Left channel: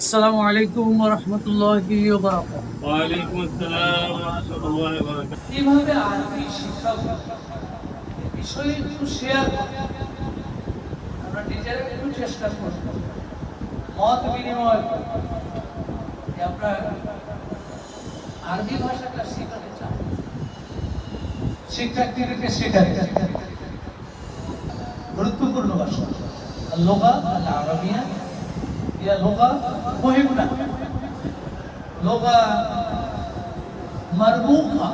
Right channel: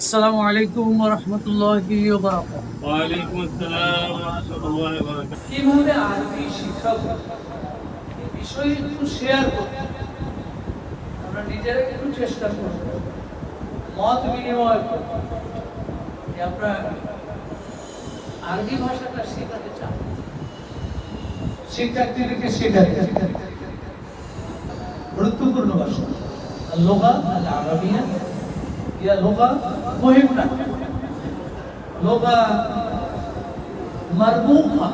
আসসালামু আলাইকুম ওয়া রাহমাতুল্লাহি ওয়া বারাকাতুহু। ওয়ালাইকুম আসসালাম ওয়া রাহমাতুল্লাহি ওয়া বারাকাতুহু। কিভাবে আরবি শিখাবো এই বিষয়ে একটু শেয়ার করব। আমরা নিজেরা একটু চেষ্টা করব, মত বিনিময় করব যে আমরা আরবি ভাষাটা শেখাতে চাই, শিক্ষার্থীদেরকে শেখাতে চাই। গুরুত্বপূর্ণ ভাষা اللغة العربية هي لغة مهمة، لغة مرموقة،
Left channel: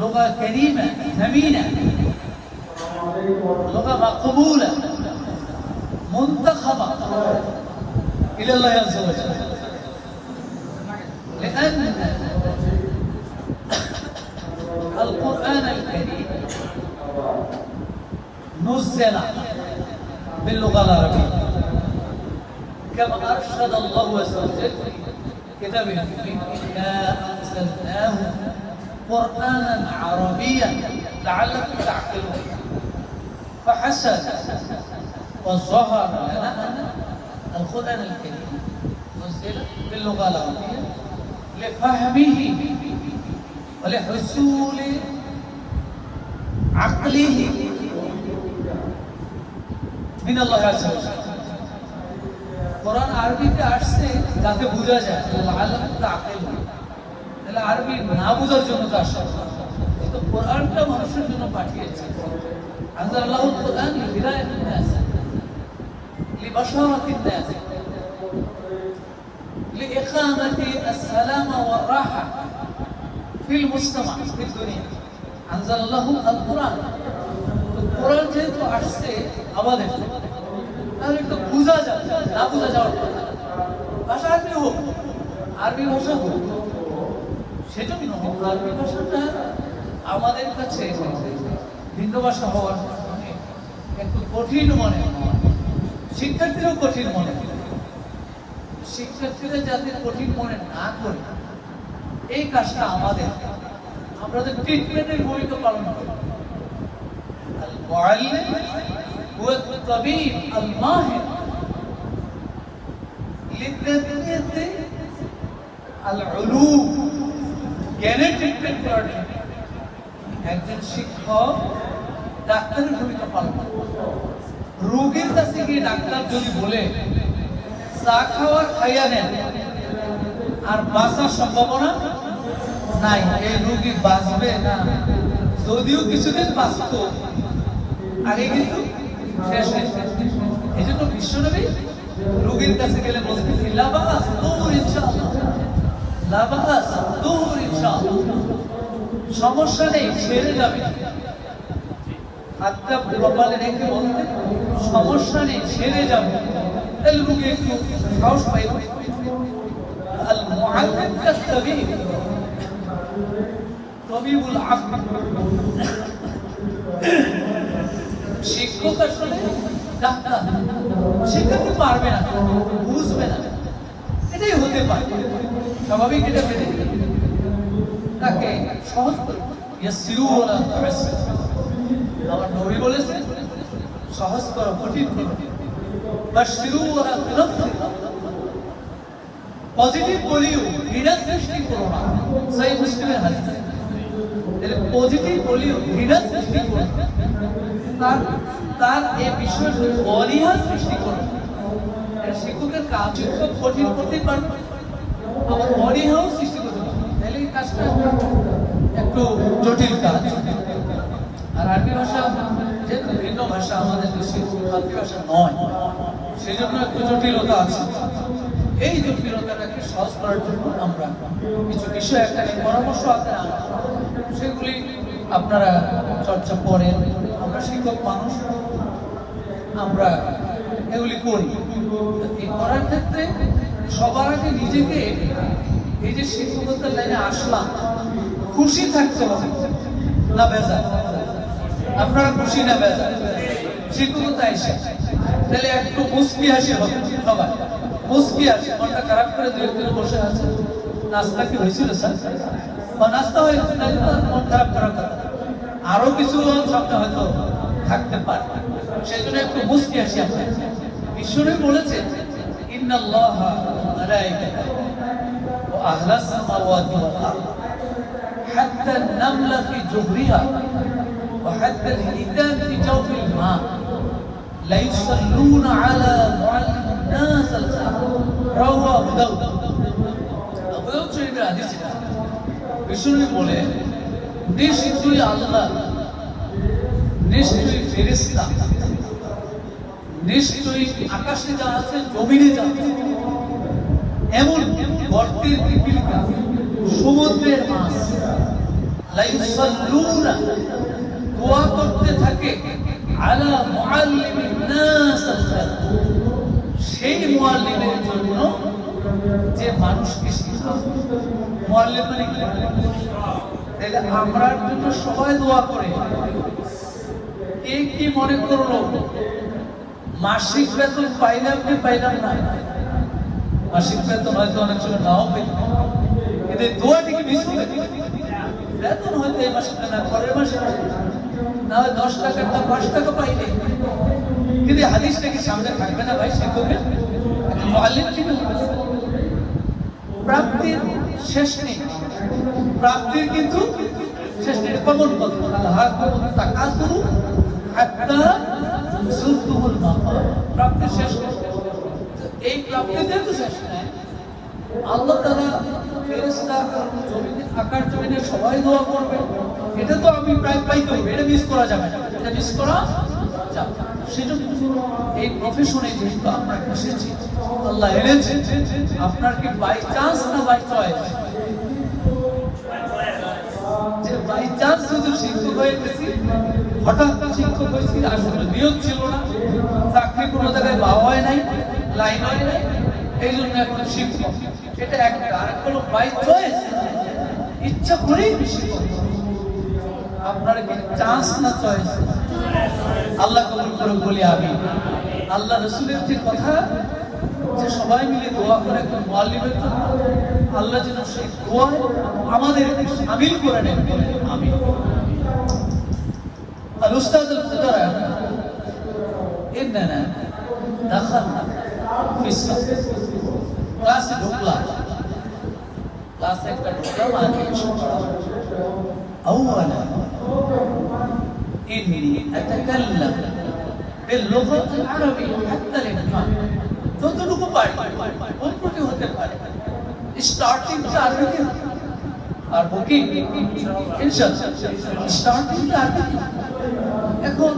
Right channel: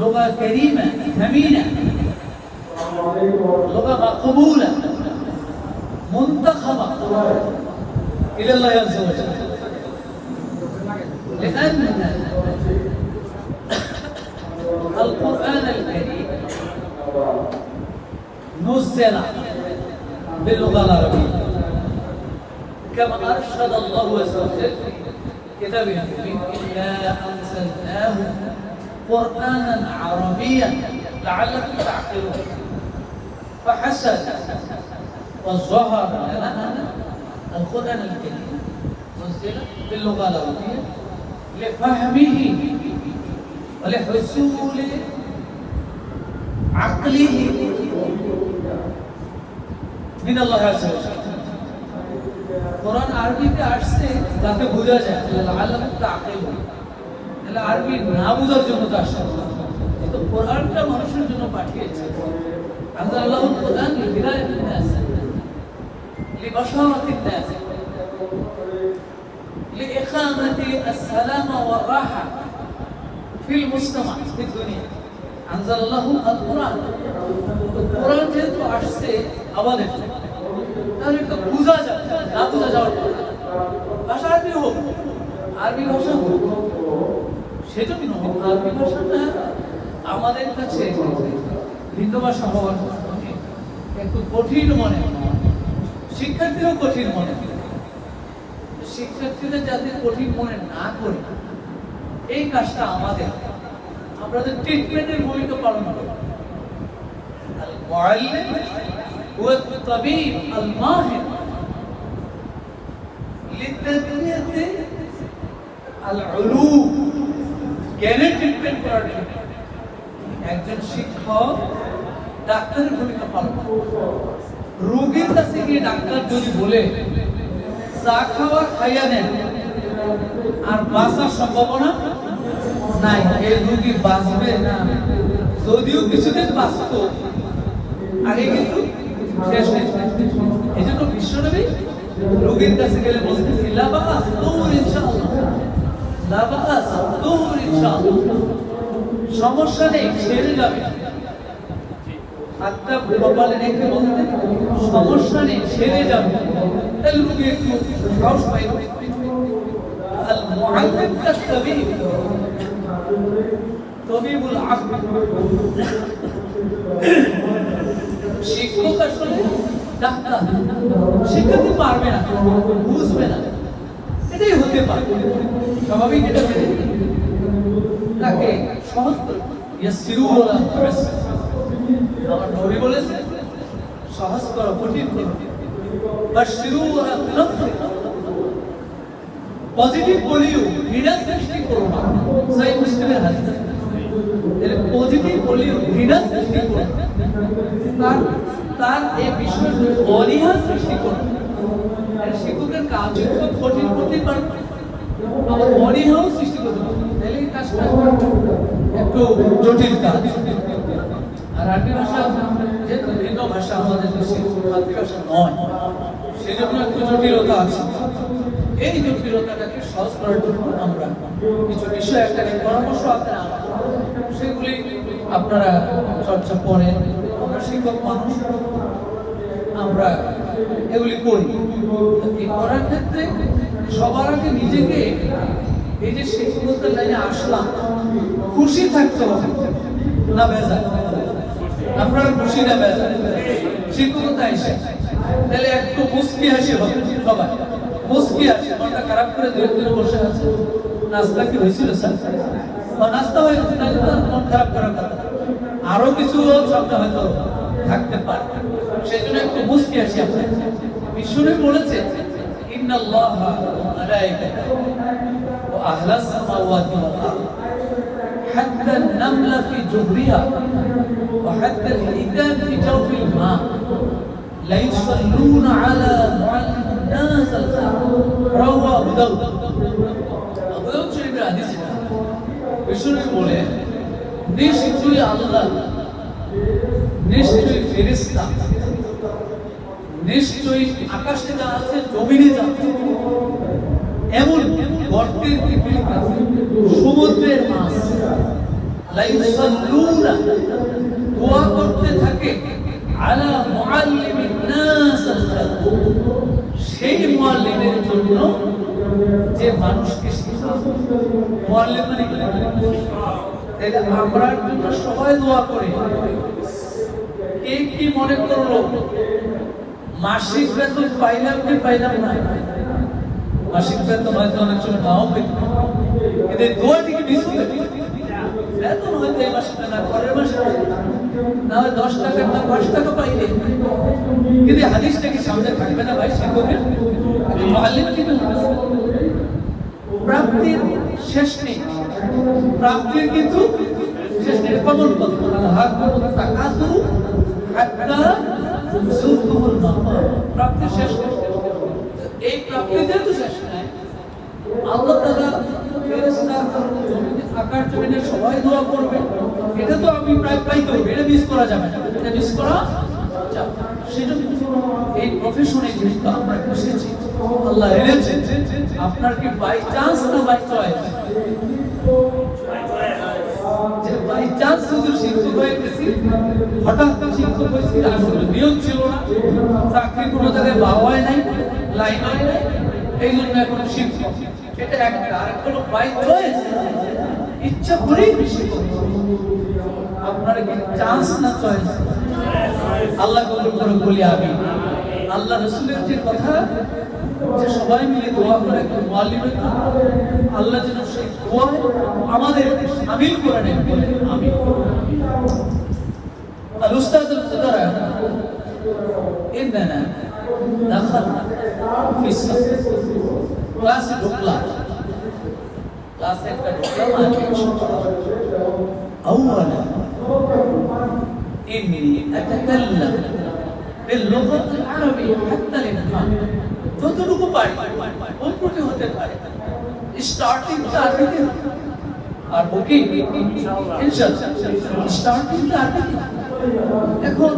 لغة كريمة ثمينة، لغة مقبولة منتخبة إلى الله عز وجل، لأن القرآن الكريم نزل باللغة العربية كما أرشد الله عز وجل في كتابه الكريم إنا أنزلناه قرآنا عربيا لعلكم تعقلون. فحسن وظهر لنا أن القرآن الكريم نزل باللغة العربية لفهمه ولحصول عقله من الله عز وجل. কোরআন আরবিতে আসছে যাতে বোঝা যায়, লাআল্লাকুম তাআকিলুন। তাহলে আরবি না বোঝার জন্য তো আসে, তো কোরআনটা মানুষের জন্য পাঠিয়েছে। আনজালাল্লাহুল কোরআন লিহিদায়াতিন নাস, লিবাশারাতিন নাস, লিইকামাতি আসসালামা ওয়ার রাহা ফিল মুজতামা ফিদ দুনিয়া। আনজালাল্লাহুল কোরআন, তো কোরআন যেহেতু আসছে আমাদের, তাহলে তো বোঝা যাবে, না বোঝা যাওয়ার কথা। ভাষা আরবি হোক, আরবি ভাষা হোক, সেজন্য আরবি ভাষাটা আমাদের কাছে ভিন্ন ভাষা হওয়ার কারণে একটু কঠিন মনে হয়, শিক্ষার্থীরাও কঠিন মনে হয়। শিক্ষার্থীরা যাতে কঠিন মনে না করে এই কাজটা আমাদের ট্রিটমেন্টের ভূমিকা পালন করে। আল মুআল্লিম হুয়া আত-তাবিব আল-মাহির লিতাদরিয়াতি আল-উলুম, জ্ঞানের ট্রিটমেন্ট করার জন্য একজন শিক্ষক ডাক্তারের ভূমিকা পালন করে। রোগীর কাছে গিয়ে ডাক্তার যদি বলে চা খাওয়া খাইয়া নেন আর বাঁচার সম্ভাবনা নাই, এই রোগী বাঁচবে না, যদিও কিছুদিন বাঁচত আগে কিন্তু শেষ হয়ে যাবে। এই জন্য বিশ্বনবী রোগীর কাছে গেলে বলতেন লা বা'স তুর ইনশাআল্লাহ, লা বা'স তুর ইনশাআল্লাহ, সমস্যা নেই, ছেড়ে যাবে। হাতটা কপালে রেখে বলতেন সমস্যা নেই, ছেড়ে যাবে। তাহলে রোগী একটু সাহস পাইল। আল মুআল্লিম কাত-তাবিব, তবিবুল আকল, শিক্ষক আসলে ডাক্তার। শিক্ষার্থী পারবে না, বুঝবে না, এটাই হতে পারে, স্বাভাবিক। এটা মেনে তাকে সহজ করে ইয়াসসিরু ওয়ালা তু'আসসিরু, আমার নবী বলেছেন সহজ করো, কঠিন করো। বাশশিরু ওয়ালা তুনাফফিরু, পজিটিভ বলিও, ঘৃণা সৃষ্টি করো না। সহিহ মুসলিমের হাদিস, পজিটিভ বলিও, ঘৃণা সৃষ্টি করো না, তার এই বিষয়ে অনীহা সৃষ্টি করো। শিক্ষকের কাজ খুব কঠিন করতে পারবে, আবার অনীহাও সৃষ্টি করতে পারবে, তাহলে এই কাজটা একটু জটিল কাজ। আর আরবি ভাষা যেহেতু ভিন্ন ভাষা, আমাদের দেশে মাতৃভাষা নয়, সেই জন্য একটু জটিলতা আছে। এই জটিলতাটাকে সহজ করার জন্য আমরা কিছু বিষয় একটা পরামর্শ আপনারা সেগুলি আপনারা চর্চা করেন। আমরা শিক্ষক মানুষ, আমরা এগুলি করি। এই করার ক্ষেত্রে সবার আগে নিজেকে এই যে শিক্ষকতার লাইনে আসলাম, খুশি থাকতে হবে না বেজার। আপনারা খুশি না বেজার শিক্ষকতা এসে, তাহলে একটু মুস্কি হাসি হবে সবার, মুস্কি হাসি। মনটা খারাপ করে দু একদিন বসে আছে, নাস্তা কি হয়েছিল স্যার? নাস্তা হয়েছে, মন খারাপ করার কথা। আরো কিছু শব্দ হয়তো থাকতে পারে, সেই জন্য একটু মুস্কি হাসি। বিশ্বনবী বলেছে ইন্নাল্লাহা ওয়া মালাইকাতাহু ওয়া আহলাস সামাওয়াতি ওয়াল আরদ হাত্তা আন-নামলা ফি জুহরিহা ওয়া হাত্তা আল-হিতান ফি জাওফিল মা লা ইউসাল্লুনা আলা মুআল্লিমিন নাস আল-খায়র রাওয়াহু দাউদ। আবু দাউদ শরীফের হাদিস এটা। বিষ্ণু বলে নিশ্চয়ই আল্লাহ, নিশ্চয়ই ফেরেশতা, নিশ্চয়ই আকাশে যা আছে জমিনে যা আছে, এমন গর্তের পিপিলিকা, সমুদ্রের মাছ লা ইউসাল্লুনা দোয়া করতে থাকে আলা মুআল্লিমিন নাস আল-খায়র, সেই মুআল্লিমের জন্য যে মানুষকে শেখায়। মুআল্লিম মানে কি? তাহলে আমরার জন্য সবাই দোয়া করে। কে কি মনে করলো মাসিক বেতন পাইলাম কি পাইলাম না, মাসিক বেতন হয়তো অনেক সময় নাও পেতাম, কিন্তু দোয়াটিকে মিস করে বেতন হয়তো এই মাসে না, পরের মাসে না হয় 10 টাকা না 5 টাকা পাইলে, কিন্তু হাদিসটা কি সামনে থাকবে না ভাই? শিক্ষকের মুআল্লিম কি প্রাপ্তির শেষ নেই, প্রাপ্তির কিন্তু শেষ নেই। কমন কথা আল্লাহ তাকাসুরু হাত্তা যুরতুমুল মাকার, প্রাপ্তির শেষ নেই। এই প্রাপ্তিতে তো শেষ নাই। আল্লাহ তাআলা ফেরেশতা আকাশ জমিনে সবাই দোয়া করবে, এটা তো আমি প্রায় পাইতে হবে, এটা মিস করা যাবে না, এটা মিস করা যাবে। সেজন্য এই প্রফেশনে যেহেতু আমরা এসেছি, আল্লাহ এনেছেন, আপনার কি বাই চান্স না বাই চয়েস? যে বাই চান্স শুধু শিক্ষক হয়ে গেছি, হঠাৎ শিক্ষক হয়েছি, আসলে নিয়ম ছিল না, চাকরি কোনো জায়গায় পাওয়াই নাই, লাইনই নাই, এই জন্য এখন শিক্ষক, এটা একটা। আর হলো বাই চয়েস, ইচ্ছা করেই শিক্ষক। আপনার কি চান্স না চয়েস? আল্লাহ কবুল করে বলি আমি। আল্লাহ রাসূলের যে কথা যে সবাই মিলে দোয়া করে একটা মুআল্লিমের জন্য, আল্লাহ যেন সেই দোয়া আমাদের শামিল করে নেন। আমি আর উস্তাদ আল-কুদারা ইন্নানা দাখালনা ফি সাফ, ক্লাসে ঢুকলাম, ক্লাসে একটা ঢুকলাম, আর আউয়ালা إني أتكلم باللغة العربية حتى الإمكان, যতটুকু পারি অন্যকে হতে পারে। স্টার্টিংটা আরবিতে আর বুকিং ইনশাআল্লাহ স্টার্টিংটা আরবিতে। এখন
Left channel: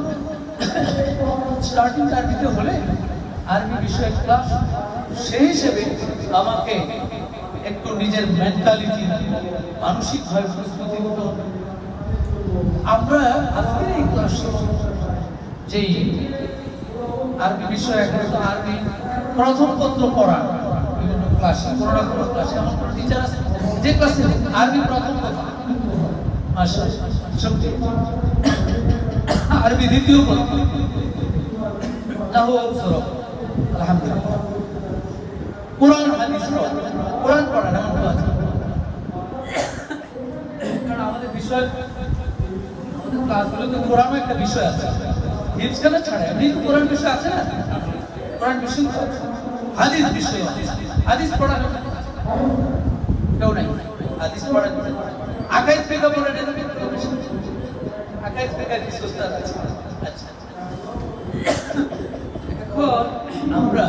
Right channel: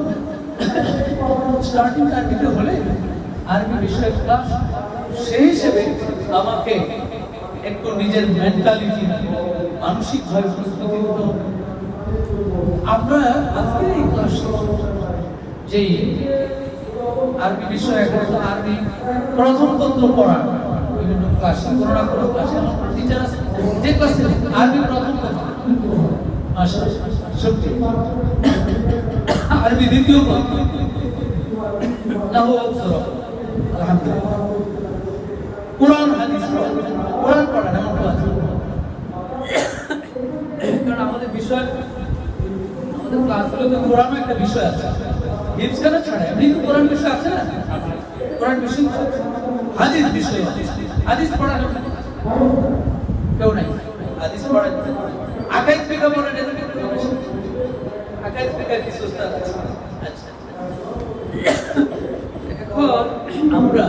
স্টার্টিংটা আরবিতে হলে আরবি বিষয় ক্লাস, সেই হিসেবে আমাকে একটু নিজের মেন্টালিটি, মানসিকভাবে প্রস্তুতি নিতে হবে। আমরা আজকের এই ক্লাসে যে আরবি বিষয়, এখন আরবি প্রথম তন্ত্র পড়া বিভিন্ন ক্লাসে, কোনো না কোনো ক্লাসে আমার টিচার আছে যে ক্লাসে আরবি প্রথম তন্ত্র, মাশাআল্লাহ, সত্যি আরবি দ্বিতীয় তন্ত্র, নাহু সরফ, আলহামদুলিল্লাহ, কুরআন হাদিস কোরআন পড়া এমন আছে। কারণ আমাদের বিষয়, ক্লাসগুলোতে কোরআন একটা বিষয় আছে, হিফজ করা ছাড়া এমনি কোরআন বিষয় আছে না, কোরআন বিষয় তো আছে, হাদিস বিষয় আছে, হাদিস পড়া কেউ নাই, হাদিস পড়া আকাইদ ফিকা পড়ে নেই, আকাইদ ফিকা কি সুস্তাদ আছে। আচ্ছা, এখন আমরা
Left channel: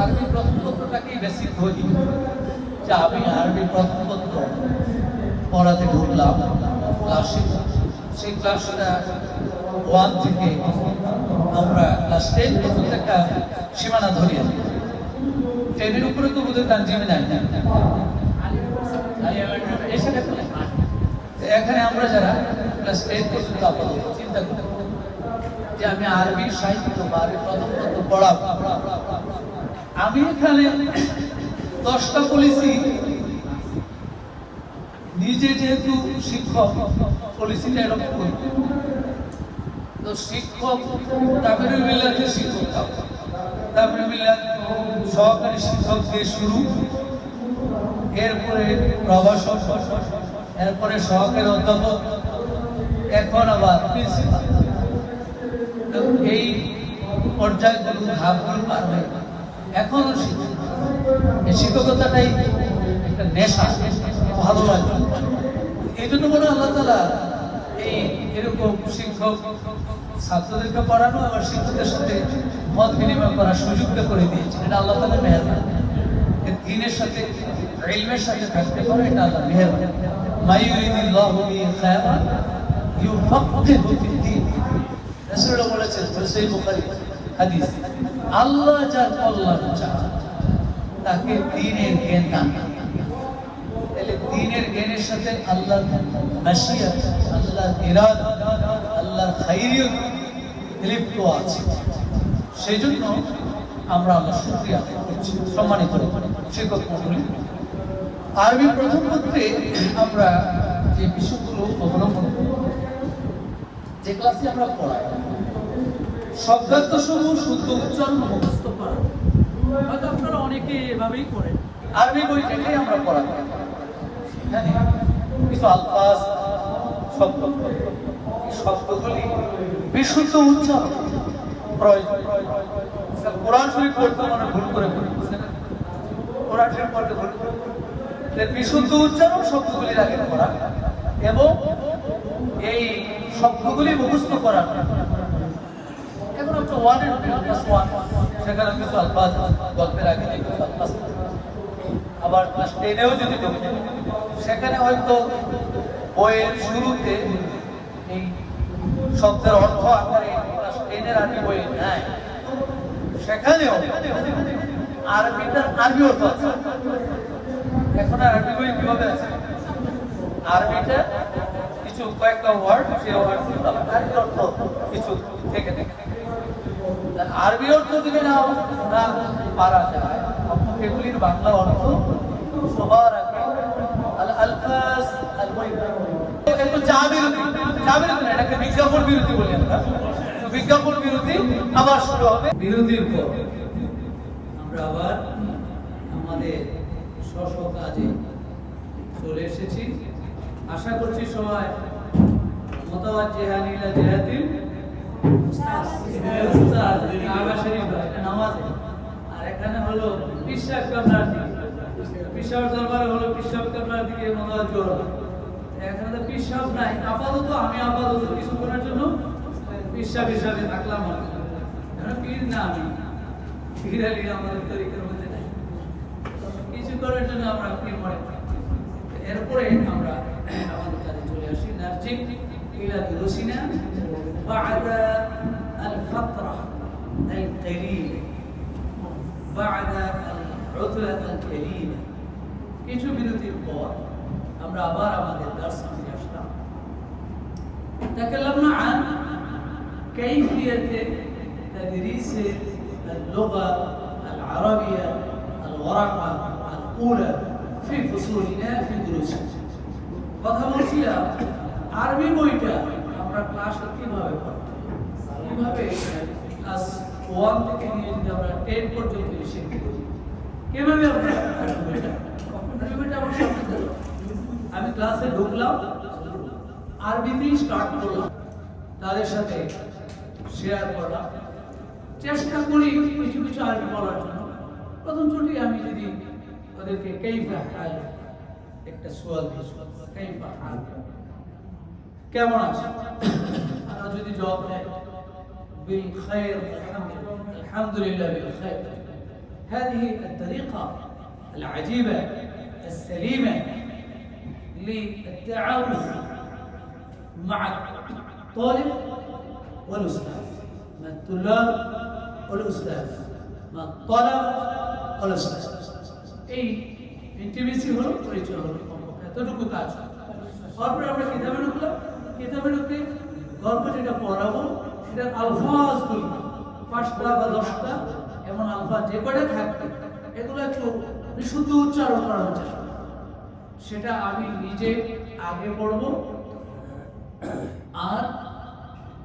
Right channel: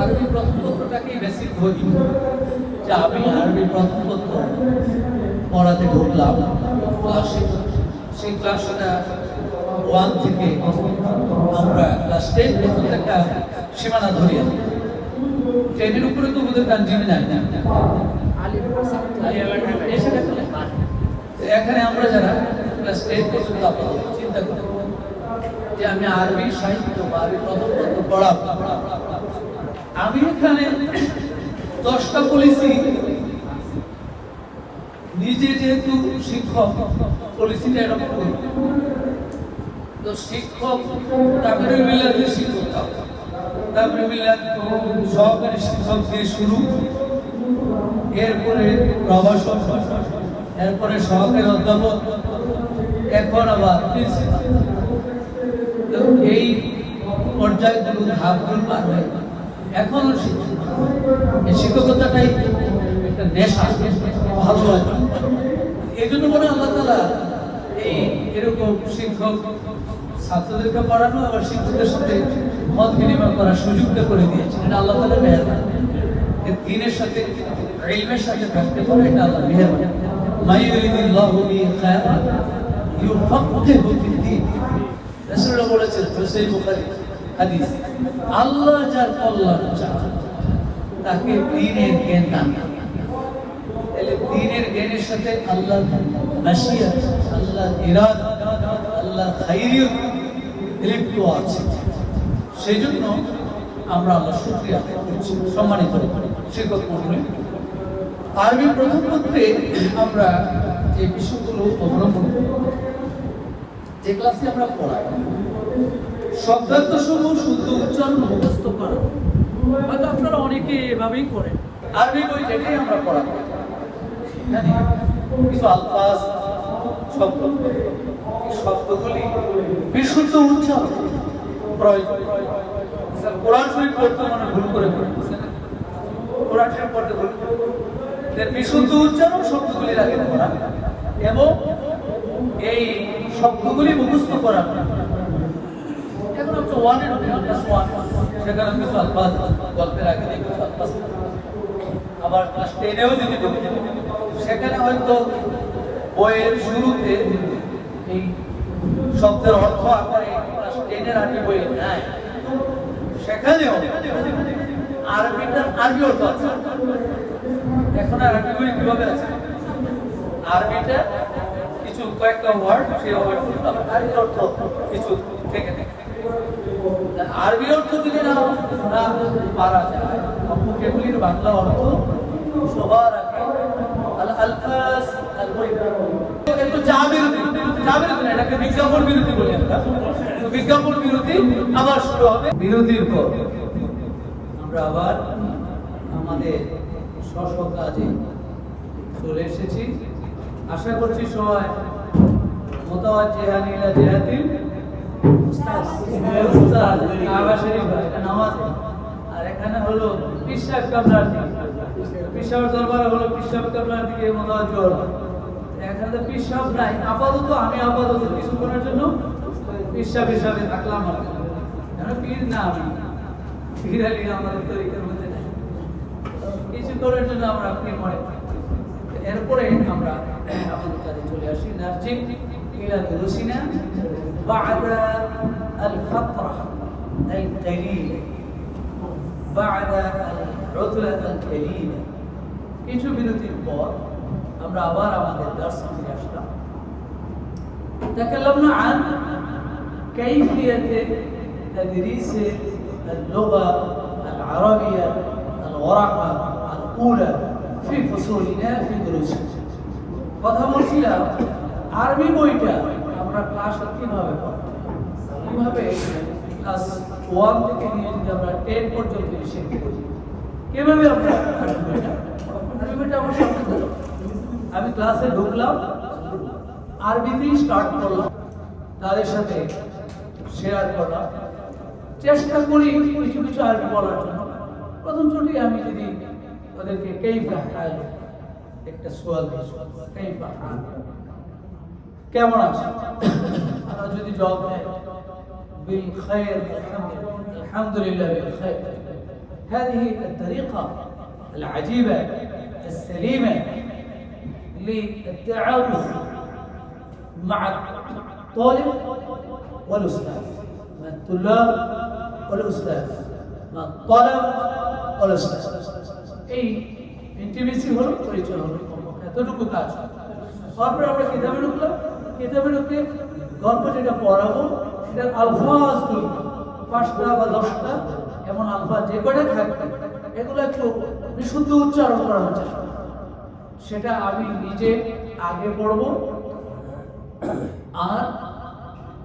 আরবি প্রথম পত্রটাকেই বেসিক ধরি, যে আমি আরবি প্রথম পত্র পড়াতে ঢুকলাম ক্লাসে। সেই ক্লাসটা 1 থেকে আমরা ক্লাস 10 পর্যন্ত একটা সীমানা ধরি। 10-এর উপরে তো বোধহয় তানজিম নাই, এখানে আমরা যারা ক্লাস 10 পর্যন্ত আপাতত চিন্তা করি যে আমি আরবি সাহিত্য বা আরবি প্রথম পত্র পড়াবো। আমি এখানে 10টা পলিসি নিজে, যেহেতু শিক্ষক, পলিসিটা এরকম করি, তো শিক্ষক তারপরে মিলাদের শিক্ষক, তারপরে মিলাদ সহকারী শিক্ষক দিয়ে শুরু, এরপরে প্রভাষক, এরপরে সহকারী অধ্যাপক, এখন আবার প্রিন্সিপাল। এই পর্যায়গুলো ধাপগুলো পার হয়ে এখন শিক্ষক, এই শিক্ষকতাটাই একটা নেশা, ভালো লাগে। এই জন্য বলে আল্লাহ তাআলা এই এরকম শিক্ষক ছাত্রদেরকে পড়ানো আর শিক্ষকদের সাথে মত বিনিময় করার সুযোগটা করে দিয়েছেন। এটা আল্লাহ তাআলার মেহেরবানি। দ্বীনের সাথে ইলমের সাথে থাকতে পারে, এটা আল্লাহর মেহেরবানি। মাই ইউরিদিল্লাহু বিহি খায়রান ইউফাক্কিহু ফিদ্দীন। রাসূলুল্লাহ বলেছেন, সহিহ বুখারী হাদিস, আল্লাহ যার কল্যাণ চান তাকে দ্বীনের জ্ঞান দান করেন। তাহলে দ্বীনের জ্ঞানের সাথে আল্লাহর মাশিয়াত, আল্লাহর ইরাদা, আল্লাহর খায়রিয়ত লিপ্ত আছে। সেই জন্য আমরা আল্লাহর শুকরিয়া আদায় করছি। সম্মানিত শিক্ষক মণ্ডলী, আরবি প্রথম পত্রে আমরা যে বিষয়গুলো অবলম্বন করি, যে ক্লাসে আমরা পড়াই, শব্দার্থ সমূহ শুদ্ধ উচ্চারণ মুখস্থ করা, হয়তো আপনারা অনেকে এভাবেই করেন। আরবি বই দেখেই আমরা পড়াতে সেখানে কিছু আলফাজ, শব্দ, শব্দগুলি বিশুদ্ধ উচ্চারণ প্রয়োজন। কোরআন শরীফ পড়তে মানে ভুল করে ফেলছে, কোরআন শরীফ পড়তে ভুল, বিশুদ্ধ উচ্চারণ শব্দগুলির আগে পড়া এবং এই শব্দগুলি মুখস্থ করা। এখন হচ্ছে ওয়ানের ক্লাস ওয়ান, সেখানে কিছু আলফাজ গল্পের আগে কিছু আলফাজ, আবার ক্লাস টেনেও যদি বলি সেখানে হয়তো বইয়ের শুরুতে এই শব্দের অর্থ আকারে ক্লাস টেনের আগে বইয়ে নাই, সেখানেও আরবিটার আরবি অর্থ আছে। এখন আরবি বই কিভাবে আছে, আরবিটা কিছু কয়েকটা ওয়ার্ড, সেই আরবি অর্থ কিছু থেকে থেকে আরবি অর্থ যদি না পারা যায়, এগুলির বাংলা অর্থ সবার আগে আল আলফাজ আল মুহিম। এগুলো এটাকে বিজ্ঞাপন বিরতি বলি আমরা। বিজ্ঞাপন বিরতি আবার শুরু হবে। বিরতির পর আমরা আবার আমাদের স্ব কাজে চলে এসেছি। আশা করছি সবাই মুতাওয়াজ্জিহান ইলা জিহাতিল উস্তাদ কাবা শরীফ, এটা নামাজে, আর এখানে হলো পীর সাহেব কাবলার দিকে, পীর সাহেবের দরবারে হলো পীর সাহেব কাবলার দিকে মুতাওয়াজ্জি হলো। এখানে তো পীর সাহেব নাই, আমি আপাতত কিছুক্ষণের জন্য পীর সাহেব হিসাবে থাকলাম। পীর না, আমি পীর আলী আমাদের তরিকার মধ্যে নাই, কিছুক্ষণের জন্য আমরা পীর মনে করি। এরপরে আমরা আমাদের কাজে চলে আসি। নার্জিক ইলা দুরুসিনা বা'দা আল ফাতরা আল কালিলা, বা'দা আল উতলা আল কালিলা। কিছু বিরতির পর আমরা আবার আমাদের দার্সে ফিরে আসলাম। تكلمنا عن كيفية تدريس اللغة العربية الورقة الأولى في فصولنا في دروسنا। কথা বলছিলাম আরবি বইটা আমরা ক্লাসে কিভাবে পড়ব, কিভাবে ক্লাস 1 থেকে নিয়ে যদি আমরা 10 পর্যন্ত শিখতে পারি, কিভাবে আমরা আরবি বইটা আমার সামনে ধরো। আমি ক্লাসে ঢুকলাম, আরবিতেই স্টার্ট করলাম, তাদের সাথে শেয়ার করলাম, চেষ্টা করি কিছু কিছু আরবি বলার জন্য। প্রথম ছুটি আমি যদি ওদেরকে কাইফা হাল একটা সোয়াল দিই, কাইফা হাল, কেমন আছে, আমরা যদি জবাব দেয় বিল খায়র আলহামদুলিল্লাহ বিল খায়র। هذه الطريقة العجيبة السليمة للتعامل مع الطالب والأستاذ، مع الطلاب والأستاذ، مع الطلب والأستاذ। এই ইন্টিমেসি হলো, পরিচয় হলো, এতটুকু কাজ। তারপরে আমরা কিতাবে ঢুকলাম, কিতাবে ঢুকে গল্প যেটা পড়াবো সেটার আলফাজগুলো 5টা বা 10টা এমন আলফাজ যে কটা থাকবে, এগুলো একটু বিশুদ্ধ উচ্চারণ করার চেষ্টা, সেটা আমি নিজে আগে পড়বো, আর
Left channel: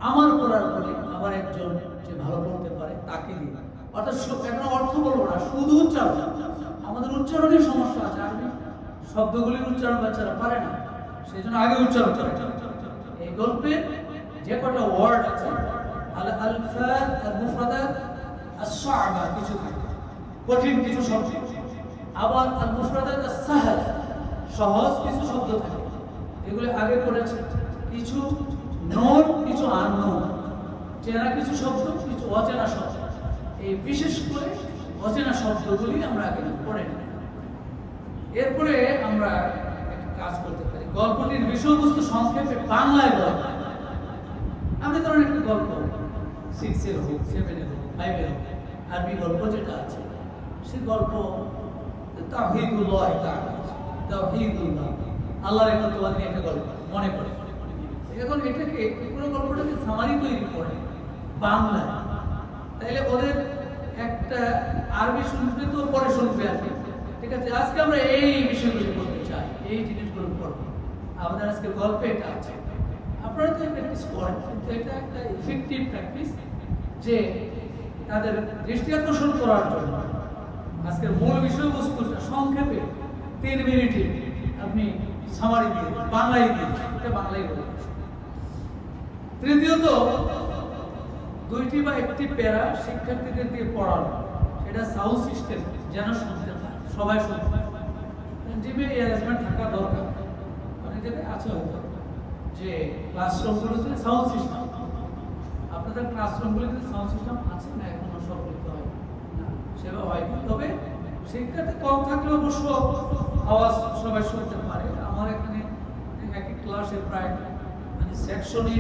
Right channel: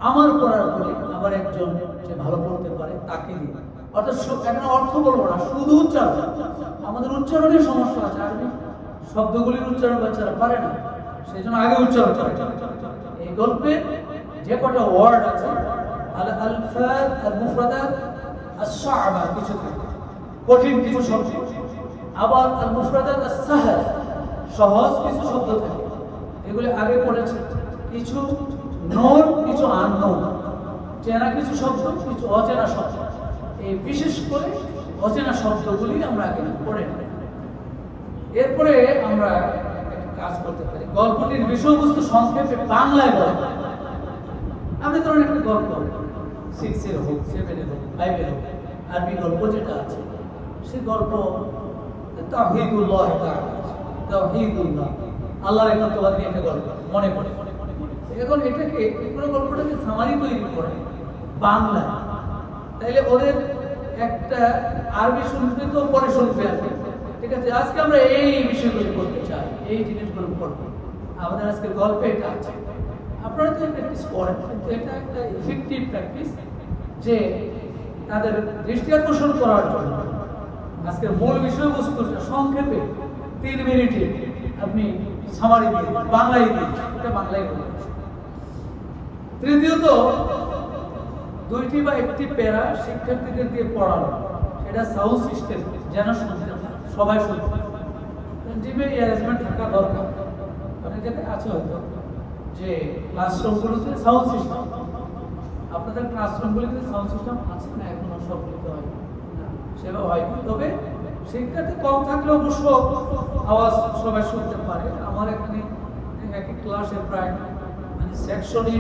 আমার পড়ার পরে আবার একজন যে ভালো পড়তে পারে তাকে দিই। অর্থাৎ এখন অর্থ বলবো না, শুধু উচ্চারণ। আমাদের উচ্চারণের সমস্যা আছে, আরবি শব্দগুলির উচ্চারণ বাচ্চারা পারে না, সেই জন্য আগে উচ্চারণ করে। এই গল্পে যে কটা ওয়ার্ড আছে, আল আলফাজ আল মুফরাদাত আস-সা'বা কিছু থাকে, কঠিন কিছু শব্দ, আবার আল মুফরাদাত আস-সাহল সহজ কিছু শব্দ থাকে, এগুলি আগে পড়েছে। কিছু নোন, কিছু আননোন, চেনা কিছু শব্দ, কিছু অচেনা শব্দ। এই বিশেষ করে অচেনা শব্দগুলি আমরা আগে পড়ে নিই। এরপরে আমরা একটা কাজ করতে পারি, গল্পটির বিষয়বস্তু সংক্ষেপে বাংলায় বলা। আপনি ধরুন একটা গল্প 6 এর হোক, 7 এর হোক, 5 এর হোক, আরবি গল্প যেটা আছে, সে গল্প তাওহীদুল্লাহ তাআলা, তাওহীদুল্লাহ, আল্লাহর একত্ববাদ নিয়ে একটা গল্প মনে পড়ে। এখন এটাকে পুরো গল্পটাকে সামারি তৈরি করে বাংলায়, তাইলে ওদের একটা আরবি শুনবে তো পরে শুনবে আর কি। ঠিক আছে, আজকে আমরা এই বিষয়গুলো করতে চাই, এই জিনিসগুলো করবো। আমাদের আজকে গল্পে এটা আছে, আপনারা তো প্র্যাকটিস করেন, কিন্তু এটা একটা ইফেক্টিভ প্র্যাকটিস যে তাদের দৃষ্টি আকর্ষণ করার জন্য আজকের মূল বিষয়বস্তুটা সংক্ষেপে 3 মিনিটে আপনি সামারি দিয়ে দিন, বাংলায় দিন, এটা বাংলায় বলবেন। তৃতীয়ত, 2টি বা 1টি প্যারা শিক্ষার্থীদের দিয়ে পড়ানো, এটা সাউন্ড সিস্টেম যেন শুনতে পায়, সবাই শুনতে পায়, জিমে অ্যারেঞ্জমেন্ট থাকা দরকার। অনেক জায়গায় আছে হয়তো যে ক্লাসরুমগুলোতে সাউন্ড সিস্টেম, আপনাদের ক্লাসরুমগুলোতে সাউন্ড সিস্টেম আছে না? এখনো সবগুলোতে হয় না, সেভাবে হয়নি। তবে শিক্ষার্থী কম থাকলে অবশ্য আওয়াজ সবাই শুনতে পারে। আমার এখানে একই ক্লাসে প্রায় মানে সেকশনে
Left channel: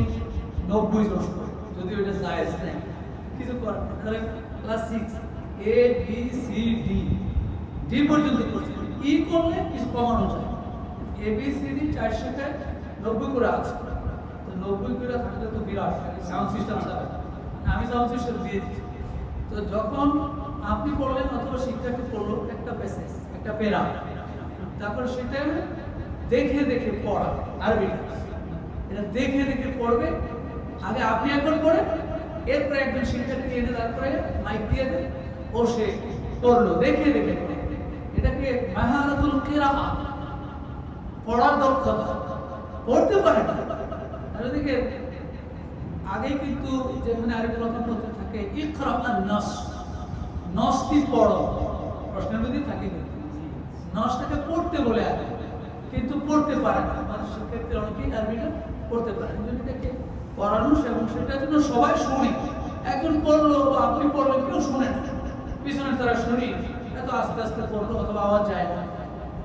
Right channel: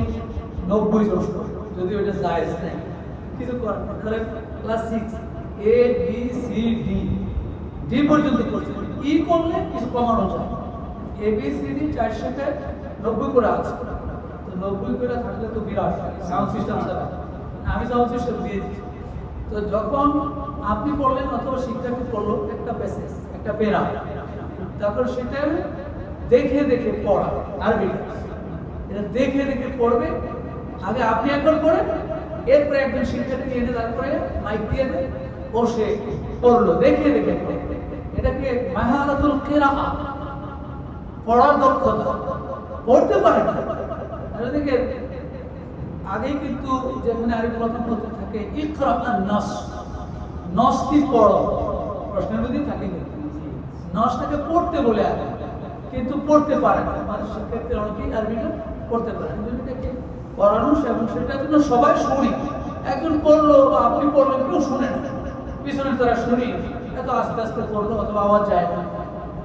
90 জন করে, যদিও এটা জায়েজ নাই, কিছু করার নেই। তাহলে class 6 A B C D পর্যন্ত করছে, ই করলে কিছু কমানো যায়। A B C D 4 শেখায় 90 করে আছে, তো 90 করে থাকলে তো বিরাট সাউন্ড সিস্টেম ছাড়া। আমি সাউন্ড সিস্টেম দিয়ে দিচ্ছি। তো যখন আপনি পড়লেন অথবা শিক্ষার্থী পড়লো একটা প্যাসেজ, একটা প্যারা, তারপর সেটা দেখে দেখে পড়া, আরবিটা এটা দেখে দেখে পড়বে। আগে আপনি একবার পড়েন, এরপরে একজন শিক্ষার্থী এনে তারপরে মাইক দিয়ে দেন, ও সে পড়লো দেখে দেখে। এটাকে মাহারাতুল কিরাআহ, পড়ার দক্ষতা। পড়তে পারে না দেখে আগে কিন্তু যেখানে আরবি প্রথম পত্র থাকে ইকরা আন-নাস, নসটি পড়ো, প্রশ্নের মধ্যে থাকে কিন্তু নসটাকে পড়তে বলে আগে, কিন্তু পড়তে পারে না। মানে শিক্ষার্থীরা অনেকেই আরবিটা পড়তে পারে না, এটাকে পড়ানো এবং সেটার জন্য সবাই শুনি। একজন পড়লো বা আপনি পড়লেন, কেউ শুনে না, পিছনে তারা শুনি, এত আস্তে আস্তে পড়লো অথবা আওয়াজ যায় না,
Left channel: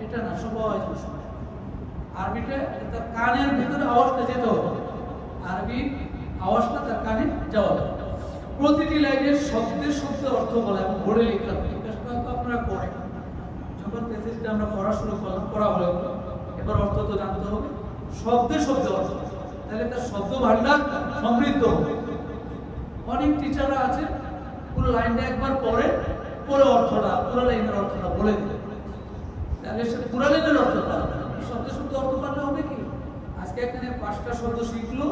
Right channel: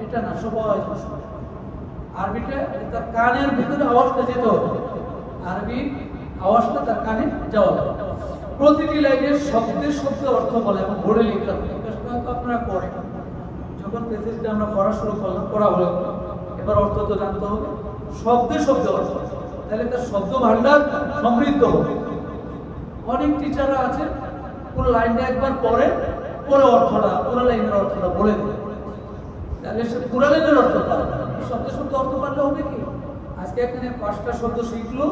এটা না, সবাই শুনে। আরবিটা তার কানের ভিতরে আওয়াজটা যেতে হবে, আরবি আওয়াজটা তার কানে যাওয়া যাবে। প্রতিটি লাইনের শব্দের শব্দে অর্থ বলে এবং বোর্ডে লিখতে হবে। আপনারা পড়েন, যখন প্যাসেজটা আমরা পড়া শুরু করলাম, পড়া হলো, এবার অর্থ তো জানতে হবে, শব্দে শব্দে অর্থ, তাহলে তার শব্দ ভান্ডার সমৃদ্ধ হবে। অনেক টিচাররা আছে পুরো লাইনটা একবার পড়ে, পরে অর্থটা, পুরো লাইনের অর্থটা বলে দেবে, তাহলে সে পুরো লাইনের অর্থ পারে। শব্দে শব্দ অর্থ পারলে হবে কি, আজকে এখানে 5টা শব্দ শিখলো,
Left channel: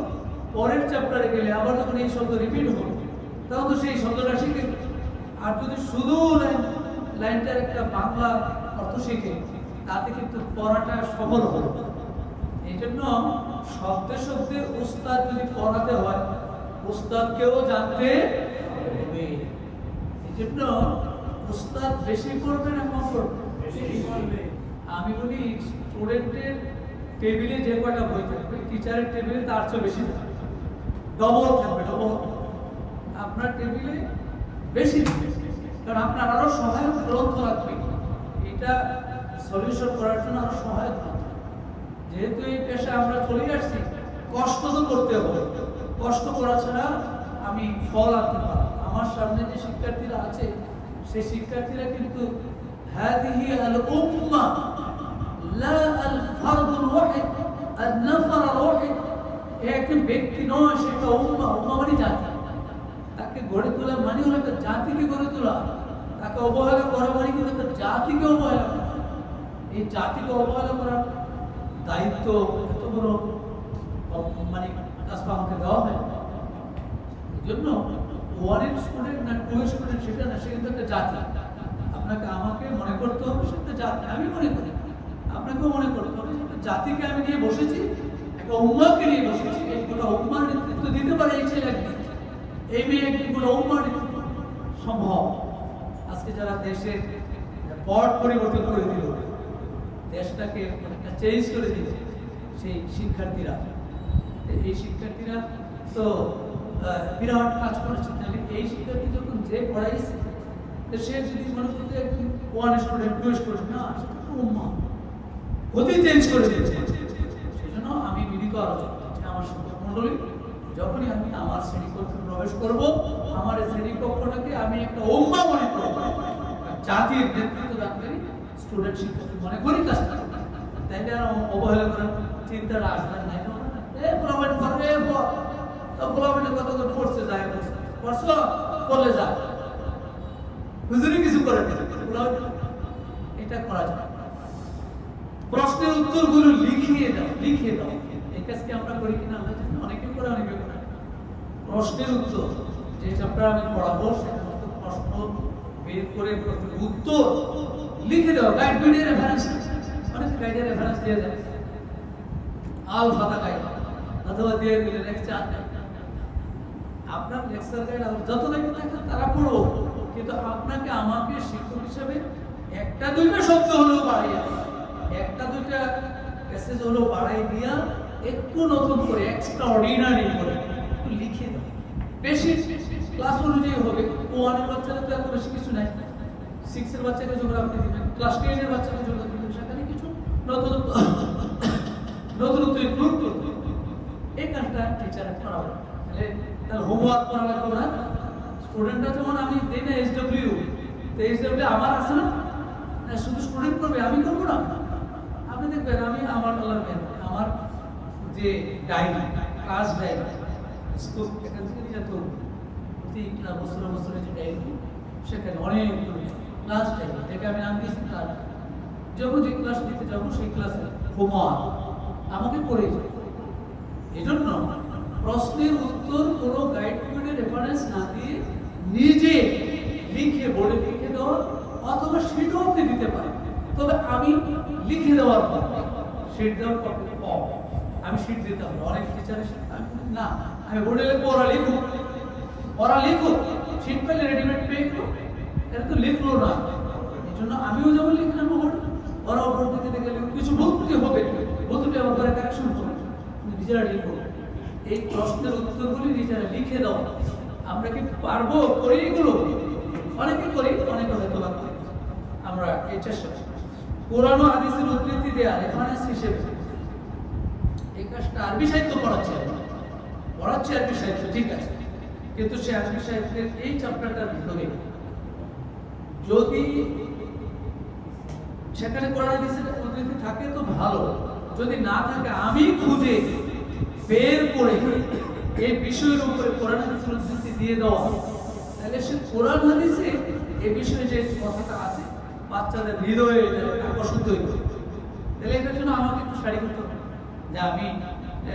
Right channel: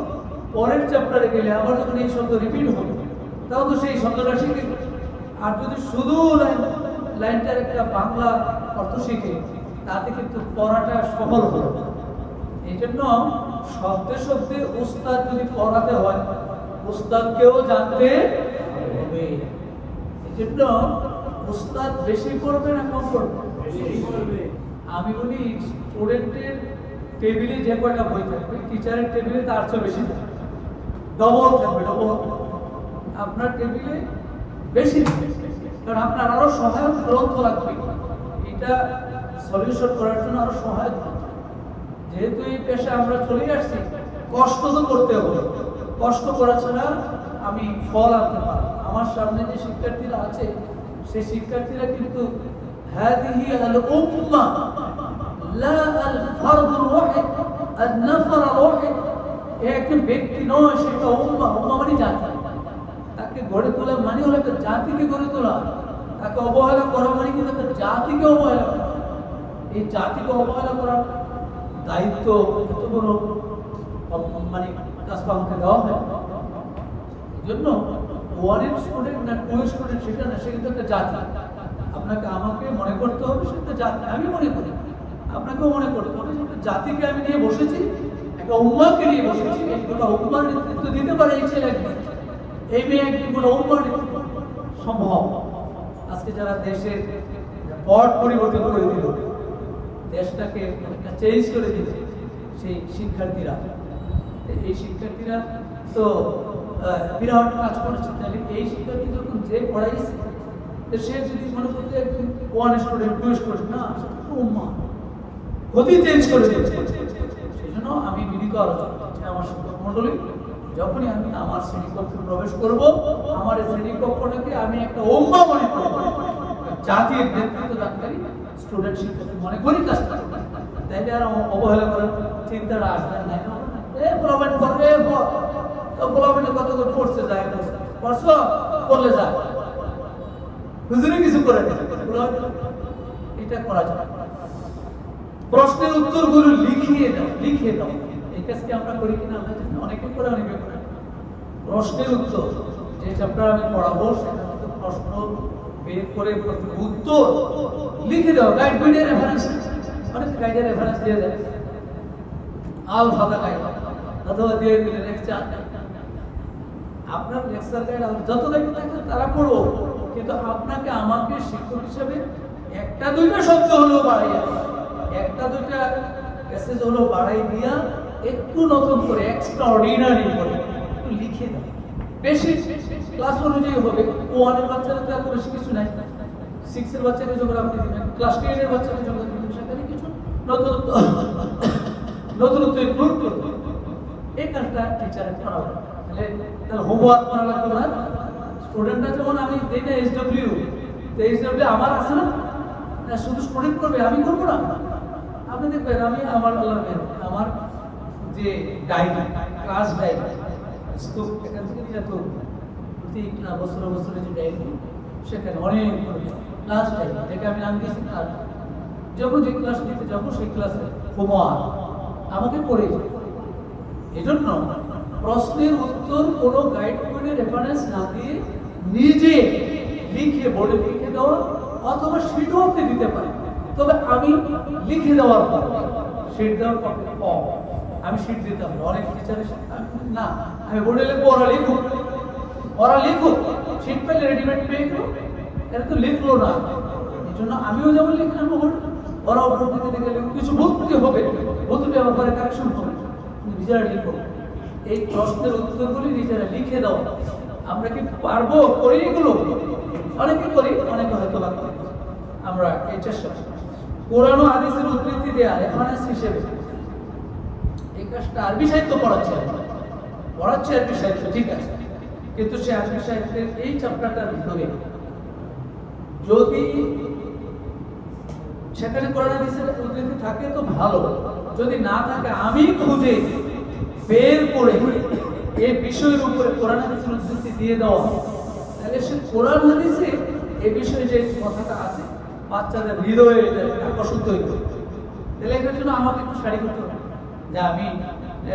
পরের চ্যাপ্টারে গেলে আবার যখন এই শব্দ রিপিট হবে, তাও তো সেই শব্দটা শিখে। আর যদি শুধু লাইনটার একটা বাংলা অর্থ শিখে, তাতে কিন্তু পড়াটা সফল হবে। এই জন্য শব্দে শব্দে উস্তাদ যদি পড়াতে হয়, উস্তাদকেও জানতে হবে। এই জন্য উস্তাদ বেশি পড়বে না কম পড়বে? বেশি পড়বে। আমি বলি স্টুডেন্টের টেবিলে যে কয়টা বই থাকবে, টিচারের টেবিলে তার চেয়ে বেশি থাকবে, ডবল থাকবে, ডবল। আপনার টেবিলে বেশি থাকবে, কারণ আপনার আরো সহায়ক গ্রন্থ লাগবে, এটা সলিউশন করার জন্য আরো সহায়ক গ্রন্থ। যেহেতু এই পেশা আমরা চলে আসছি, কষ্ট তো করতে হবে, কষ্ট করা ছাড়া আমি ফল আনতে পারি। আমার সামনে যে শিক্ষার্থীরা আছে, সেই শিক্ষার্থীরা কিন্তু হাদিহি আল উম্মাহ লা আল ফারদুল ওয়াহিদ আন নাফর আল ওয়াহিদ। একজন ব্যক্তি নয়, সেটা উম্মাহ। উম্মাহ মানে জাতি, তাকে গড়ে তোলা মানে হলো একটা জাতিকে গড়ে তোলা। তাকে অবহেলা করা মানে কিন্তু একটা জাতিকে অবহেলা করা। এই জাতিকে অবহেলা করার দায়িত্ব এত বড় মানে কাজটা আমাকে দেওয়া হয়। এই জন্য 1 স্টুডেন্ট না 2 স্টুডেন্ট সেটা না, সে কিন্তু একটা জাতি। আপনাকে আমাকে মনে করতে হবে সে একটা জাতি, আমি মনে করি, আপনাকেও মনে করতে হবে একটা জাতিকে আমি নিয়ে বসেছি, একটা উম্মাহকে নিয়ে বসেছি। এই গোটা উম্মাহর নেতৃত্ব দিতে পারে এই ছেলে একদিন, এই মেয়ে একদিন গোটা উম্মাহর নেতৃত্ব সম্ভব। আজকে যারা দেশের পট পরিবর্তন করে দিল, দেশটাকে একটা চেঞ্জ করে দিল, সেই শিক্ষার্থীরা, এই শিক্ষার্থীরা তো বিরাট কাজ করেছে। তাহলে এই শিক্ষার্থী যখন যে পড়াইছে, সে যদি মনে করতে ওয়ান স্টুডেন্ট, টু স্টুডেন্ট, না, সেটা তো উম্মা গতি চেঞ্জ করে দিয়েছে। সেই জন্য আমি বিনীত আলোচনা করছি আমার শিক্ষক মন্ডলী, যখনই আমি আমার শ্রেণীকক্ষে প্রবেশ করব, আমার এই শ্রেণীকক্ষটাকে আমি একটা উম্মা মনে করব, জাতির নেতৃত্ব দানকারী স্টুডেন্ট শিক্ষার্থী মনে করি কাজটা। তাইলে আর অবহেলা করার চিন্তাটা আসবে নাই। প্রবলেম করবে, প্রবলেমে কত করে পড়ছে যায়, পড়ছো পড়লে যায়, হুজুরে কিছু করে না, এটা করা যায়। প্রশ্নের উত্তরগুলো লিখিয়ে দাও। এই কাজকে আমরা করি কিনা আল্লাহ জানে, অনেকে করে, অনেকে করে। প্রশ্নের উত্তর, যে চ্যাপ্টার আমি পড়াবো সেখান থেকে প্রশ্ন বের করে উত্তর লিখে দাও। গাইড বইয়ের রেফারেন্স, অনেকে গাইডের রেফারেন্স দিয়ে দেয়, আল ফাতা গাইড অথবা দিয়ে দিলেন লেকচার। আপনার লেকচার গাইড যত দেখতে থাকবে তারা পড়বো, কিন্তু আপনাকে আমাকে শিক্ষক হিসাবে একটা দুইটা শব্দ হলেও বাড়াইয়া, একটা দুইটা মেসেজ হলেও বাড়াই দিয়া একটু নতুন করে এক্সট্রা অর্ডিনারি করে একটু লিখে দেয়। বেশি ক্লাস অনুযায়ী হবে। ওয়ানের বাচ্চারা তো এত বেশি কিছু নাই, 6 এর বাচ্চাকে যখন আপনি দিবেন, ক্লাস 10 এর বাচ্চাকে যখন দিবেন, সেখানে কিছু নতুনত্ব ইনক্লুড করতে, এই কাজটা টিচারের করা হবে। তাহলে হোমওয়ার্ক করা লাগবে না। স্টুডেন্টরা যেমন আমি দিই না SW, তো SW আমার আছে না, শুধু স্টুডেন্ট করবে, আমি করবো না। আপনি দেখবেন আমি আমার আমার যে ডায়েরি, ক্লাস ডায়েরি, এখান থেকে নিয়ে যেত প্রতি বছরে যে ডায়েরি, সেখানে অনেক ক্লাস ডায়েরি, এটাকে আমি নাম দিয়েছি ক্লাস। যখন যে ক্লাস নিতে যাবো সেই ক্লাসে হোমওয়ার্ক আমাকে করে, এই জন্য প্রশ্নের উত্তর কোনো গাইড করে রেফারেন্স না দিয়ে নিজে লিখে বোর্ডে লিখে দেওয়া, অথবা শিটও আপনি দিতে পারেন। তবে আমি লিখে দেওয়ার পর, শিট দেওয়ার পর আমি শিট দিতাম অনেক টিচারের না, আমি বোর্ডে লিখবো, ওরা লিখুক, শিট পেলে রেডিমেড পেয়ে গেল, এটা তো লিখলো না। এই জন্য আমিও যেমন লিখলাম বোর্ডে, ওরা ওপর দিকে গেলে কিছু ভুল হবে, ভুলটি আমার পরে কারেকশন হবে, নিজেরা লিখবো। এই প্রশ্নের উত্তরগুলি নিজেরা লিখে দেওয়া। আমরা কি পারবো? করি এগুলো, অনেকে করি, অনেকে হয়তো বা করি। আমরা এই চেষ্টা কোরআন ও হাদিসের উদ্ধৃতি দেয়া রেফারেন্স হিসেবে এই কাজটা আরবি সাহিত্য পড়াচ্ছে আরবি সাহিত্য, ঠিক আছে, কিন্তু সে আরবি সাহিত্যের এই চ্যাপ্টারটার ভিতরে যদি সেখানে কোরআন হাদিসের উদ্ধৃতি থাকে তো ভালো, যদি না থাকে আমি খুঁজে বের করে এই বিষয়ের উপরে কোরআন হাদিসের উদ্ধৃতি দিয়ে দেওয়া, তাহলে সে কোরআন হাদিসে এই বিষয়ে যে কথাটা আছে বাচ্চাদের হৃদয়ে আকর্ষিত হইবে। তাহলে এটার জন্য আমাকে একটু শাড়ি করতে হবে যে আমি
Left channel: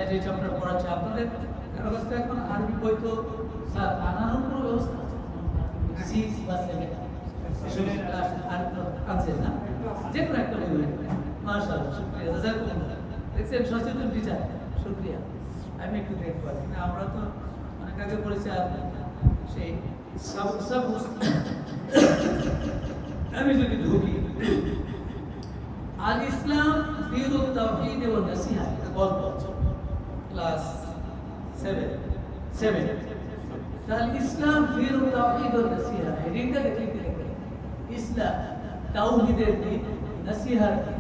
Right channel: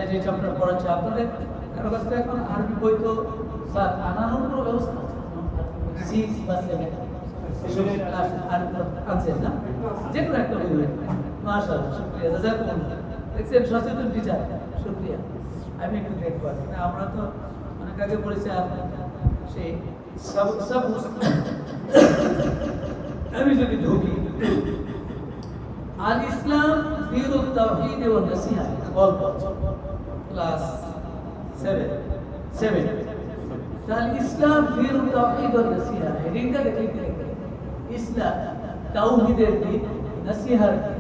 যে চ্যাপ্টার পড়াচ্ছি, আপনাদের কারো কাছ থেকে এখন আরবি বই তো স্যার আনানোর কোনো ব্যবস্থা আছে? 6 বা 7 ক্লাস আনছেন না, যে কোনো একটা বই। মাশাআল্লাহ, শুকরিয়া, জাযাকুমুল্লাহ। দেখছেন সচেতন টিচার, শুকরিয়া। আমি একটু দেখবো, আমরা তো অনেক আগে পড়েছি, আর সেই সব আমি যদি ঢুকি আল ইসলাম দীনুত তাওহীদ ওয়া নসিহা, গল্প ক্লাস 7 তাহলে ইসলাম দীনুত তাওহীদ ওয়া নসিহা, হেডিংটা দেখলে ইসলাম তাওহীদের দিন, নসিহার দিন।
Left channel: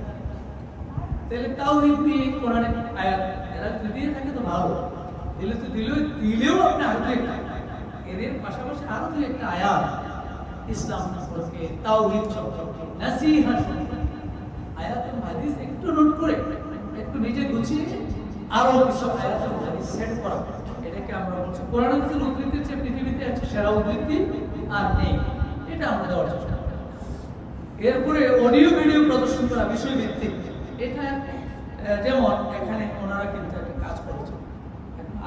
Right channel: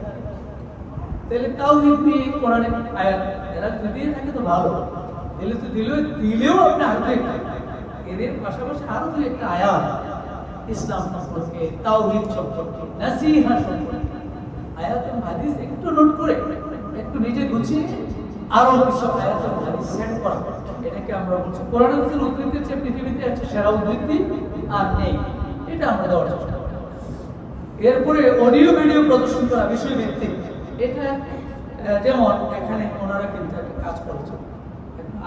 তাহলে তাওহীদ নিয়ে কোরআনে আয়াত এরা যদি থাকে তো ভালো, দিলেও আপনি আগে এদের পাশাপাশি আরো দুই একটা আয়াত ইসলাম সম্পর্কে, তাওহীদ সম্পর্কে, নসিহা সম্পর্কে আয়াত ও হাদিস একটু নোট করে একটু নিজে গুছিয়ে আরো কিছু আয়াত ও হাদিস সেট করা, এটাকে আমরা বলছি কোরআন হাদিসের উদ্ধৃতির চেয়ে পৃথিবীতে একটা সেরা উদ্ধৃতি আর নেই, এটা আমরা দেওয়ার চেষ্টা করি। এরপরে অডিও ভিডিও প্রদর্শন করা বিষয়ভিত্তিক, এটা যেমন এখানে ওনারা কিন্তু একটা কাজ করেছেন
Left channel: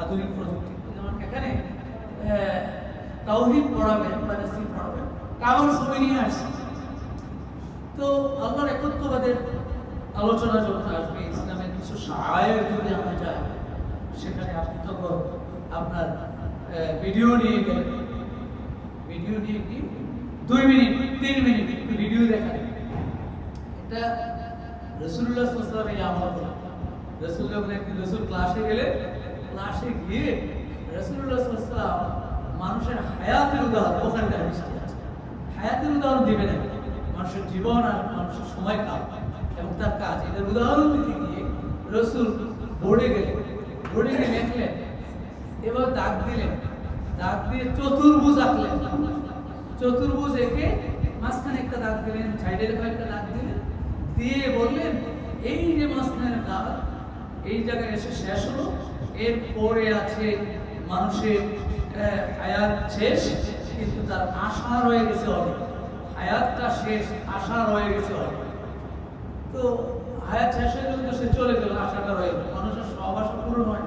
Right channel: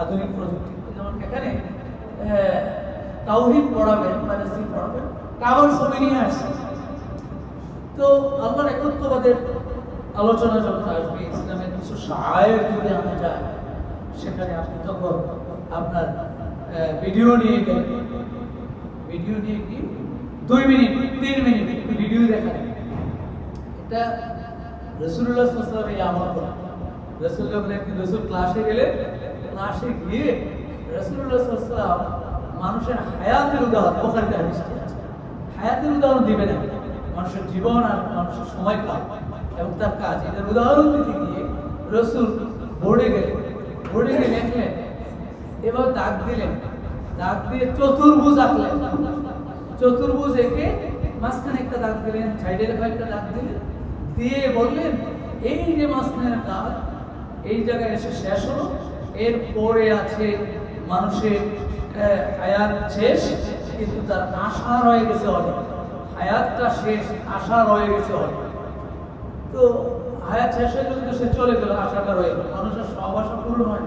আধুনিক প্রযুক্তি, যেমন এখানে তাওহীদ পড়াবেন বা নসিহত পড়াবেন, কাগজ ছবি নিয়ে আসছে। তো আল্লাহর একত্ববাদের আলোচনা যখন আসবে, ইসলামের কিছু শায়ের যদি আমরা যাই, সেখানে আপনি তখন আপনার ভিডিও নিয়ে গেলেন, ভিডিও নিয়ে গিয়ে 2 মিনিট 3 মিনিট একটু ভিডিও দেখায়, এটা রাসূলুল্লাহ সাল্লাল্লাহু আলাইহি ওয়াসাল্লাম এই আমল করেন। রাসূলুল্লাহ একদিন রাসূল ক্লাসে গেলে, ক্লাসে গিয়ে রাসূলুল্লাহ সাল্লাল্লাহু আলাইহি ওয়াসাল্লাম মানুষের হায়াতের উদাহরণ, বুখারীতে হাদিস আছে, হায়াতের উদাহরণ দিবেন না, মানুষের জীবন আর মানুষের সময়কাল এবং তার কাজ, এটার উদাহরণ দিতে গিয়ে রাসূল বোর্ডে গেলে লেখলেন, এবার দাগ দিলেন, দাগ দিয়ে চতুর্ভুজ আঁকলেন, চতুর্ভুজ এঁকে মাঝখানে একটা দাগ দিলেন, সাইডে একটা দাগ দিলেন, দিয়ে বললেন এই যে মাঝখানে দাগ, এই জায়গায় এসে শেষ হলো, এরপরে আছে মানুষের হায়াত শেষ, কিন্তু তার আশা রয়ে গেছে অনেক, হায়াতটা শেষ, আশা রয়ে গেছে অনেক। তো হায়াত শেষ হয়ে গেলে তো সে চলে গেল, আশাটা রয়ে গেল, মানুষের সব আশা পূরণ হয়,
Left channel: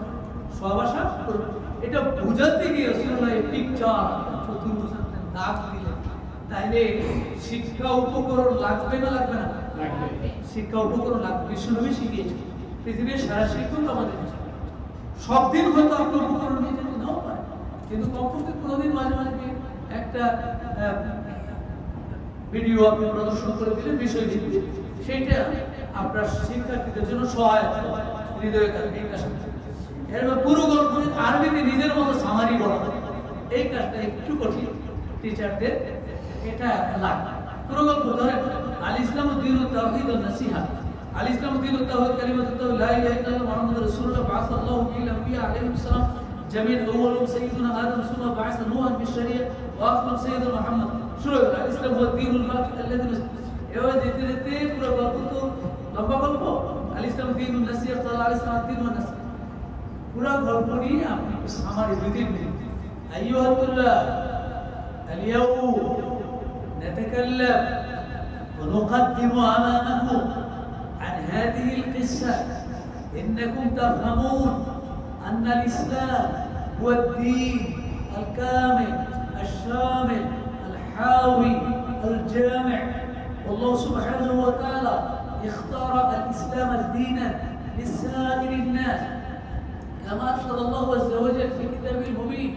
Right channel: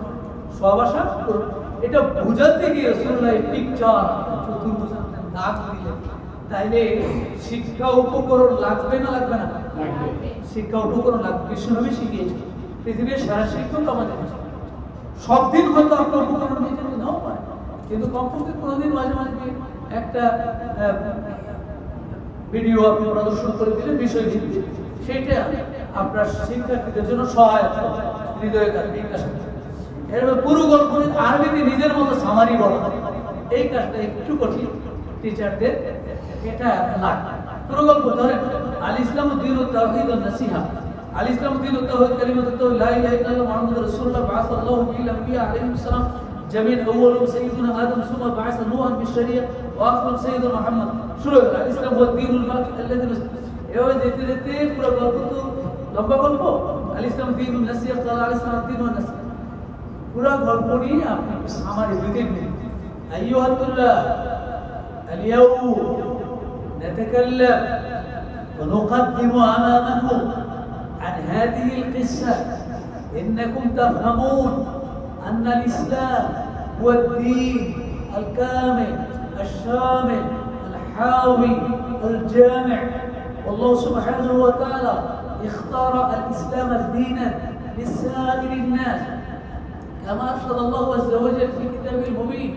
সব আশা পূরণ। এটা বুঝাতে গিয়ে রাসূলুল্লাহ পিকচার চতুর্ভুজ দাগ দিলেন। তাইলে শিক্ষা উপকরণ লাগবে না লাগবে না? শিক্ষা উপকরণ লাগবে, বিশ্বনবী শিখিয়েছে, পৃথিবীর সারা শিক্ষক আমাদের। সব দিন হয়তো আপনার উপকরণ নিতে নাও পারে, কিন্তু কমপক্ষে কোনোদিন মাঝে মাঝে একটা ভিডিও আপনি প্রদর্শন করে দিলেন বিষয় ভিত্তিক, সেইটা আপনার শিক্ষার্থীদের জন্য সহায়ক হবে, হৃদয়ে থাকবে। এই কাজটা এর পুরো গল্প আরবিতে নিজের মতো সামারি বলা, এই কাজটা একটু কঠিন টিচারদের, এটা লাগবে। পুরো গল্প ধরে আল ইসলামু দীনুত তাওহীদ ওয়ান নাসিহা, আল ইসলামু দীনুত তাওহীদ কালিমাতুত তাওহীদ লা ইলাহা ইল্লাল্লাহ মুহাম্মাদুর রাসূলুল্লাহ বা'আসাল্লাহু বিল আম্বিয়া আলাইহিস সালাম জামিল আউয়ালুম সাইয়্যিদুনা আদম সুম্মা বা'আসা নূহান বিশ-শরিয়া ওয়া আখিরুম সাইয়্যিদুনা মুহাম্মদ। শুরু হলো আল ইসলাম হুয়া দীনুল হক আল্লাযী, এভাবে যেতে যেতে পুরো গল্প তো লম্বা গল্প। আল ইসলামু দীনুন নাসিহা ক্বালা আলাইহিস সালাম দীন ওয়ান নাসিহা, পুরো গল্প নিয়ে আপনি সামারি দিতে দিন। আইয়ুহাত তুল্লাব اليوم نتكلم ونقدم أمامكم عن هذه القصة، إنكم تفهمون أن الإسلام هو الدين الكامل الشامل الحاوي الجامع، والله سبحانه وتعالى اختار الإسلام دينا لسائر الناس، كما أرشد الله عز وجل في كتابه المبين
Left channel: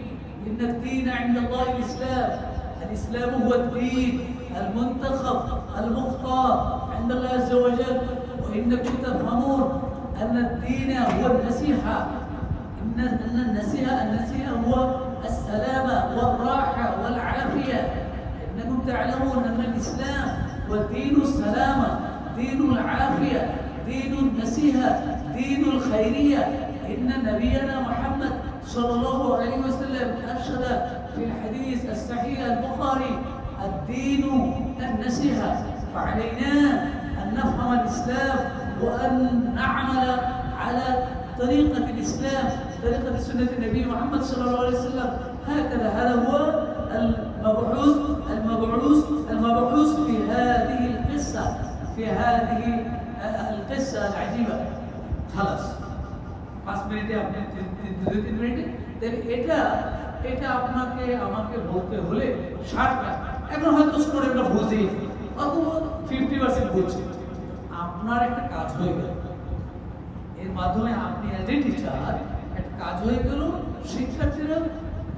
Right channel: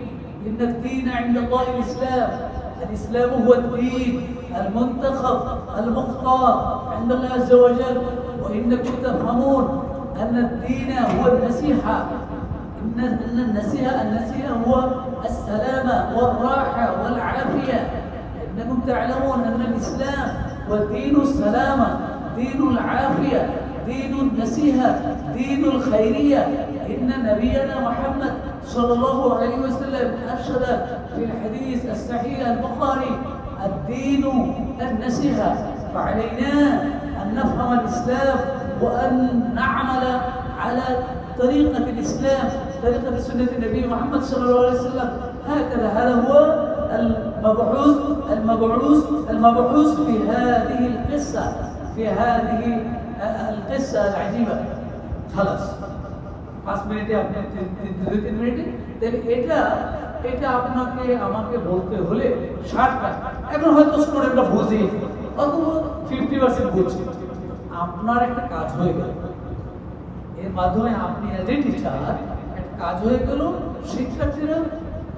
إن الدين عند الله الإسلام، الإسلام هو الدين المنتخب المختار عند الله عز وجل. وإنكم تفهمون أن الدين هو النصيحة، إن النصيحة هو السلامة والراحة والعافية. إنكم تعلمون أن الإسلام هو دين السلامة، دين العافية، دين النصيحة، دين الخيرية. إن نبينا محمد صلى الله عليه وسلم أرشد في الحديث الصحيح البخاري الدين النصيحة، فعلينا أن نفهم الإسلام وأن نعمل على طريقة الإسلام، طريقة سنة النبي محمد صلى الله عليه وسلم. هكذا هذا هو المبعوث في هذه القصة، في هذه القصة العجيبة. خلاص 5 মিনিটে আপনি 2-3 মিনিটে, তাহলে এটা আপনাকে আমাকে বলতে হলে 60টা, এখন হয়তো স্টুডেন্টরা বুঝে অথবা 50% বুঝছে, আপনার একটা কাজ হয়ে গেল, এর মাধ্যমে আপনি এজ এ টিচার একটা কাজ হয়ে গেল, শিক্ষার্থীরা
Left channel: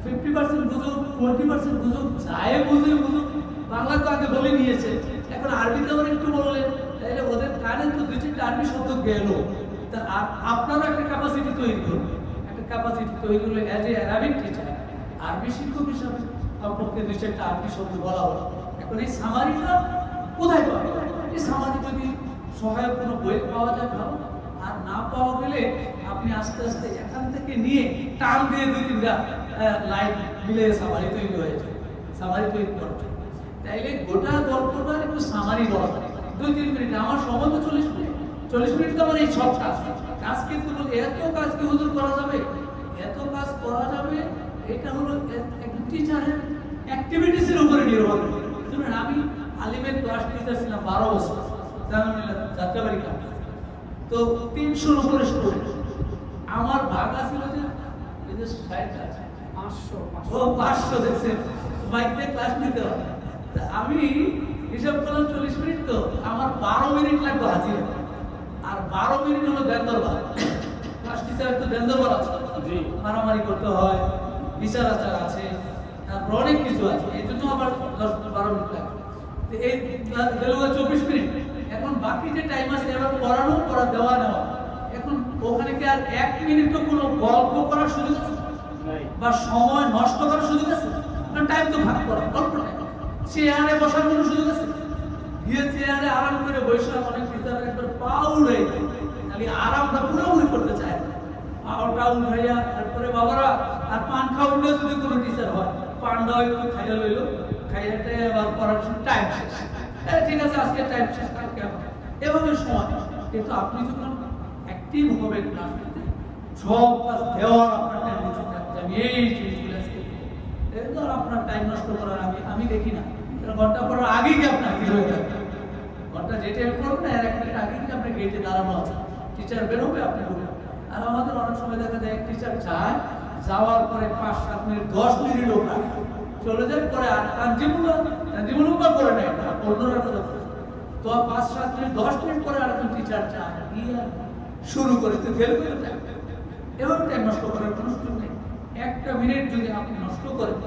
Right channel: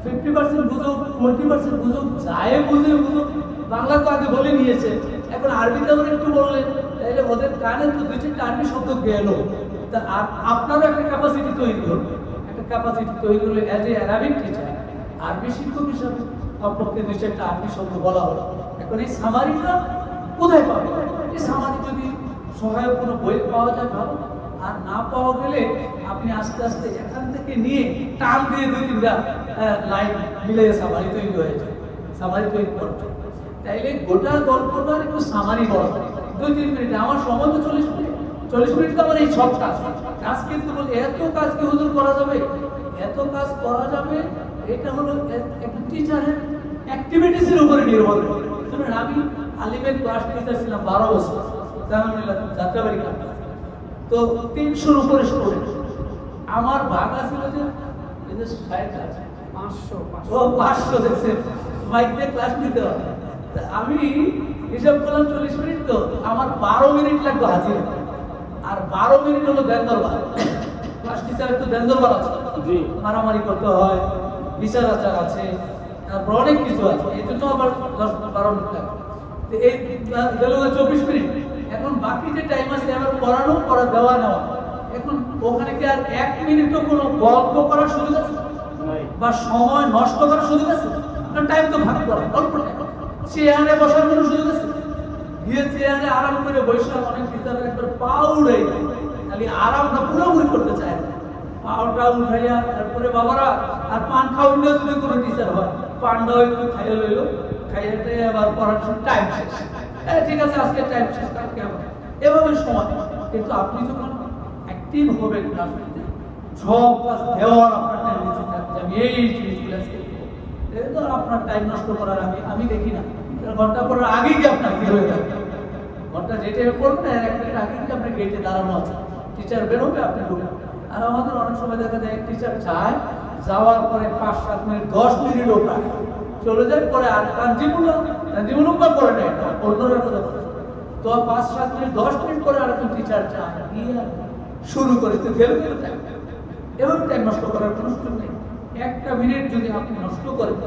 50% বুঝুক 20% বুঝুক, যায় বুঝে বুঝুক, বাংলা তো আগে বলে নিয়েছে, এখন আরবিতে আবার একটু বললেন, তাহলে ওদের কানে তো 2-4টা আরবি শব্দ গেল, তা আপনারও একটা ক্যাপাসিটি তৈরি হলো, একটা ক্যাপাসিটি তৈরি হলো অ্যাজ এ অ্যারাবিক টিচার, আরবি শিক্ষক হিসাবে আপনাকে 2-4টা আরবি শব্দ বলা হলো। এখন এই সামারিটা কোথায় পাবে? এই সামারি যদি সহায়ক কোনো বই পাওয়া যায় ভালো, আর না পাওয়া গেলে আপনি আস্তে আস্তে এখান থেকে নিয়ে টান দিয়ে 2-3টা লাইন মিলে সামারি তৈরি হয়ে যায়, সামারি তৈরি করছে। তাইলে গোটা গল্পটার একটু সামারি বলা 2-3 মিনিটে, আমার সময় তো 40 মিনিট, 40 মিনিট তো আমার এই সব কাজ কিন্তু বলে এত কাজ কি হুজুর করা যাবে? এত কাজ করা যাবে, এটা হলো একটা টিচারের অ্যাক্টিভিটিসের উপরে নির্ভর করে। যেমন আমি আলিমের ক্লাস টিচার ছিলাম 12 বছর, জাহাঙ্গীরুল্লাহ যাত্রাবাড়ি ক্যাম্পাসে, তো 300-র উপরে স্টুডেন্ট। আমার ভাগা ছিল যে এই যে 500 দেখছে মাইক দিয়ে ক্লাস নিতে হবে, আমি হিসাব করলাম 40 মিনিট, তো আমার 12 মিনিট লাগবে হাজিরা, আর 12 মিনিট হলো দেনদরবার। ক্লাস টিচার তো দেনদরবার আছে, মারামারি করতে হয়, বিচার আচার আছে, তারপর অনেক কিছু আছে, এই জন্য আবার 10-12 মিনিট লাগে। তো এই গেল 24 মিনিট। এখন বাকি যে টাইম আছে আমার পড়ানো পড়া দেওয়া নেওয়া, এখন ওখানে কি আর 1 মিনিটও কোনো গল্প করার সুযোগ আছে বা সময় নষ্ট করার সুযোগ আছে? না, টাইম তো ভাগ করা, অল্প টাইম। চেয়ারে বসার কোনো সুযোগ আছে? গিয়ে চেয়ারে আরাম করে বৈশাখ অনেক ভিতরে একবার পা উড়াই খালি আরামটা পুরোপুরি করতে চায়, পাওটা উঠাইয়া তারপরে বাবারা আর পান খাওয়াইলেও যদি কোনো টিচার হয় পানটাও একটু খাইয়ে লইলো, খাইয়াতে আবার পড়ার টাইম শেষ, হ্যাঁ ঠিক আছে আজকে টাইম শেষ, কালকে আবার এভাবে সময়। কিন্তু আপনি যখন অ্যাক্টিভ হবেন ক্লাসে, সব কাজ দেওয়ার আপনার টাইম নিচে থাকবে, আমি এই জিনিসগুলো আজকে আপনার টাইম নষ্ট করার আমি দেখি না। ঘন্টা পড়ার আগেই কি আপনার কি হয়ে যাবে, ঘন্টা যে টাইমে পড়বেন এর 1 মিনিট আগে আপনি গেটে দাঁড়ানো আছে, টিচার বেরোবে আপনি ঢুকবেন। আর আমাদের অনেক সময় দেখা যায় টিচার যায়, যাওয়ার পরে 5-7 মিনিট 10 মিনিটও প্রায় চলে যায়, পরে আর তার জীবন করে নেয় অন্যরা কথা বলে, তো 5-7 মিনিট 10 মিনিট পরে আর একজন টিচার যায় শুরু করে, তো গেল টাইম। এভাবে টাইম নষ্ট করার কোনো সুযোগ নেই। 1টা মিনিট যদি আপনি নষ্ট করেন,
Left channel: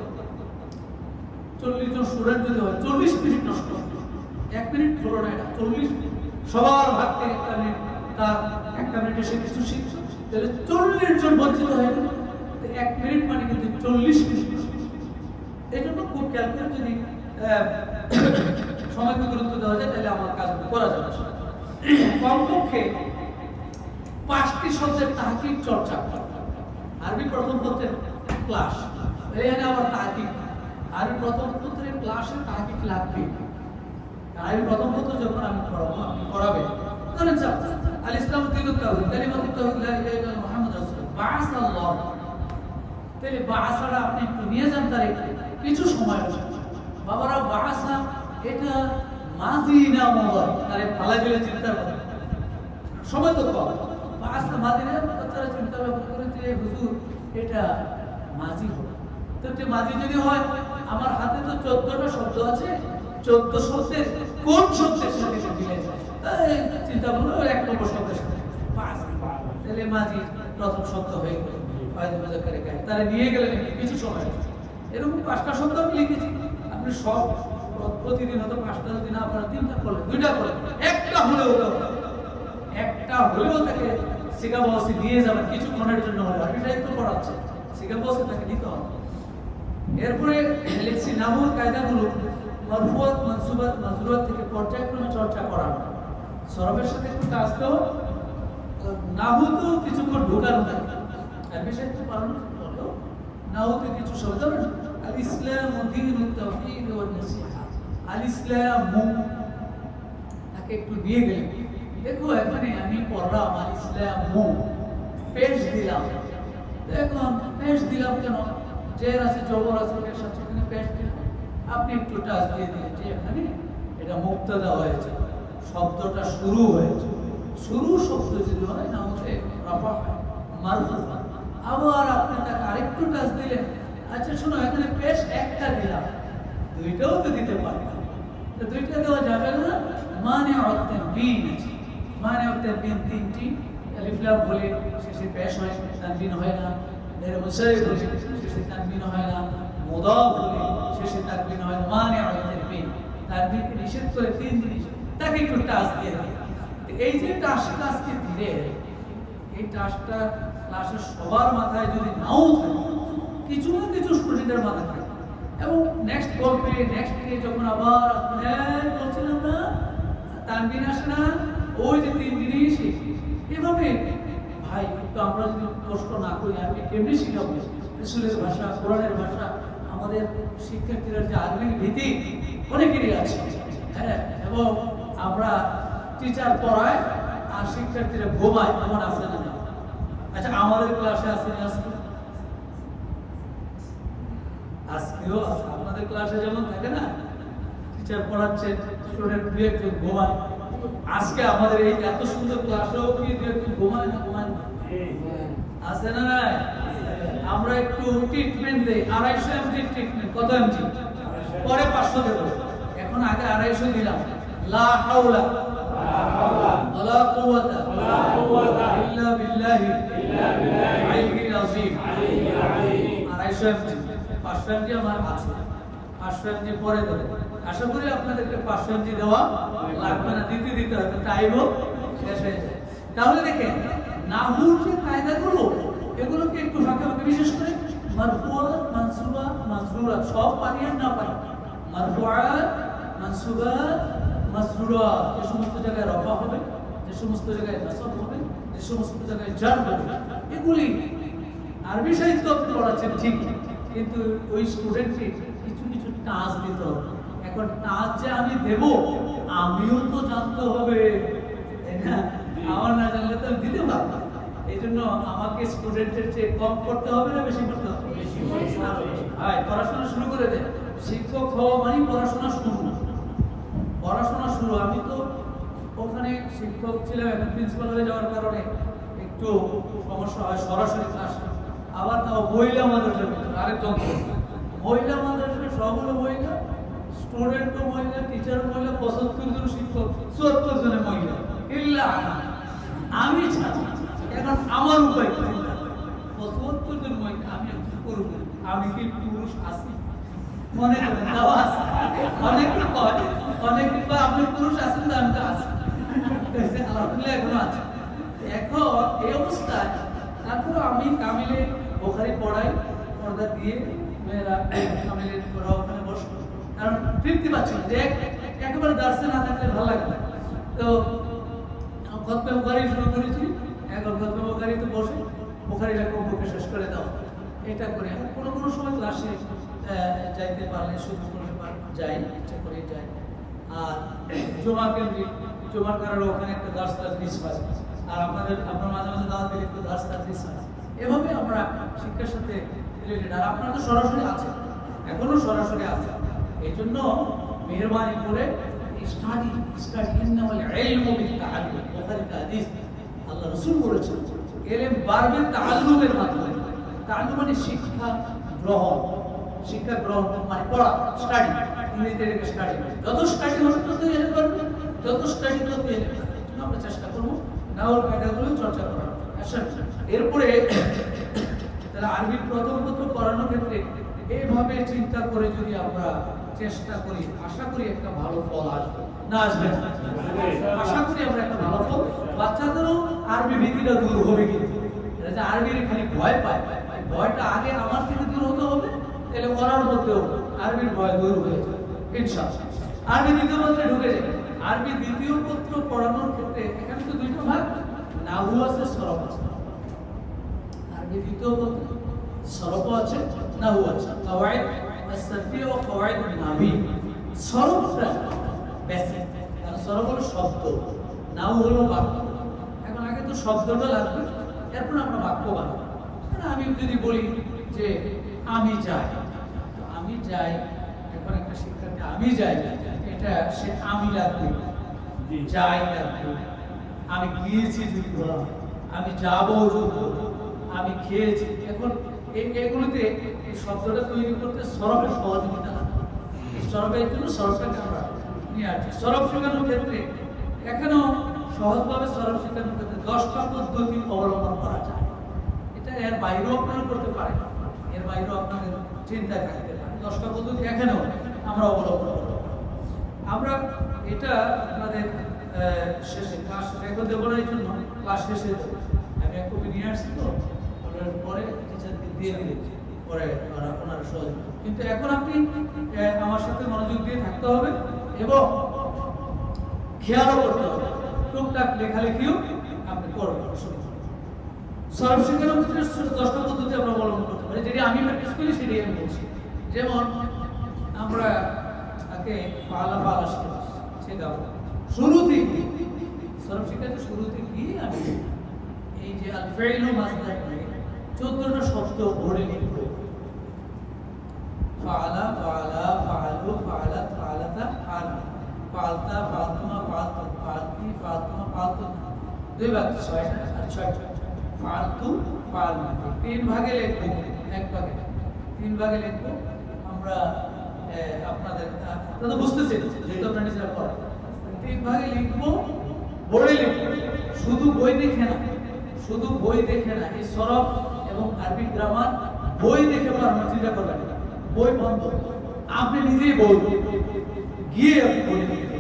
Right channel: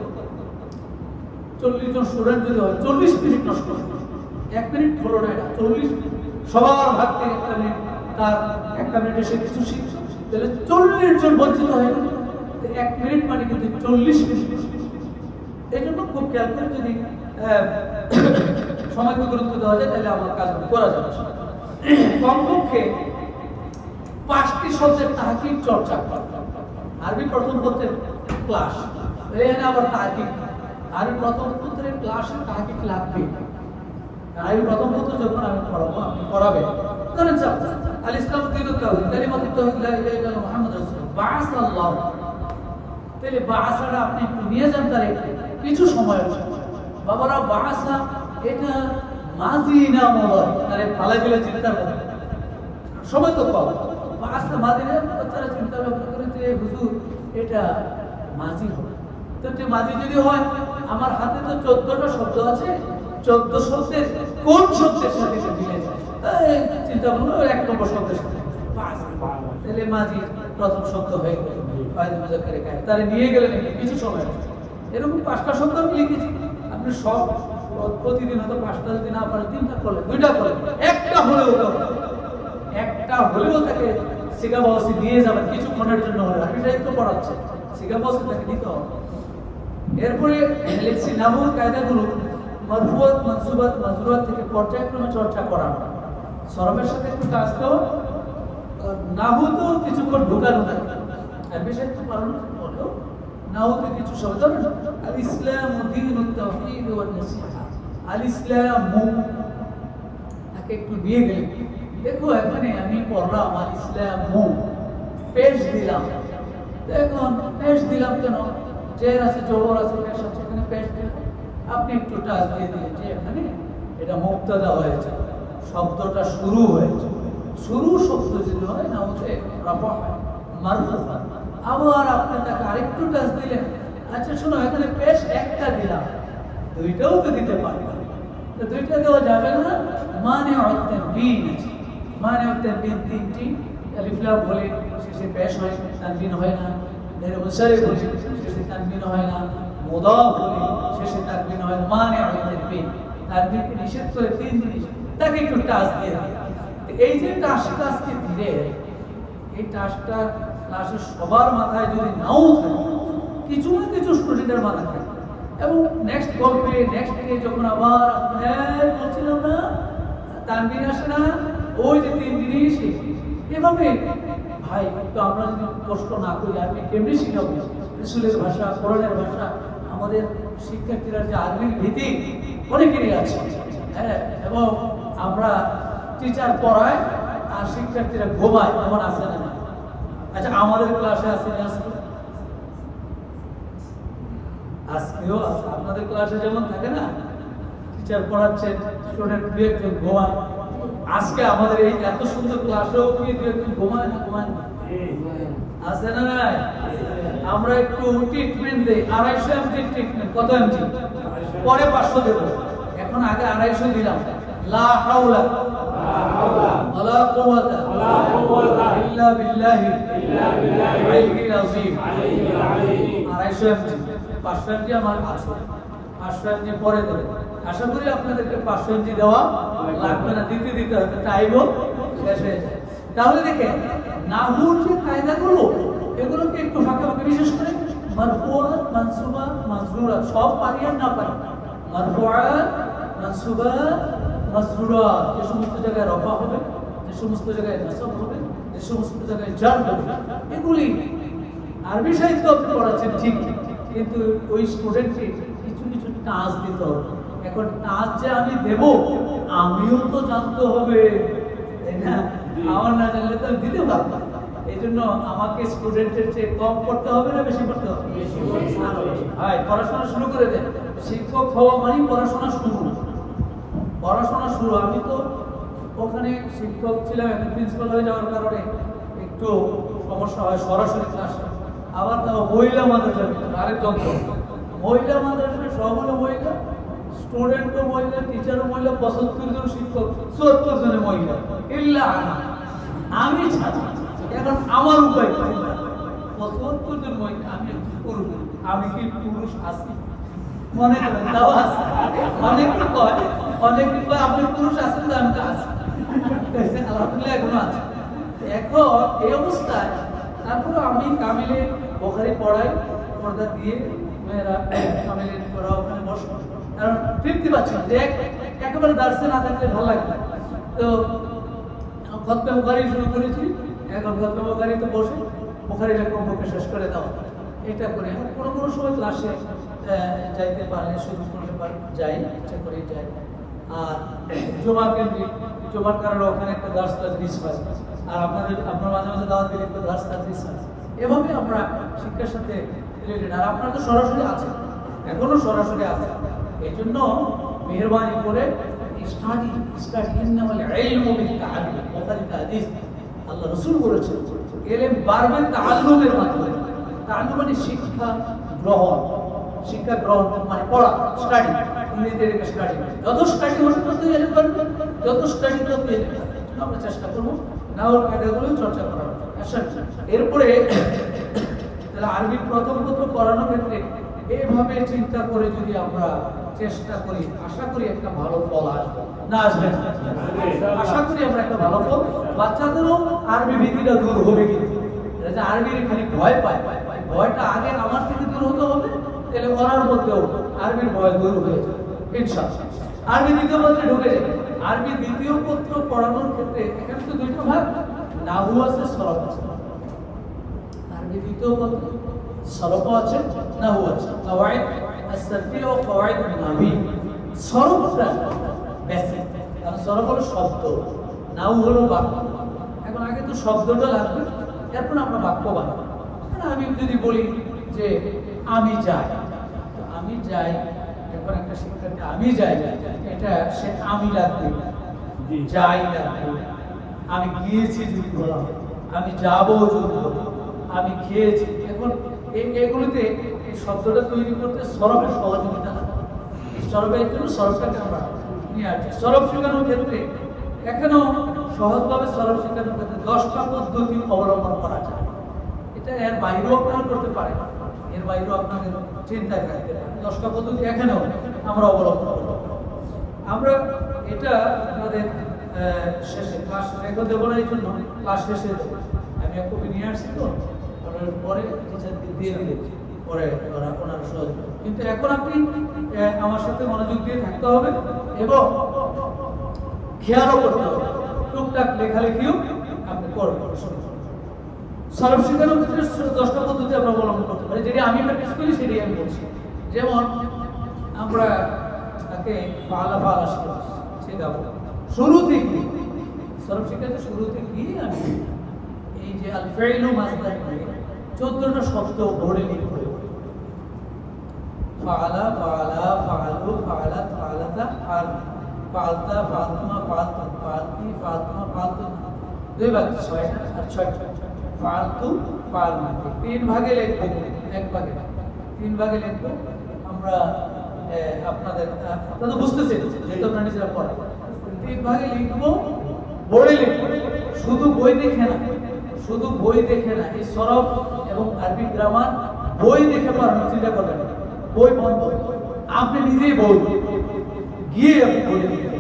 40 জন স্টুডেন্ট যদি হয় 40 মিনিট নষ্ট করে, 1 মিনিট হলো না, এটা 40 মিনিট সবার হাত থেকে 1টা মিনিট, তার 1টা মিনিটে সে কিছু শিখছে, তাহলে 40 জন বঞ্চিত হয়ে গেল। 1 মিনিট মানে কিন্তু 40 মিনিট। এই জন্য খুব খেয়াল করে যদি সময়কে গুরুত্ব দেওয়া যায় তাহলে আমার কাজ করা যাবে। কমপক্ষে 5টি শব্দের তাহকিক চর্চা করা। আরবি প্রথম পত্রের ক্লাস, এখানে আবার তাহকিক, আরবি প্রথম পত্রের ক্লাসে তাহকিক লাগবে। আরবি প্রথম পত্র যখন আমি পড়াবো, আপনি পড়াবেন, ধরেন আল ইসলাম দিনুত তাওহীদ, কালিমাতুত তাওহীদ লা ইলাহা ইল্লাল্লাহ মুহাম্মাদুর রাসূলুল্লাহ, বা'আসাল্লাহ। তাহলে বা'আসাটা আপনি একটু নিয়ে যান, তার কিছু সময় আছে বাবারা। বা'আসা এটা মাজি না মুদারি, আরে পালা গেলে চিন্তা করে সময় তো কম। বা'আসা মাজি না, তারা চিন্তা করে যে হুজুর এটা মাজি হবে, তো এটা মাজি যদি হয় আমার হাতে তো 14টা শব্দ আছে, 14 শব্দের কোন শব্দের সাথে মিলে যায়, চিন্তা করুন 1 নম্বর শব্দের সাথে তাহলে মাঝি প্রথম শব্দ হয়ে গেল, ফায়দা মুজাক্কারে কায়, তারে নিয়ে গেলেন কিছু সময়। এরকম 5টা শব্দ আমি লিখেছি, আপনি সব প্রতিদিন হয়তো 5টা যদি না পারেন 3টা করলেন, 2টা করলেন, একটা হলেও তাকে শিখা বসে দিয়ে যাবেন কিছুক্ষণের জন্য হলে, আমি সাহিত্য পড়াচ্ছে শিখা বসে তাকে দিতে হবে। এরপরে লিখছি নাহুর কায়দাগুলো মারফুয়াত মানসুবাত মাজরুরাত থেকে পর্যায়ক্রমে চর্চা করা, সরবের সাথে একটু কাজ দাও, নাহু তো কিছুক্ষণ ঢোকানো থাকে, আর বিষয় একটু পালন হলেও নাহুতে কিছু শব্দ, আল ইসলাম দীনুত তাওহীদ ওয়ান নাসিহা, আল ইসলাম তাকে একটু নিয়ে গেলেন। দেখো এখানে আমি পড়লাম আল ইসলাম পেশ দিলাম, দেখুন পেশ দিলাম কেন, জের আছে জবর আছে পেশ আছে, এখানে পেশ দিলাম, আপনি একটু টাচ দিয়ে দিলেন যে এখানে এটা মুক্তাদা হয়েছে, শব্দটা শুরু হয়েছে, শুরু শব্দ যদি হয় না হচ্ছে রাফা মারফু, আবার আপনি তাকে আরেকটু টাচ দিলেন, আচ্ছা শোনো এখানে পেশ একটা দিলাম, 2টাও তো দিতে পারবেন, তো 2টা দেওয়া যাবে না, মানে তানবিন আছে, মানে তানবিন 3টি, আলিফ লাম বলে শেষে পেশ হয়, তানবিন হয় না, غير منصرف বলে শেষে তানবিন হয় না, মুদাফ বলে শেষে তানবিন হয় না, মানে তানবিন, তানবিনকে নিষেধ করে 3 জিনিস, তাকে একটু টাচ দিয়ে দিই। এই যে টাচটা আজকে দিলে, এই টাচটা ক্লাসের সবার মাথায় যদি নাও থাকে, কিছু না কিছু স্টুডেন্টের মাথায় থাকে, এবং নেক্সট গল্পে নেক্সট ডে যখন আবার বলছিলাম না তানবিন আসে না, ওই যে 3 জিনিস এভাবে ভাই, তো আমরা যদি কষ্ট না করি আরবি কেমনি শিখাবো? রাসূলের ভাষা, কোরআনের ভাষা, আমাদের শিক্ষার্থীরা যে আরবির ভীতি অনেকেরই আছে, হ্যাঁ, এবং আমরা টিচার পড়ায় আর শিক্ষার্থীরা ঘুমায়, এমন আছে না? আচ্ছা আমাদের ক্লাসে আছে না? আজকেও আছে, আপনাদের ক্লাসে যেমন থাকে না টিচার পড়াচ্ছে, স্টুডেন্ট 2-1 ঘুমায়, আজকে আমাদের এই এত সুন্দর ক্লাসেও কি 2-1 ঘুমায় না? আছে না? নাই? আমরা একটু ট্রিটমেন্ট দেই, 250 mg ট্রিটমেন্ট, কত mg? পরে 500 দেব, এখন আগে 250 দিলাম। লা হাওলা ওয়ালা কুওয়াতা ইল্লা বিল্লাহি আলিয়্যিল আযীম, 250 mg। 500 এমজি আমার আছে, 500 এমজি পরে দেবে। আশা করি আপনাদেরকে 500 এমজি দেওয়া লাগবে না, দিতে দিতে হয়তো টাইমও শেষ হয়ে যায়। তাহলে দেখেন নাহুর যে কায়দাগুলো এগুলোকে একটু ফাঁকা ফাঁকা, বিশেষ করে মারফুআ, মানসুবা, মাজরুরা সব পারি আর না পারি। মারফুআ, মানসুবা, মাজরুরা যে সমস্ত জায়গায় রফা হবে, যে সমস্ত জায়গায় নাসব হবে, যে সমস্ত জায়গায় জার হবে, এগুলি আরবি সাহিত্য আপনি পড়াচ্ছেন ঠিক, কিন্তু ওই স্টুডেন্টকে কিছু কিছু টাচ দিতে হবে। এখন টাচ যে আমি দেব, আমিও তো জানতে হবে, তাই না? আমার না জানলে তো আমি দিতে পারবো না। এই জন্য আমাকে স্টুডেন্টের চেয়ে কম পড়তে হবে না বেশি পড়তে হবে? হ্যাঁ, পড়াশোনা শুরু করে দেন। শিক্ষক হওয়া মানে পড়াশোনা শুরু না, পড়াশোনা শুরু। আমি তো ওখানে শিক্ষক ছিলাম, এখন প্রিন্সিপাল হয়ে যাওয়ার কারণে একটু সমস্যা হয় সরাসরি ক্লাসে। আবার তাও মহিলা মাদ্রাসার ভিতরে আরেক যন্ত্র, মহিলা মাদ্রাসায় সব হলো মহিলা, স্টুডেন্টও মহিলা, টিচারও মহিলা, 75 জন শিক্ষক, 74 জনে মহিলা, ইল্লা আমি ছাড়া। এখন আমার উপায় কি? 75 জন মহিলা, আমি পুরুষ, আমি কি পুরুষ আছি? মনে করেন তাও আছে। অনেকে কয় আপনি পুরুষ আছেন তো, আমি তো আছি, আলহামদুলিল্লাহ এখনো আছে। এখন এই অবস্থায় তারপরে আমি কামিলে বোখারি পড়াই, পর্দা দিয়ে মেয়েরা কামিলে পড়া ওখানে বসো, কারণ তৃপ্তি পাচ্ছি না, যে একেবারে দার্সে না থাকলে ভালো লাগে না। তো খতমে বুখারী শুরু করেছি, এখন খতমে বুখারী তো বসে বুখারী লেখক শেষ করে দাও, এটা করে কোনো কোনো সময় ক্লাসে যাইতে পারলে শুরু করতে যাই, ইচ্ছা করে যাই। আর জমা কেন্দ্রিক, জমার কারণে ওখানে একটা দার্স তাদরিস হয়, আর আপনার মাঝে মাঝে দাওয়াত দিলে একটু দার্স তাদরিস হয়। এভাবে আমরা শিক্ষার সাথে রিলেটেড। আর আপনারা তো সরাসরি আছে, এখনো সরাসরি আছে। এই জন্য মেহরবানি করে স্টাডি ইন্নামাল ইলমু বিত-তাআল্লুম, বুখারীতে হাদিস আল্লাহ রাসূল বলেছেন ইলম বাড়বে তাআল্লুমের মাধ্যমে। তাআল্লুম মানে শিক্ষা গ্রহণ, শিক্ষা গ্রহণ মানে পড়া, স্টাডি, ইংরেজিতে স্টাডি। যত স্টাডি হবে তত ইলম বাড়বে, যত স্টাডি তত ইলম বাড়বে। আমরা চেষ্টা করব নাওর কায়দাগুলো চর্চা করার। আচ্ছা, এরপরে তাহলে আরবি প্রথম পড়ানোর ক্ষেত্রে এইভাবে চিন্তা করে যদি আমরা চেষ্টা করি, আশা করি একটা ভালো ফল আসবে। না আসবে? আশা করি আমরা একটা ভালো ফল, বাচ্চাদেরও আরবি ভীতিটা দূর হবে। কিন্তু যে আরবির খালি ভয় পায়, ভয়টা আগে আমার থেকে দূর হতে হবে, তাহলে ওনার মধ্যেও আরবির ভয় দূর হয়ে যাবে ইনশাআল্লাহ। আরবি দ্বিতীয় পত্রে ঢুকে যাবে। আরবি দ্বিতীয় পত্র পড়ানোর ক্ষেত্রে এখানে তো দুইটা ভাগ, নাহু আছে, সরফ আছে। আরবি দ্বিতীয় পত্র সরফ আছে, নাহু আছে, কাওয়াইদ as-sarfiyya ও কাওয়াইদ an-নাহwi। সরফটা বেসিক, কারণ সরফ হলো শব্দ, নাহু হলো বাক্য। এখন আগে তো শব্দটা লাগবে, এরপর আমরা বাক্য বানাবো। আমি যদি বলি যে আমি যাই, আমি যাই, এখন একটা শিক্ষার্থী আমি যাই, এটা সে আমি লাগবে, যাই লাগবে। আমি গিয়েছি যদি বলা, আমি যাবো যদি বলা, আমি খেয়েছি। এখন এগুলিতে এই শব্দটা তৈরি করতে সরফের সহযোগিতা লাগে। এই সরফের জন্য সরফটাকে আমরা নিয়ে আসছি। সরফ শেখানোর ক্ষেত্রে এখানেও সহজভাবে সরফ শেখানোর ক্ষেত্রে 10টা পদ্ধতি অবলম্বন করা যায়। এটা এর বাইরেও আপনারা করতে পারেন, এর বাইরেও আপনাদের চিন্তায় থাকতে পারে। 10টা পদ্ধতি এখানেও আমরা অবলম্বন করব। আমরা এটা আমাদের শেষে ক্লাস রেকর্ড দেবো না, এই জন্য ক্লাস শেষে আমি এক কপি নিয়ে আসছি, তো আপনার পরে টিচারকে দিয়ে দিলে পরে ওনার সহযোগিতা। কিন্তু এখন আপনি আমার সাথে মনোযোগ দিয়ে থাকতে হবে এবং খেয়ালও করতে হবে, টুকটাক লেখালেখিও আপনি করবেন। সরফ শেখানোর ক্ষেত্রে 10টা পদ্ধতি আমরা অবলম্বন করতে পারি, যেটি আমি প্র্যাকটিস করি সেটাই আমি বলছি। যেমন আমরা তাকে পালা শেখাবো শুরু থেকে, সরফ শেখাতে শুরু থেকেই আমি এই যে আল ফাইলু মাসদার দিয়ে 14টা শব্দ ভরে লিখব। ফাআলা, ফাআলা, ফাআলু, ফাআলাত, ফাআলাতা, ফাআলতা, ফাআলতুমা, ফাআলতুম, ফাআলতি, ফাআলতুমা, ফাআলতুম। দুই ভাগ, 6টা আর 6টা। ফাআলতু, ফাআলনা, 3 ভাগে লিখব, এক ভাগে 3 ভাগে লিখব। আমরা আপনারা বুঝতেছেন যেহেতু আপনারা নিজেরা পড়েন, 3 ভাগে লিখব, বোর্ডে লিখব। শুধু বই দেখে না, শুধু বই দেখে না, এই সরফ এবং আরবি গ্রামার বই দেখে পড়ানোর চিন্তা করবেন। বই বন্ধ, আপনি নিজেই বই গিয়ে আপনি বলে দিলেন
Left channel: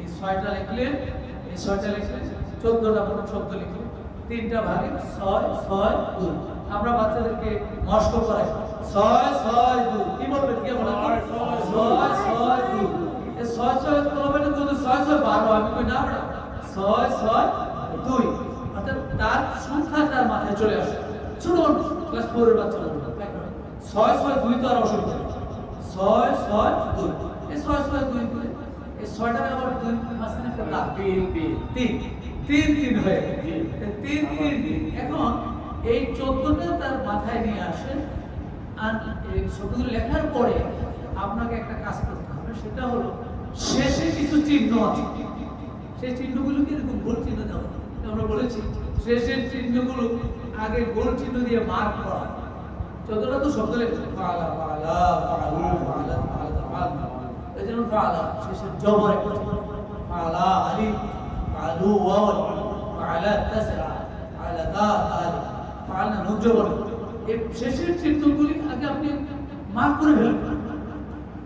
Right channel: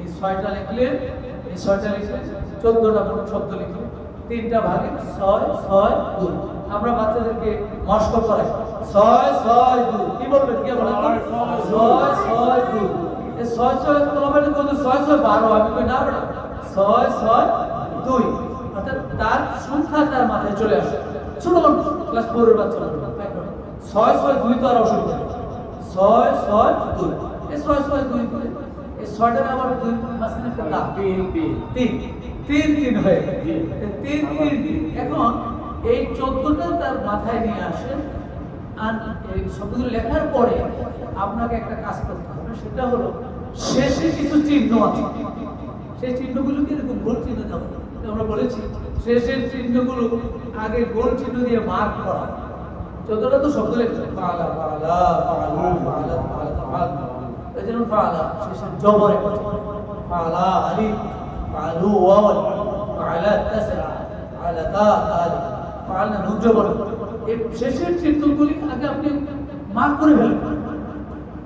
এই 6টা লিখলেন, এই 6টা লিখলেন, 14টা শব্দ লিখলেন, 3টা ভাগে 6 6 2। আমরা বাচ্চাদেরকে মস্ক করাই 6 6 2, কি বলবেন, কি বলেন 6 6 2। এই 6 6 বলবেন কিন্তু 6 6 12, আমি কই না বড় 6 6 2, অর্থাৎ তার সংখ্যা তার মাথায় চলে আসে। ছোট মানুষ ক্লাস 4 এর বাচ্চা বলবে 6 6 2 তো আর অসুবিধা নেই, 6 6 2। এই 6 6 2 দিলে এই 6টার আবার 2 মাঝখানে একটা দাগ 3 3 হয়ে গেল, 3 3 3। এখন এই 14টা তার মাথায় নিয়ে আসেন, আর এই শব্দগুলো লেখার পরে আপনাকে একটা কাজ করতে হবে, সেটা হলো শেষে কিছু চিহ্ন আছে, সেই চিহ্নগুলোকে এরকম গোল চিহ্ন দেওয়া। আমরা বলেছি শেষের চিহ্নগুলো আগে গোল চিহ্ন দিয়ে মার্ক করা। 14টা তো শব্দ লেখা ফাআলা ফাআলা ফাআলু ফাআলা ফাআলা ফাআলা, এই জন্য ফাআলা শেষের জবরে ফাআলা আলিফ ফাআলু ওয়াও ফাআলা তাসআ ফাআলা তা আলিফ ফাআলা নুন জবর। এই শেষের চিহ্নগুলি আগে আপনি মার্ক করে ফেলবেন,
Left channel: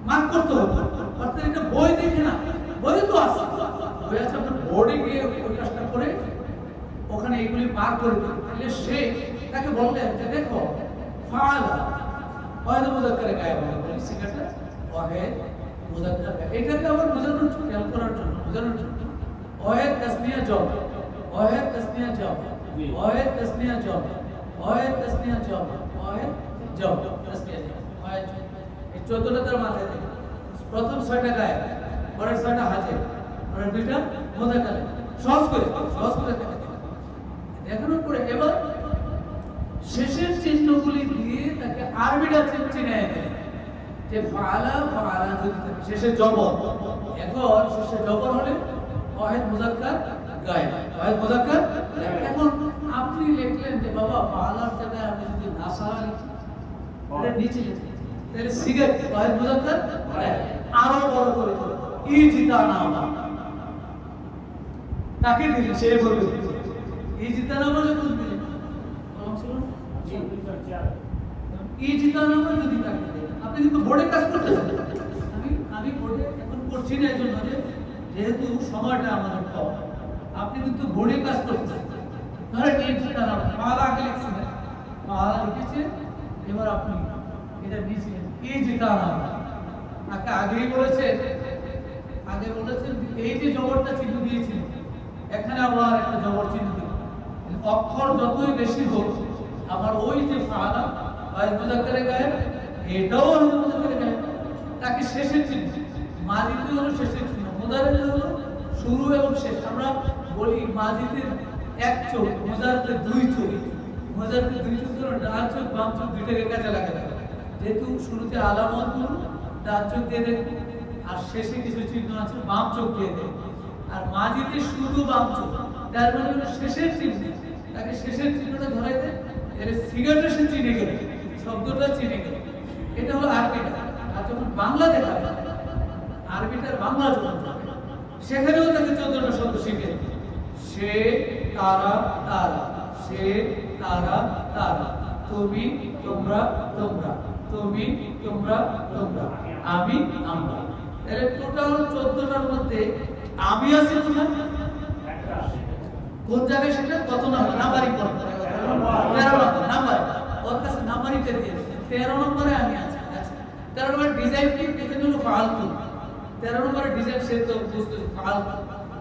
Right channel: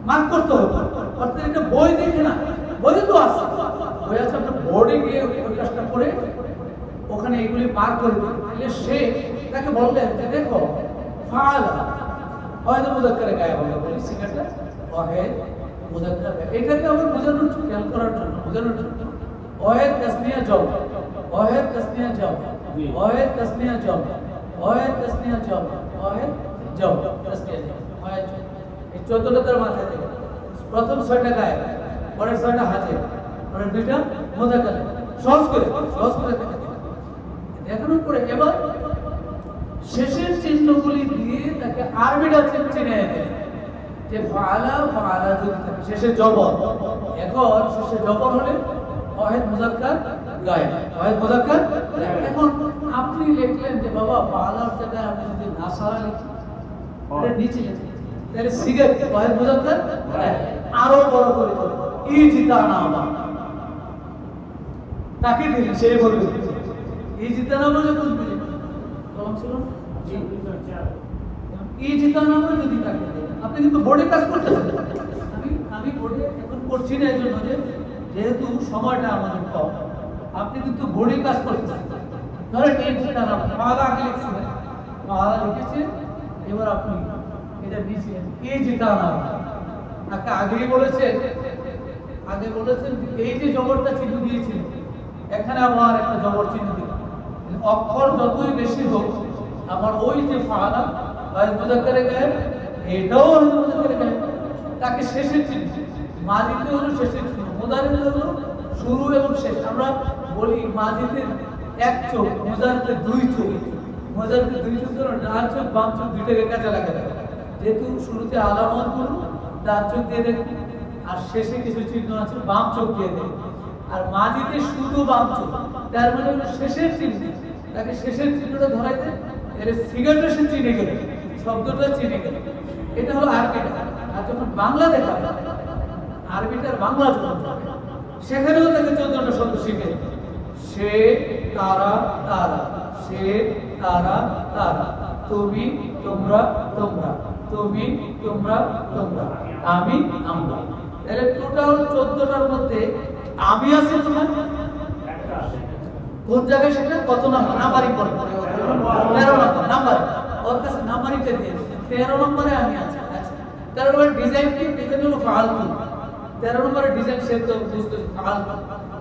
মার্ক করতে হবে। অর্থাৎ এটা বই দেখে না, বই তো আছে, বই আছে, আপনার বোর্ডে গিয়ে ওই কাজটা করে ওখানে এগুলি মার্ক করে দিন। তাহলে সে তাকে বললেন যে দেখো ফাআলা ওয়াহিদ মুযাক্কারে গায়েব হলো, বলি সিগারেটটা ওয়াহিদ মুযাক্কার, এটাকে আবার বোঝানোর জন্য, খেয়াল করার জন্য, বোঝানোর জন্য ওয়াহিদ তাসনিয়া জমা, ওয়াহিদ তাসনিয়া জমা, ওয়াহিদ তাসনিয়া জমা, ওয়াহিদ তাসনিয়া জমা, ওয়াহিদ জমা তাসনিয়া জমা, ওয়াহিদ। এই 14টা তার মাথায় দেবে। প্রথম 6টা গায়েব, পরের 6টা হাজির, পরের 2টা মুযাক্কার। সহজ করে থাকে দেখানোর পরে এবার শেষের চিহ্নগুলি দিয়ে তাকে আরবিটা চিনে দেয় যে ফাআলা ফাআলা যদি থাকে শেষে জবর। এখন শেষে জবর হলে ওয়াহিদ মুযাক্কার গায়েব, ওয়াহিদ মুযাক্কার। এখন আপনি লিখলেন যে বাবা ফাআলার জায়গায় আমি যদি নাসারা লিখি, এটা নিচে লিখি, তাহলে সিগারেট ওয়াহিদ মুযাক্কার আরো বড় করে ইজিতানামা তাকে দিলেন, সে বলবে ইজিতানামা যখন দিলেন কলম ছিল ইজিতানামা যদি তাকে দেন, আপনি কিন্তু বোর্ডে কাজ করতেছেন। আমি বোর্ডে এখন করছি না, এই জন্য যেহেতু সময়টা আমাদের কম, আপনি কিন্তু বোর্ডে কাজ করতেছেন। ধরেন ইজিতানামা ফাআলা আগে লিখছিলেন, ফাআলা লিখেছে, এবার আপনি এটা নিয়েছিলেন ইজিতানামা। তাকে আগেই বলেছেন, আগে বলেছেন এই যে জবরটা চিহ্ন দিয়েছিল, এখানে আবার একটা জবর চিহ্ন দিল। অক্ষর যতই বেশি হোক, আমার ওই যে ফাআলা ওয়াহিদ মুযাক্কারে গায়েব, এটাও ওয়াহিদ মুযাক্কারে গায়েব। তাকে শেষের চিহ্ন, মাজিতে হলো শেষের চিহ্ন, মুদারিতে হলো শুরু এবং শেষ। আমরা বলি মাজিতে এক চোখ, মুদারিতে 2 চোখ। মুদারিতে 2 চোখ হলো ডান চোখ বাম চোখ দুইটাকে কাজে লাগাতে হবে। যেহেতু শুরুতে আলামত গুলো ডান চোখ দিয়ে দেন, আর শেষে কিছু চিহ্ন আছে বাম চোখ দিয়ে দেন। আর মাজিতে শুধু বাম চোখ, তার মানে হলো শেষের চিহ্ন। তাকে শেষের চিহ্নটা ধরাইতে এর সিগারেটটা সে চিনে গেল, শব্দটা চিনে গেল। এটা হলো আরবিটা। আর যখন বাংলা দেখাবে, আরবিটার বাংলা যখন হবে, সেখানেও তাকে 14টা শব্দ শিখে। সে তারা তারা, সে তারা তারা, তুমি তোমরা তোমরা, তুমি তোমরা তোমরা, আমি আমরা। তাহলে টোটাল 14টার মধ্যে আমি আছে কোথায়, কোন জায়গায়, সেটা কত নাম্বার, নাম্বারিং করতে 13 নম্বর নাম্বার। ওর কাছে নাম্বারিংটা দিয়ে 13 নম্বরে আমি আছি। আচ্ছা 13 নম্বর ডিজাইন কি, ডিজাইন হলো ফাআলতু। 13 নম্বরের ডিজাইন সে তো বুঝতে ফাআলতু,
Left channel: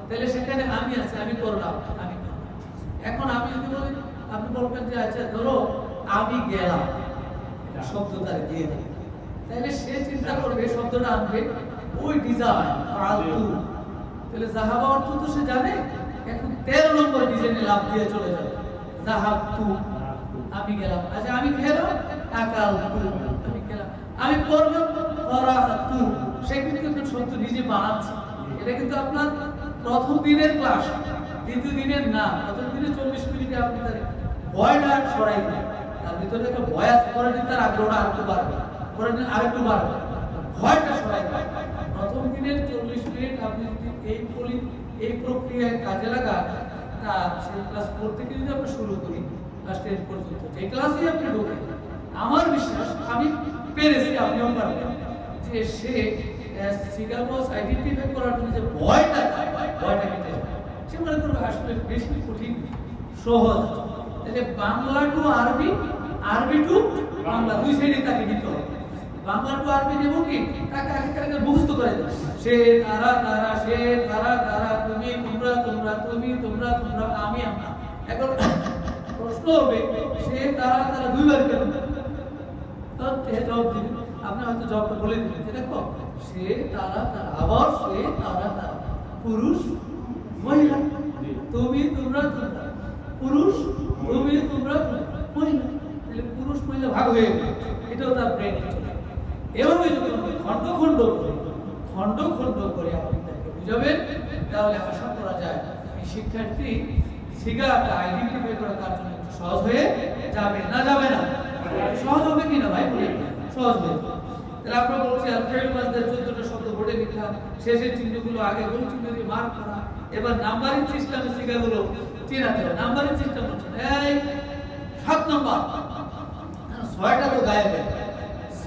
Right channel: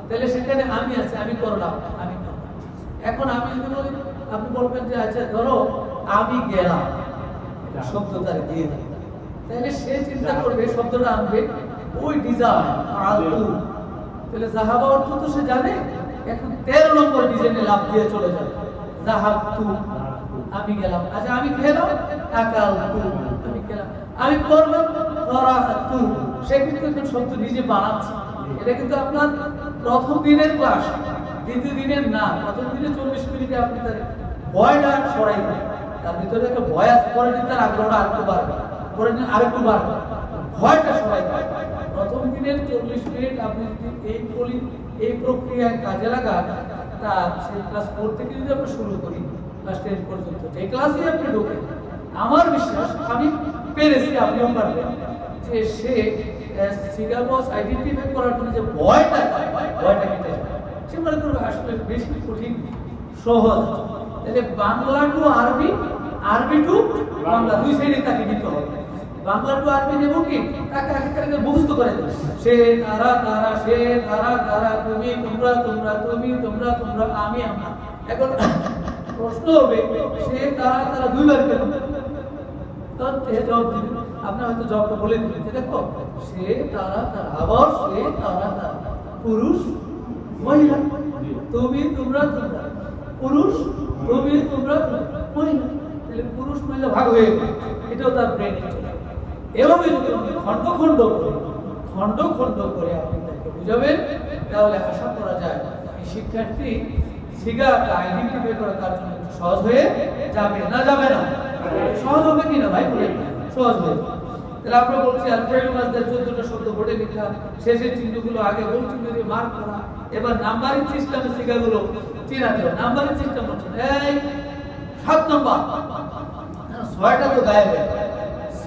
তাহলে সেখানে আমি আছি, আমি করলাম, আমি করলাম। এখন আমি যদি বলি, আপনি বলবেন যে আচ্ছা ধরো আমি গেলাম, শব্দটা দিয়ে দিই, তাহলে সে চিন্তা করবে শব্দটা আনবে ওই ডিজাইন ফাআলতু, তাহলে যাহাবা অর্থ তো সে জানে। এখন 13 নম্বর ডিজাইনে লাভ দিয়ে চলে যাবে, যাহাবতু আমি গেলাম। আচ্ছা আমি খেলাম, আকালতু আমি খেলাম, আমি করলাম, করাতু। সে কিন্তু শব্দ নিজে বানাচ্ছে। এটা কিন্তু আপনার প্রথম দিনের ক্লাস, দ্বিতীয় দিনের না। প্রথম দিনে 40 মিনিটে আপনি তার ভয়টা সরাই দেবেন, তার ভিতরে একটা ভয় আছে, পরের দিন তার আগ্রহটা আরেকটু বাড়বে, পরের দিন আরেকটু বাড়বে, ভয়টা সরাই দেবেন। প্রথম দিনের 40 মিনিট আপনি যদি এই প্রক্রিয়ায় কাজে লাগান, তা সেই ক্লাস 4 থেকে যদি আমরা শুরু করি ক্লাস 10 পর্যন্ত, যে ক্লাসে আপনি ঢোকেন, আমার বিশ্বাস আমি পেরেছি, আপনিও পারবেন, যে সে সিগা বস আইডেন্টিফাই করার জন্য যে ভয়টা কেটে যাবে। সে মনে করবে আসলে বেশি কঠিন সহজ। তাহলে বাংলা টু আরবি, আরবি টু বাংলা, দুই সাইডে তাকে দিতে হবে। বাংলা টু আরবি নেব কি, তাকে আগে মুখস্থ করে দেব। সে তারা তারা, সে তারা তারা, তুমি তোমরা তোমরা, তুমি তোমরা তোমরা, আমি আমরা। এখন প্রশ্ন হবে সে তারা তারা দুইবার কেন? তো জবাব দিবেন, আপনি হয়তো জবাবটা বলে দিবেন যে দেখো সে তারা তারা, আবার সে তারা তারা, পুরুষ মহিলা, তুমি তোমরা তোমরা, পুরুষ তুমি তোমরা মহিলা। তাহলে পুরুষ মহিলা ভাগ হয়ে গেল, এটাও তার ব্রেনে চলে। এভাবে যদি খণ্ড খণ্ড করে আপনি তাকে বুঝাবেন, তাহলে আশা করা যায় এই শিক্ষার্থী সিগাটা আইডেন্টিফাই করা তার জন্য একটু সহজ হয়ে যাবে। না যাবে না? সহজ হবে কিনা ভাই বলেন? সহজ হবে। তাহলে আমরা বলছি আল ফাইল মাসদার 14টা শব্দ বোর্ডে লেখা, শেষের চিহ্নগুলো আগে গোল চিহ্ন দিয়ে মার্ক করা। এবার নাম্বারিং সিস্টেমে সিগাগুলো চিনাতে হবে। নাম্বারিং সিস্টেম হচ্ছে এই 7 নম্বর, 6টা তো গায়েব,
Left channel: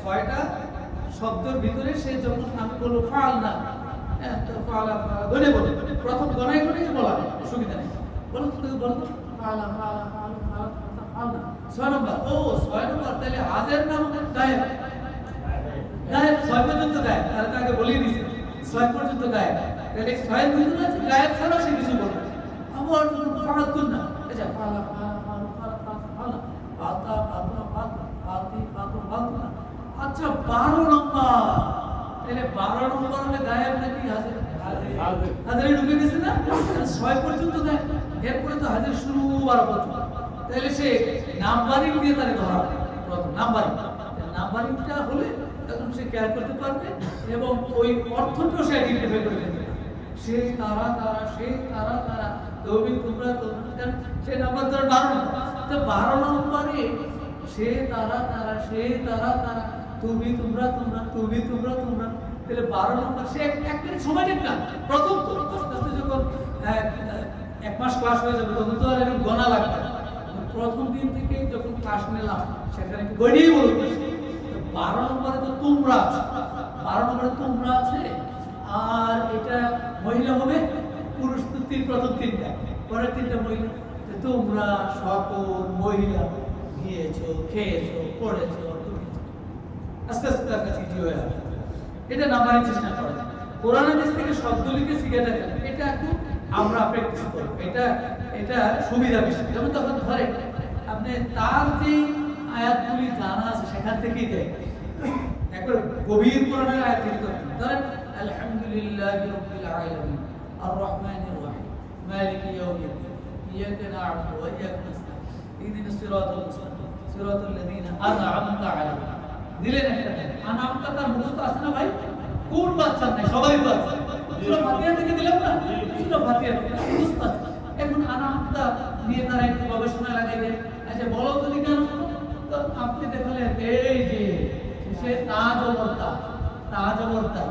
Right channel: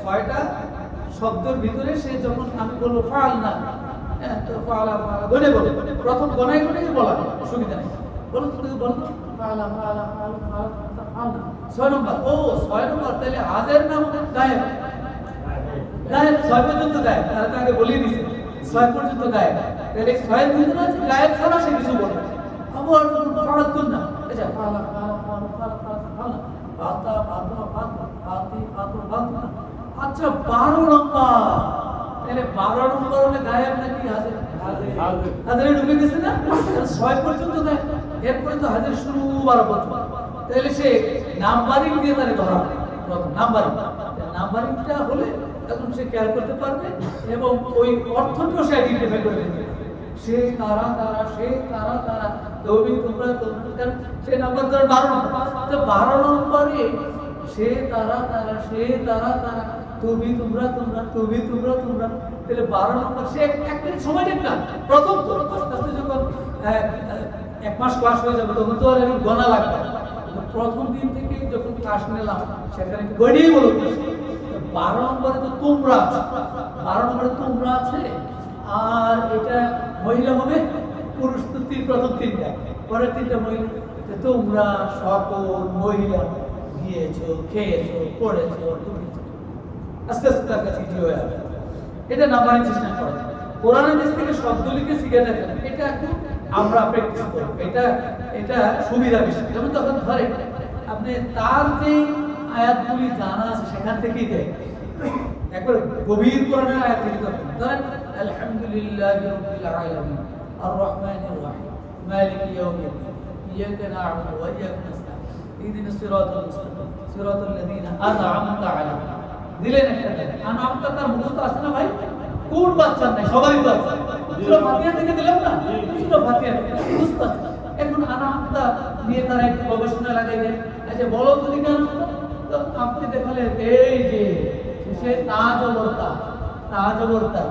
6টা শব্দের ভিতরে সে যখন আমি বলবো ফাল না, হ্যাঁ তো ফালা ফালা গনে বলে, প্রথম গনায় বলা অসুবিধা নেই। বলো তো বলো ফালা ফালা ফালা ফালা ফালা। 6 নম্বর, ও 6 নম্বর, তাহলে হাজের নাম গায়েব, গায়েব 6 পর্যন্ত গায়েব। তাহলে তো আগে বলেই দিয়েছে 6 পর্যন্ত গায়েব। তাহলে 6 এর ভিতরে আছে গায়েব ছাড়া সে কিছু বলবে। আবার ফালাতুন না, আচ্ছা ফালা ফালা ফালা ফালা ফালা, ফালতা ফালতা ফালতা ফালতি ফালতু ফালতু না। আচ্ছা 12 নম্বর, তাহলে 12 নম্বর হলে গায়েব নাকি হাজির? হাজিরে ঢুকে গেছে না? 6 পর্যন্ত গায়েব, এরপরে তো হাজির শুরু 12 পর্যন্ত। তাহলে সে নাম্বারিং দিয়ে তাকে ধরা হবে। প্রথম নাম্বারিংটা হলে তখন সে খেয়াল করতে পারবে এবং ওই অর্থটাও সে আইডেন্টিফাই করে ফেলবে। সে তারা তারা, সে তারা তারা, তুমি তোমরা তোমরা, সে নাম্বার ধরে 12 নম্বর। তো 12 নম্বরে সে তারা তারা, সে তারা তারা, তুমি তোমরা তোমরা, তুমি তোমরা তোমরা। তাহলে 12 নম্বর সে এক মিনিট সময় নেন না। প্রথম তো আস্তে আস্তে যখন 1 মাস ক্লাস হয়ে যাবে তখন তো আর এরকম গণা লাগবে না। প্রথম দিন থেকে যখন ক্লাস নিলাম সেখানে গড়িয়ে বলো 12 নম্বরে তো তোমরা আছে, 12 নম্বরে তোমরা আছে। আর এটা মহিলা হবে, পুরুষ তো প্রথম 3টা, পরের 3টা মহিলা। তোমরা সকল মহিলা গিয়েছো, খেয়েছো, পড়েছো, আস্তে আস্তে তার কাছে কি হয়ে যাবে। এটা নাম্বারিং সিস্টেম করা। কোরআনের দেশ থেকে শব্দ লিখে শিখে থাকেন, এটা একটু আমরা প্র্যাকটিস করব। এটা সুবিধা বেশি। যেমন তখন ধরে আপনি তার যে আয়াতগুলি জানা আছে সেখান থেকেই দেয়, একবার গভীর কোরআনের আয়াত থেকে ধরেন আলহামদুলিল্লাহি রাব্বিল আলামিন আর রহমানির রহিম মালিকি ইয়াউমিদ্দিন ইয়াকা না'বুদু ওয়া ইয়াকা নাস্তাঈন ইহদিনাস সিরাতাল মুস্তাকিম সিরাতাল লাযীনা আন'আমতা আলাইহিম। দিলেন একটা আন'আমতা, তার মুখস্থ আছে না ভাই? কোন বাচ্চার নাই? সবারই তো আছে। সূরা ফাতিহা থেকে দিলাম না, সূরা ফাতিহা মুখস্থ আছে। এখন আন'আমতা নিয়ে তারা একটু গবেষণা লাগাইলেন। আচ্ছা বলো তো দিকে তো আপনি দেখালেন এই যে সে তাজবর্তা, তাজবর্তা।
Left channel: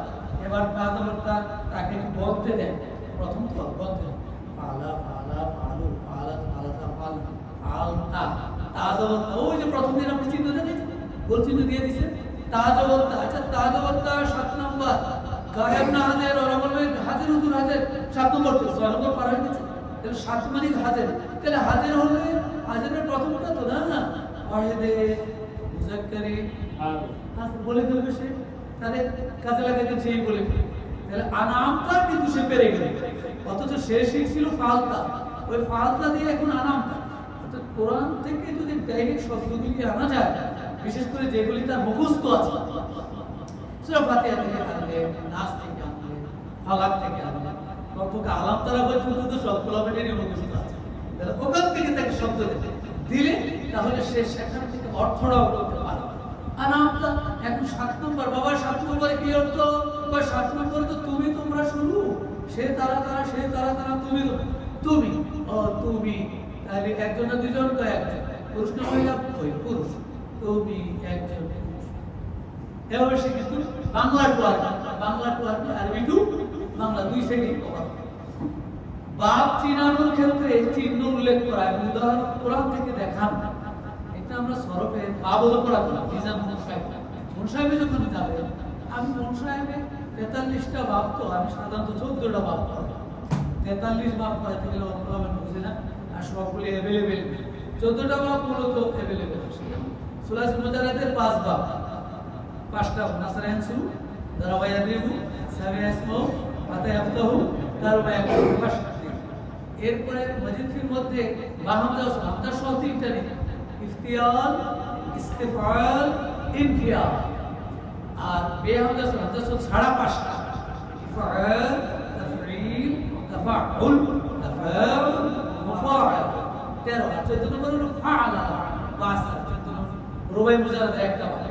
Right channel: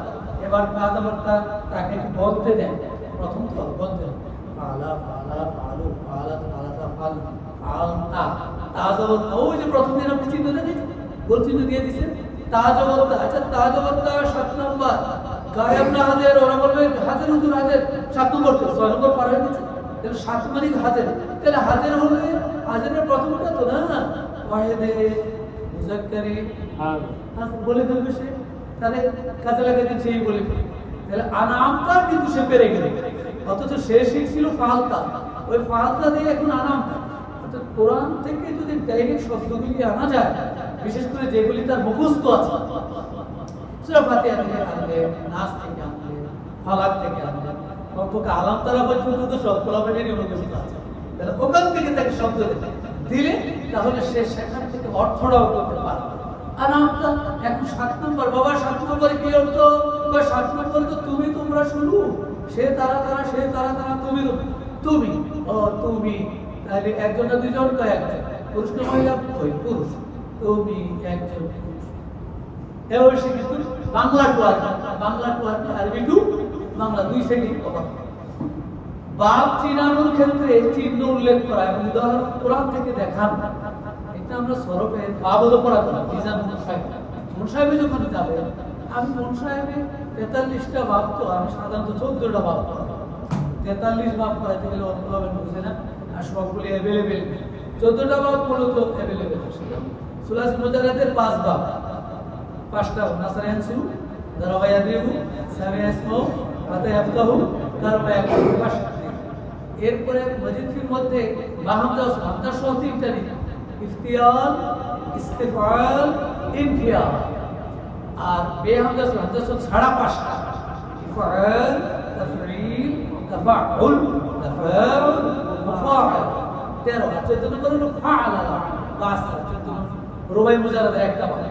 এবার তাজবর্তা তাকে একটু বলতে দেন। প্রথম তো বলতে দেন ফালা ফালা ফালু ফালা ফালাতা ফাল ফালতা, তাজবর্তা। ওই যে প্রথম দিন আপনি চিহ্ন দেখেছেন, গোল চিহ্ন দিয়ে দিয়েছেন তাজবর্তা। আচ্ছা তাজবর্তা 7 নম্বর, গায়েব না হাজির, ওরা বলবে হাজির হুজুর হাজির 7 নম্বর, তো 6 নম্বর পার হয়ে গেছে। তাহলে 7 মানে হাজির। তাহলে হাজির হলে হাজিরের প্রথমটা তো না ওয়াহিদে মুযাক্কারে হাজির বলে ফেলবে সে, তাহলে কাজে লাগাতে সেই বলে ফেলবে। তাহলে আনামতা কিন্তু সে পেরে গেল, অথচ সে শিখছিল ফালতা। ওই ফালতা দিয়ে এখন আনামতা। অর্থাৎ কোরআন থেকে যদি ডাইরেক্ট শব্দগুলি আনা যায়, বিশেষ করে যেগুলি তার মুখস্থ আছে, সূরা ফাতিহা থেকে আনলে, নাস থেকে আনলে, ফালাক থেকে আনলে, কমপক্ষে আলাম তারা পর্যন্ত তো সব কোরআনেরই মুখস্থ আছে। তাহলে ওখান থেকে তাকে শব্দ দিলে তাহলে সে সেখান থেকে অর্থটাও করতে পারবে। আনামতা এখন 7 নম্বর। বাবা 7 নম্বরে কি অর্থ? 7 নম্বরে তো তুমি তোমরা শুরু, সে তারা তারা, সে তারা তারা, তুমি তুমি, ও তুমি। তাহলে একজন না দুইজন? তো একজন। পুরুষ না মহিলা? ওই পুরুষ। তুমি একজন পুরুষ। এবার সে কিন্তু বাংলা টু আরবি, বাংলা টু আরবি, আরবি টু বাংলা, দুই সাইডে কভার। বাপ চিনানোর ক্ষেত্রে চিহ্ন উল্লেখ করা এবং উদাহরণ কোরআন থেকে দেখান, এটা আমরা সরফে বাবদ পড়া করি। মিজানুল সাহেব মন সাহেবে যখন যাবে, আমি মন সাহেবে 43টা ভাব, তো আমি সাধারণত 14টা ভাব করি। 43 ভাব করাইতে গেলে অন্যভাবে বুঝে না, আর সবগুলি অ্যাভেলেবেল। 14টা ভাব মূলত অ্যাভেলেবেল আসে। সুলাস মুজারাদের 5 ভাব, 5টা নাসার আনসুরু, দারাবা ইয়াদরিবু, সামিয়া ইসমু, ফাতা ইয়াফতাহু, কারবা ইয়াকুলু, 5টা। এরপরে মজিদ ফির মধ্যে বাহামজা ও হামজা সহ 3টা নেই, ইফতিয়াল, ইস্তিফআল, ইনফিয়াল। আর বেহামজা ও হামজা সহ ছাড়া 5টা, ইফআল, তাফঈল, তাফাউল, তাফাউল, মুফাআল। 13টা। 14 নম্বর হলো ফাআলা, বাস। 14 রুবাই মুজারাদের একটা ভাব।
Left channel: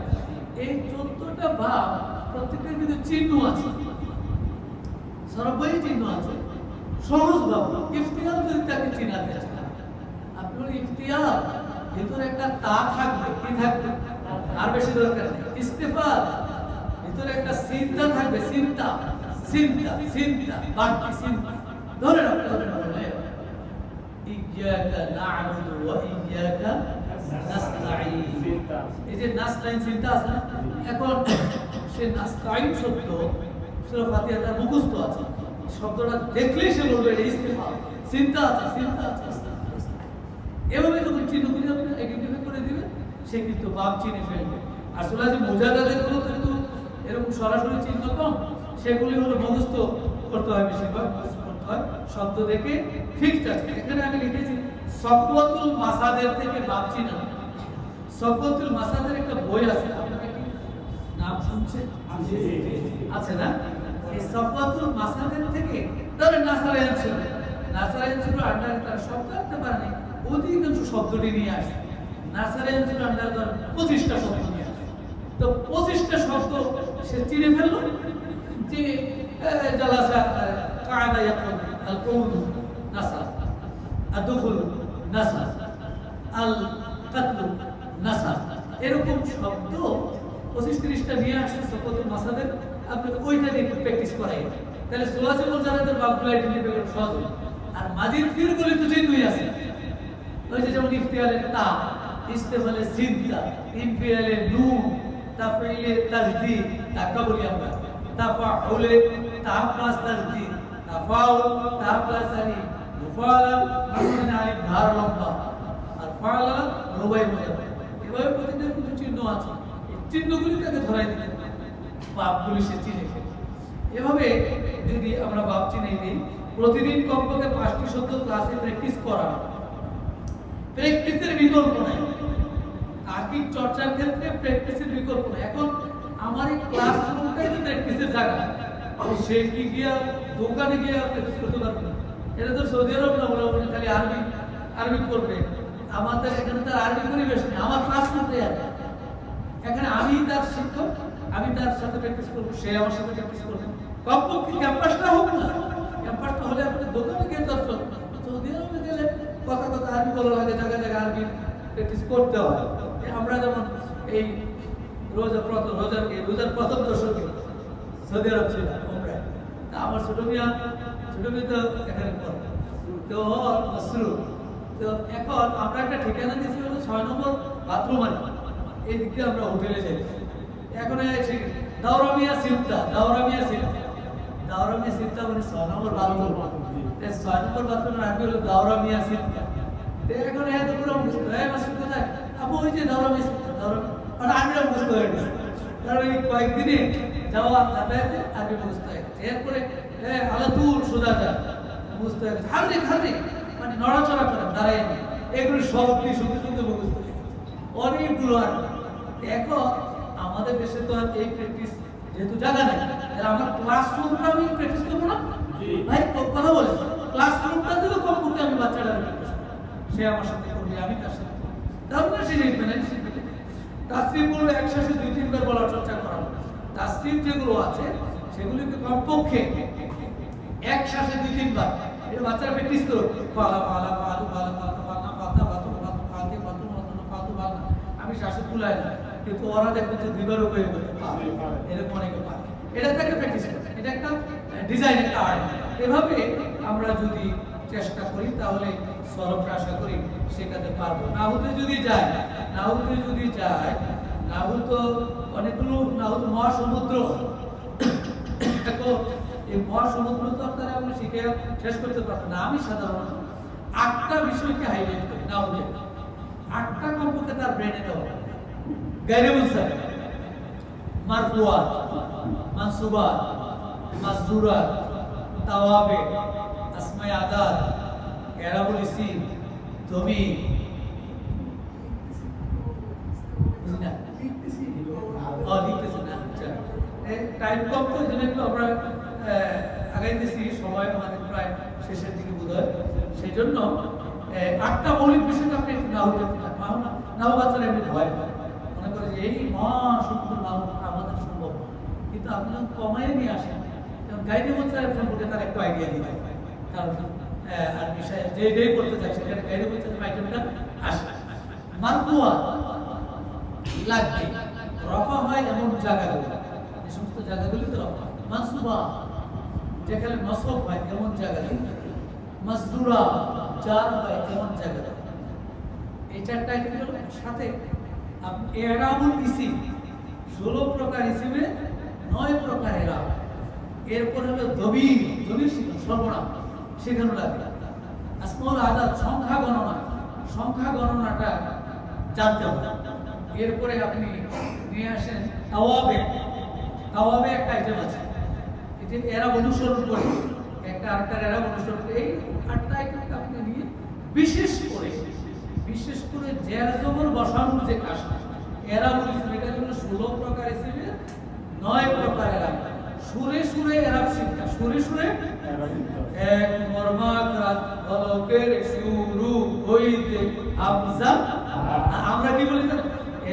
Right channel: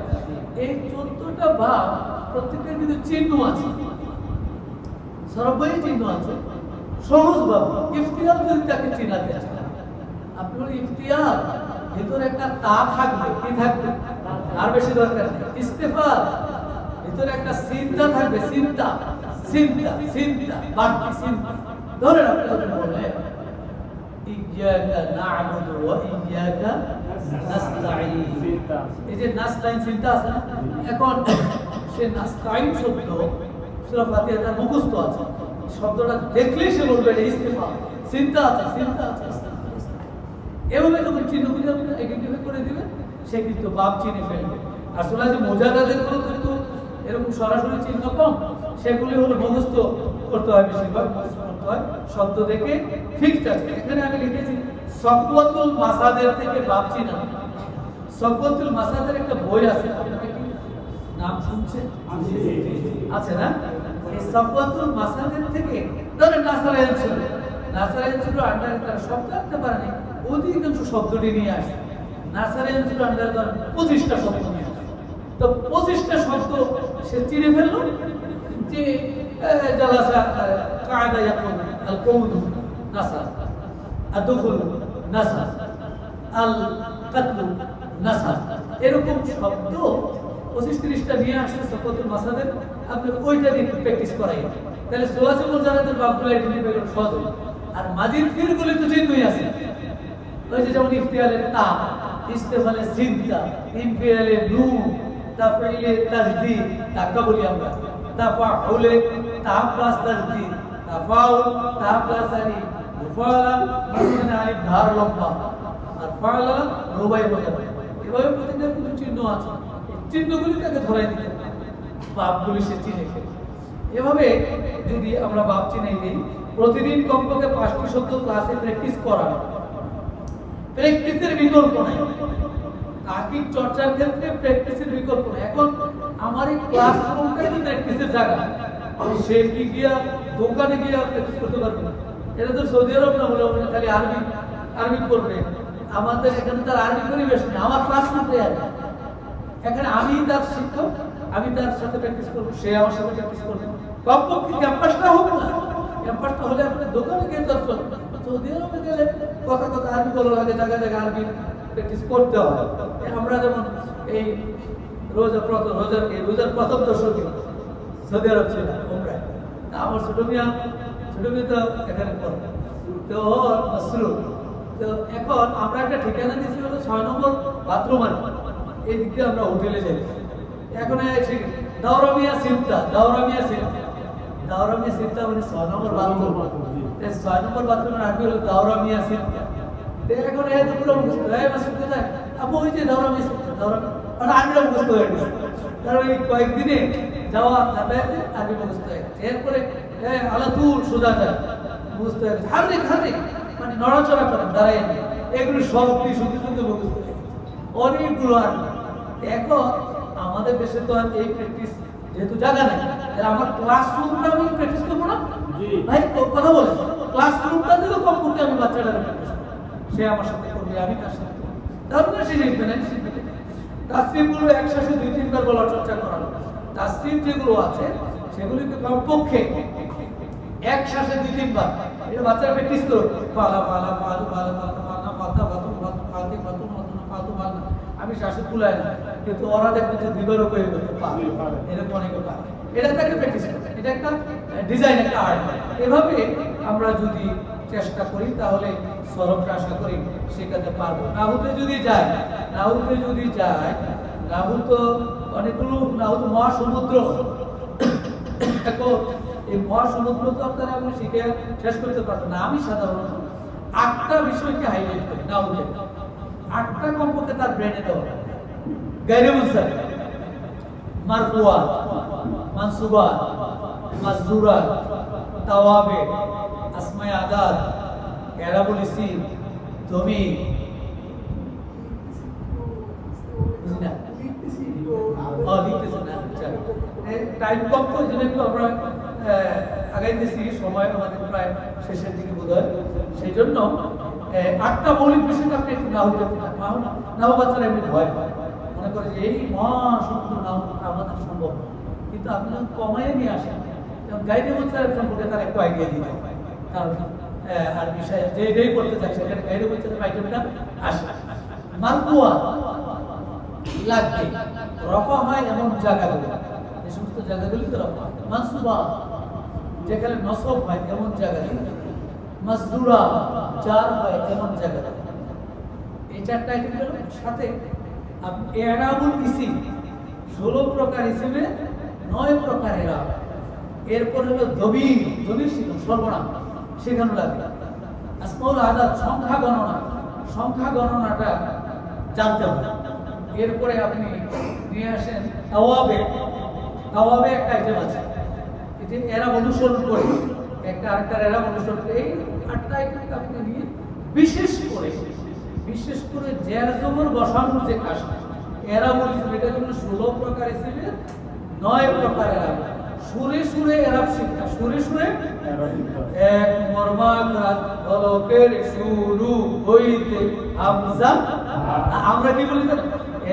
এই 14টা ভাব প্রত্যেকটার কিন্তু চিহ্ন আছে, সরবই চিহ্ন আছে। সহজ ভাব ইফতিয়াল যদি তাকে চিনাতে চান, আপনি বলেন ইফতিয়াল, ভিতরে একটা তা থাকবে, কি থাকবে, আর বেশি দরকার নেই। ইস্তেফাল, ভিতরে একটা চিন্তা থাকবে, চিন্তা, চিন্তা, চিন্তা, বাড়তি চিন্তা। ধরেন আপনি যদি বলেন ইয়াকা না'বুদু ওয়া ইয়াকা নাস্তাঈন, এই যে নাস্তাঈন চিন্তা আছে না, এখন সে নাস্তাঈন শব্দ সূরা ফাতিহা তার মুখস্থ আছে, শব্দটা দেখলেই সে বলবে এটা ইস্তেফাল, চিন্তা আছে, চিন্তা আছে। এভাবে যখন চিহ্নগুলি আপনি আইডেন্টিফাই করে দিবেন, সে কিন্তু বাপ চিনে ফেলবে। আর সূরা যে মুজারাদের গুলো কিন্তু এরকম সরাসরি চিহ্ন কম, সেগুলি হলো মুখস্থ করতে হয়, বেশিরভাগ মুখস্থ করতে হয়, শব্দ দেখে ফিক্সড আছে। এখানে আমি লিখেছি সফওয়াতুল মাসাদের থেকে বাপ চিনা। সফওয়াতুল মাসাদের একটা বই আছে, আপনারা কি নাম শুনছেন? আছে না? এই সফওয়াতুল মাসাদের থেকে ধরেন নাসারায়ান ছিল, নাসারায়ান ছিল আন্ডারে তারা শব্দ আনতে পারেনি, অধিকাংশ শব্দটি নিয়ে আসে। নাসারায়ান ছিল আন্ডারে ধরেন 25টা শব্দ নিয়ে আসে। তো 25টা শব্দ সে চিনে ফেললো যে জালাসা কায়দা ইয়াকুল আল কৌদু নাসা, আদখুল নাসা, আল কাতলু নাসা, এরকম শব্দ 25-30টা নিয়ে আসছে সফওয়াতুল মাসাদের। আপনি ওইটা দিয়ে প্র্যাকটিস করাই, তাহলে সুলাসে মুজারাদের বাবগুলো আইডেন্টিফাই করা সহজ হবে। আর মাজিদ ফিরগুলি তো চিহ্নই আছে, ওই যে যেমন ইফতিয়ালের তা, ইস্তেফালের চিন্তা, ইনফিয়ালের নুন, তাফঈলের তাসদীদ, তাকা বলি আমরা, তাফাউলে তা প্লাস তাসদীদ, তাফাউল তা প্লাস আলিফ, মুফাআলা মাঝখানে আলিফ ধার লম্বা, আর ফাআলা রুবাই মুজারাদ। এভাবে প্রতিটা কিছু চিহ্ন আছে, এই চিহ্নগুলি তাকে ধরাই দিতে হবে, বাপগুলি সে চিনে ফেলে। এভাবে যদি আমরা বাপ চিনে দিই, প্রতিদিন কমপক্ষে 5টি শব্দ ক্লাসে প্র্যাকটিস করা, প্র্যাকটিসের বিকল্প নাই। তাকিক চর্চার ক্ষেত্রে প্র্যাকটিসের বিকল্প নাই। এখন আমার এই ক্লাসরুমটাই তো প্র্যাকটিসের জায়গা, সে কি গিয়া দোকানে গিয়া প্র্যাকটিস করতে পারবে না। এটা তো সৌদি আরব না, বলে খালি আরবি আরবি করবে। আমাদের এখানে তার আরবি পরিবেশ নেই, আমার ক্লাসরুমটাই আছে। এখানে আমি তার শিক্ষক, আমি তার সাথে প্র্যাকটিস করবো, সে আমার সাথে প্র্যাকটিস করবে। কমপক্ষে ক্যাম্পাসটা হোক না, ক্যাম্পাসটা হলে আপনি দোকানে গিয়ে দর্শন, সৌদি আরবে গেলে কথা কথা আরবি বলা লাগে, জায়গায় জায়গায় আরবি প্র্যাকটিস করতে হবে। আমরা যেমন এই রোজার প্রথম দশকে সৌদি আরব ছিল উমরায়, তা আমার ছোট মিয়া তো এখানে পড়ে, তো মসরুর। তো এখন আমরা একটা ঠিকানা দিয়েছি হলো 6 নম্বর বাথরুম, আর এই দিক দিয়ে আমরা হোটেলে যাই। এখন দাওরামিয়া সিমটা মানে 6 নম্বর বাথরুম, 6 নম্বর বাথরুমের আগে হলো দাওরামিয়া সিমটা। এখন এত পুরো মুখস্থ হয়, মাসুদ কোথায় আপু, ওই যে দাওরামিয়া সিমটা, দাওরামিয়া আর আমিও মুখস্থ হয়ে গেছে, কারণ এই কয়েকদিনে যাওয়া যাতায়াতে আগে মুখস্থ হয়ে গেছে। এরপরে আলাতুল সোজা যায় মুখস্থ হয়ে গেছে, হারিক মানে নড়াচড়া করেন, দাঁড়ায়, এগুলো সব শুনতে মুখস্থ হয়ে গেছে অনেকগুলো। আর এখন আমাদের দেশে তো আর এই প্র্যাকটিস যেহেতু জায়গা নাই, তাহলে আমার ক্লাসরুমটা আমি প্র্যাকটিস করবো না ভাই, কথা বলে ক্লাসরুমটা দিলেও কমপক্ষে আমি বাচ্চাটা প্র্যাকটিস করবো, সে আমার সাথে করবে, আমি তার সাথে করবো, তারপরে সে শিখবে না, শিখবে। তাসরিফগুলো একসাথে 2-3 বার বলার চর্চা করানো, তাসরিফ যেগুলো আছে সেগুলিকে কমপক্ষে একসাথে 2-3 বার এটা বাচ্চারা প্র্যাকটিস করো, পালা পালা পালু পালা পাতা পানা পাতা বাতু বাতু ফালতি বাতু মতনা ফালতু পালনা। আমি শ্বাসে কুলাই না, কিন্তু ওরা দেখবে যে 2 বার করে করতে পারে, এরকম অনেকে পারে। এটা একটা প্র্যাকটিস করতে, এটা একটা ডিজাইন, একটা আর্ট। এভাবে আমরা যদি চেষ্টা করি তাহলে সরবটা আশা করি শেখাতে পারবো। নাহুতে যদি যায় নাহু তো অনেকগুলো মহাসমুদ্র। এখন এই মহাসমুদ্র তো আপনারা আপনি শিখে শেষ করতে পারবেন না। আমি সাধারণত 8টা বিষয়কে হাইলাইট করি না, 8টা কমপক্ষে তার ব্রেনে দেওয়া। গায়রে মুনসারিফ, মারফুআত, মানসুবাত, মাজরুরাত, তাওয়াবে, আসমায়ে আদাদ, এরাবুল ইসিম, দমির, বুঝিনা লিখতেছি না। টাইম কম তো, এই জন্য একটু আমরা আগাইতেছি, সময় আমাদের প্রায় শেষের দিকে বোধ হয়। সেই জন্য 8টা মৌলিক বিষয়টা আপনি একটু নাও নাও বাচ্চারা এমনি ভয় পায়, মনে করে যে এই মহাসমুদ্র নাও আমাদের সম্ভব, কিন্তু আপনি যখন কমায় নিয়ে আসেন, যেমন গাইডে বাচ্চারা সম্পর্কে তার একটু আইডিয়া দিতে হবে, কারণ আর বিষয় যে এটাই করতে চাইছে সেখানে গাইডে বাচ্চাদের আইটেমটা আসে। মারফুয়া লাগবে, রফা হয় এমন জায়গাগুলো, এই সমস্ত জায়গাগুলিতে রফা হয়। মানসুবা যেখানে নসব হয় এমন জায়গাগুলো, মাজরুরা জার হয় এমন জায়গাগুলো। এই 4টা আইটেমের সাথে আপনি এরাবুল ইসিম, 16 প্রকার ইসিমে 9 প্রকার এরাব। এরপর হলো দবির, দবির শিখুন, সর্বনাম শেখানো লাগবে। আসমাউল আদাদ, সংখ্যা গণনাটা জানতে হবে। এরপরে আপনি নিয়ে আসেন তাওয়াবে, তাওয়াবে একটা আইটেম আছে, এটি এরা অনুসরণ করে, একটা আরেকটার এরা অনুসরণ করে। এই 8টা আইটেমকে আপনি নিয়ে বিশেষ করে জের জবর বসানোর যে কাজটা, এরা বলেছে এটা হলো 16 প্রকার ইসিমে 9 প্রকার এরা। সুরে এরাব শিক্ষা, সুরে এক মর্মাঘাত বলকের শুরু হইতে হামজা। আমরা কি বলি জানেন?